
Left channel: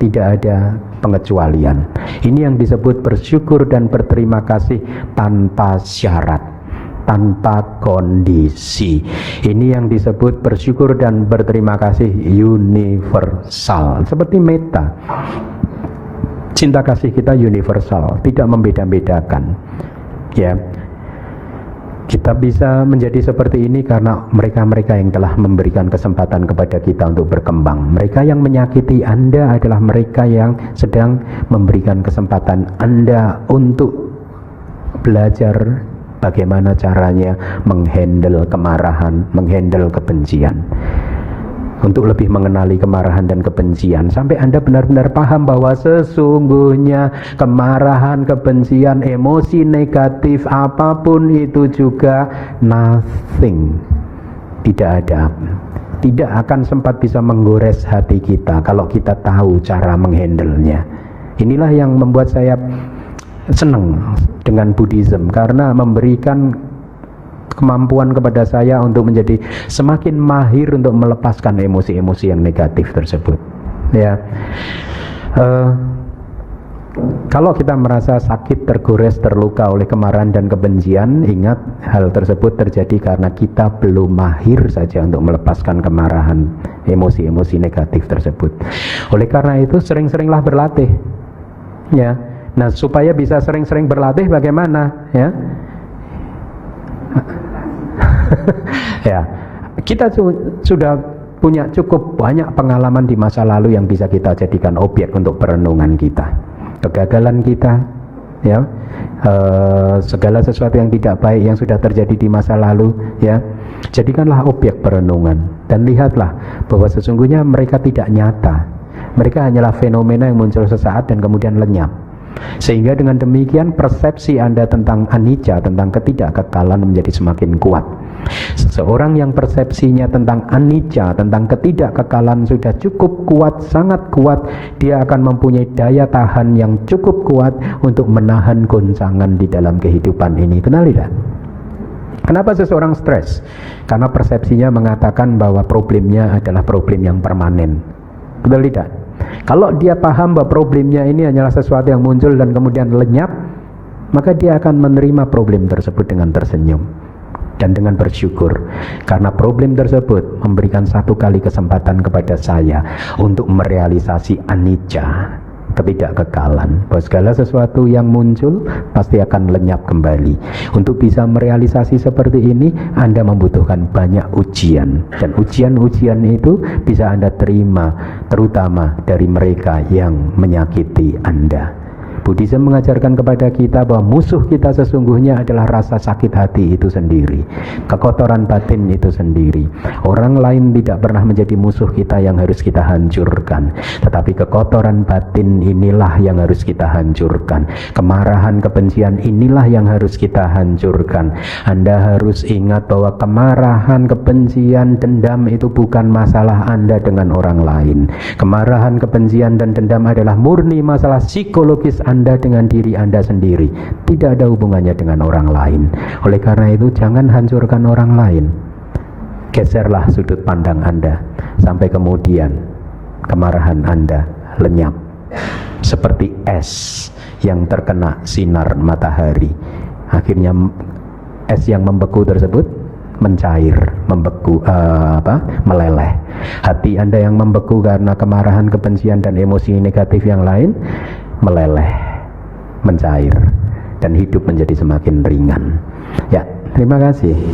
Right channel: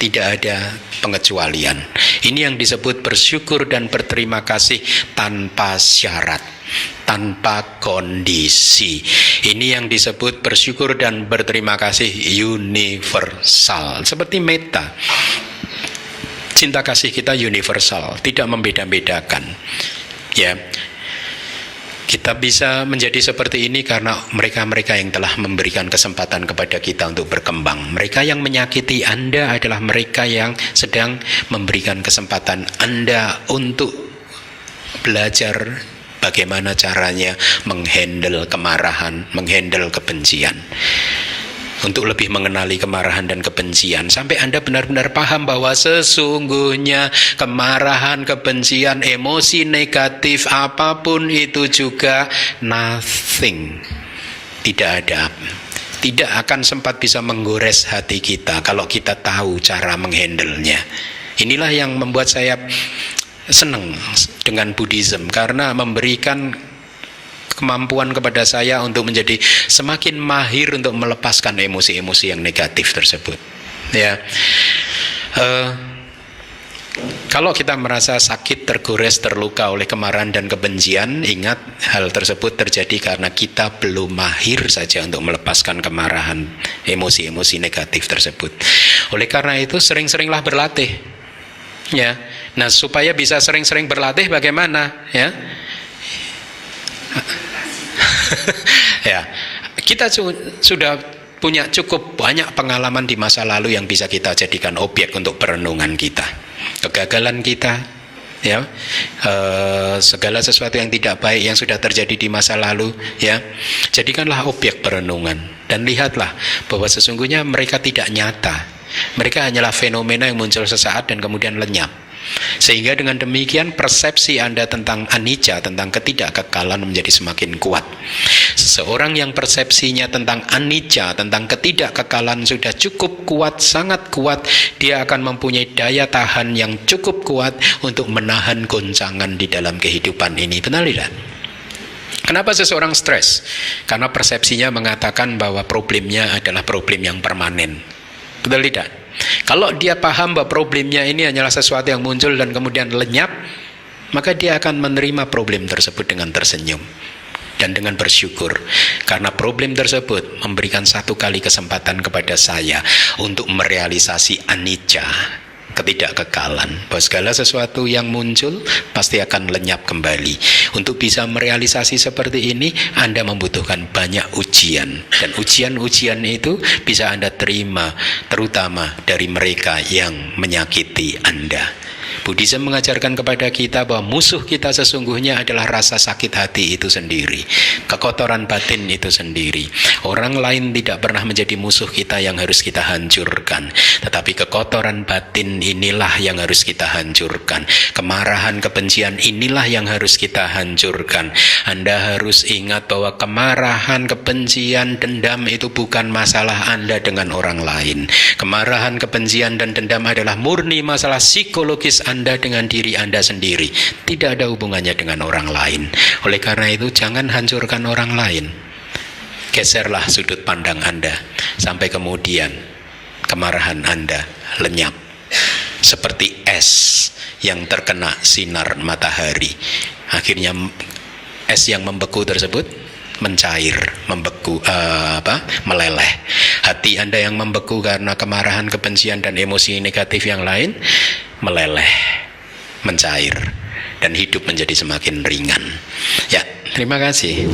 tidak ada pengecualian. Ini yang disebut bersyukur dan berterima kasih tanpa syarat, tanpa kondisi. Ini yang disebut bersyukur dan berterima kasih universal, seperti meta. Cinta kasih kita universal, tidak membeda-bedakan. Ya, kita bisa menjadi seperti ini karena mereka-mereka yang telah memberikan kesempatan kepada kita untuk berkembang. Mereka yang menyakiti Anda adalah mereka yang sedang memberikan kesempatan Anda untuk belajar bagaimana caranya menghandle kemarahan, menghandle kebencian. Untuk lebih mengenali kemarahan dan kebencian, sampai Anda benar-benar paham bahwa sesungguhnya kemarahan, kebencian, emosi negatif apapun itu juga nothing, tidak ada, tidak akan sempat bisa menggores hati kita kalau kita tahu cara menghandle-nya. Inilah yang membuat saya senang dengan Buddhism, karena memberikan kemampuan kepada saya untuk menjadi semakin mahir untuk melepaskan emosi-emosi yang negatif tersebut. Ya, kalau kita merasa sakit, tergores, terluka oleh kemarahan dan kebencian, ingat hal tersebut terjadi karena kita belum mahir saja untuk melepaskan kemarahan, emosi-emosi negatif tersebut. Oleh karena itu, sering-seringlah berlatih. Ya, nah supaya bisa sering-sering berlatih, bagaimana? Ya. Ya, kita sudah punya cukup banyak pengalaman di masa lalu yang bisa kita jadikan objek untuk perenungan kita. Kegagalan kita, ya, segala sesuatu yang tidak baik yang sudah terjadi di masa lalu, ya, jadikanlah objek perenungan dan lihatlah bahwa sesungguhnya mereka tidak nyata. Mereka hanyalah fenomena yang muncul sesaat dan kemudian lenyap. Sehingga dengan demikian persepsi Anda tentang anicca, tentang ketidakkekalan menjadi semakin kuat. Seseorang yang persepsinya tentang anicca, tentang ketidakkekalan sudah cukup kuat, sangat kuat, dia akan mempunyai daya tahan yang cukup kuat untuk menahan goncangan di dalam kehidupan ini. Benar tidak? Kenapa seseorang stres? Karena persepsinya mengatakan bahwa problemnya adalah problem yang permanen. Betul tidak? Kalau dia paham bahwa problemnya ini hanyalah sesuatu yang muncul dan kemudian lenyap, maka dia akan menerima problem tersebut dengan tersenyum dan dengan bersyukur, karena problem tersebut memberikan satu kali kesempatan kepada saya untuk merealisasi anicca, ketidakkekalan, bahwa segala sesuatu yang muncul pasti akan lenyap kembali. Untuk bisa merealisasi seperti ini, Anda membutuhkan banyak ujian, dan ujian-ujian itu bisa Anda terima terutama dari mereka yang menyakiti Anda. Buddhisme mengajarkan kepada kita bahwa musuh kita sesungguhnya adalah rasa sakit hati itu sendiri, kekotoran batin itu sendiri. Orang lain tidak pernah menjadi musuh kita yang harus kita hancurkan, tetapi kekotoran batin inilah yang harus kita hancurkan. Kemarahan, kebencian inilah yang harus kita hancurkan. Anda harus ingat bahwa kemarahan, kebencian, dendam itu bukan masalah Anda dengan orang lain. Kemarahan, kebencian, dan dendam adalah murni masalah psikologis Anda dengan diri Anda sendiri, tidak ada hubungannya dengan orang lain. Oleh karena itu, jangan hancurkan orang lain. Geserlah sudut pandang Anda sampai kemudian kemarahan Anda lenyap seperti es yang terkena sinar matahari. Akhirnya es yang membeku tersebut mencair, membeku, meleleh. Hati Anda yang membeku karena kemarahan, kebencian, dan emosi negatif yang lain meleleh, mencair, dan hidup menjadi semakin ringan. Ya, terima kasih.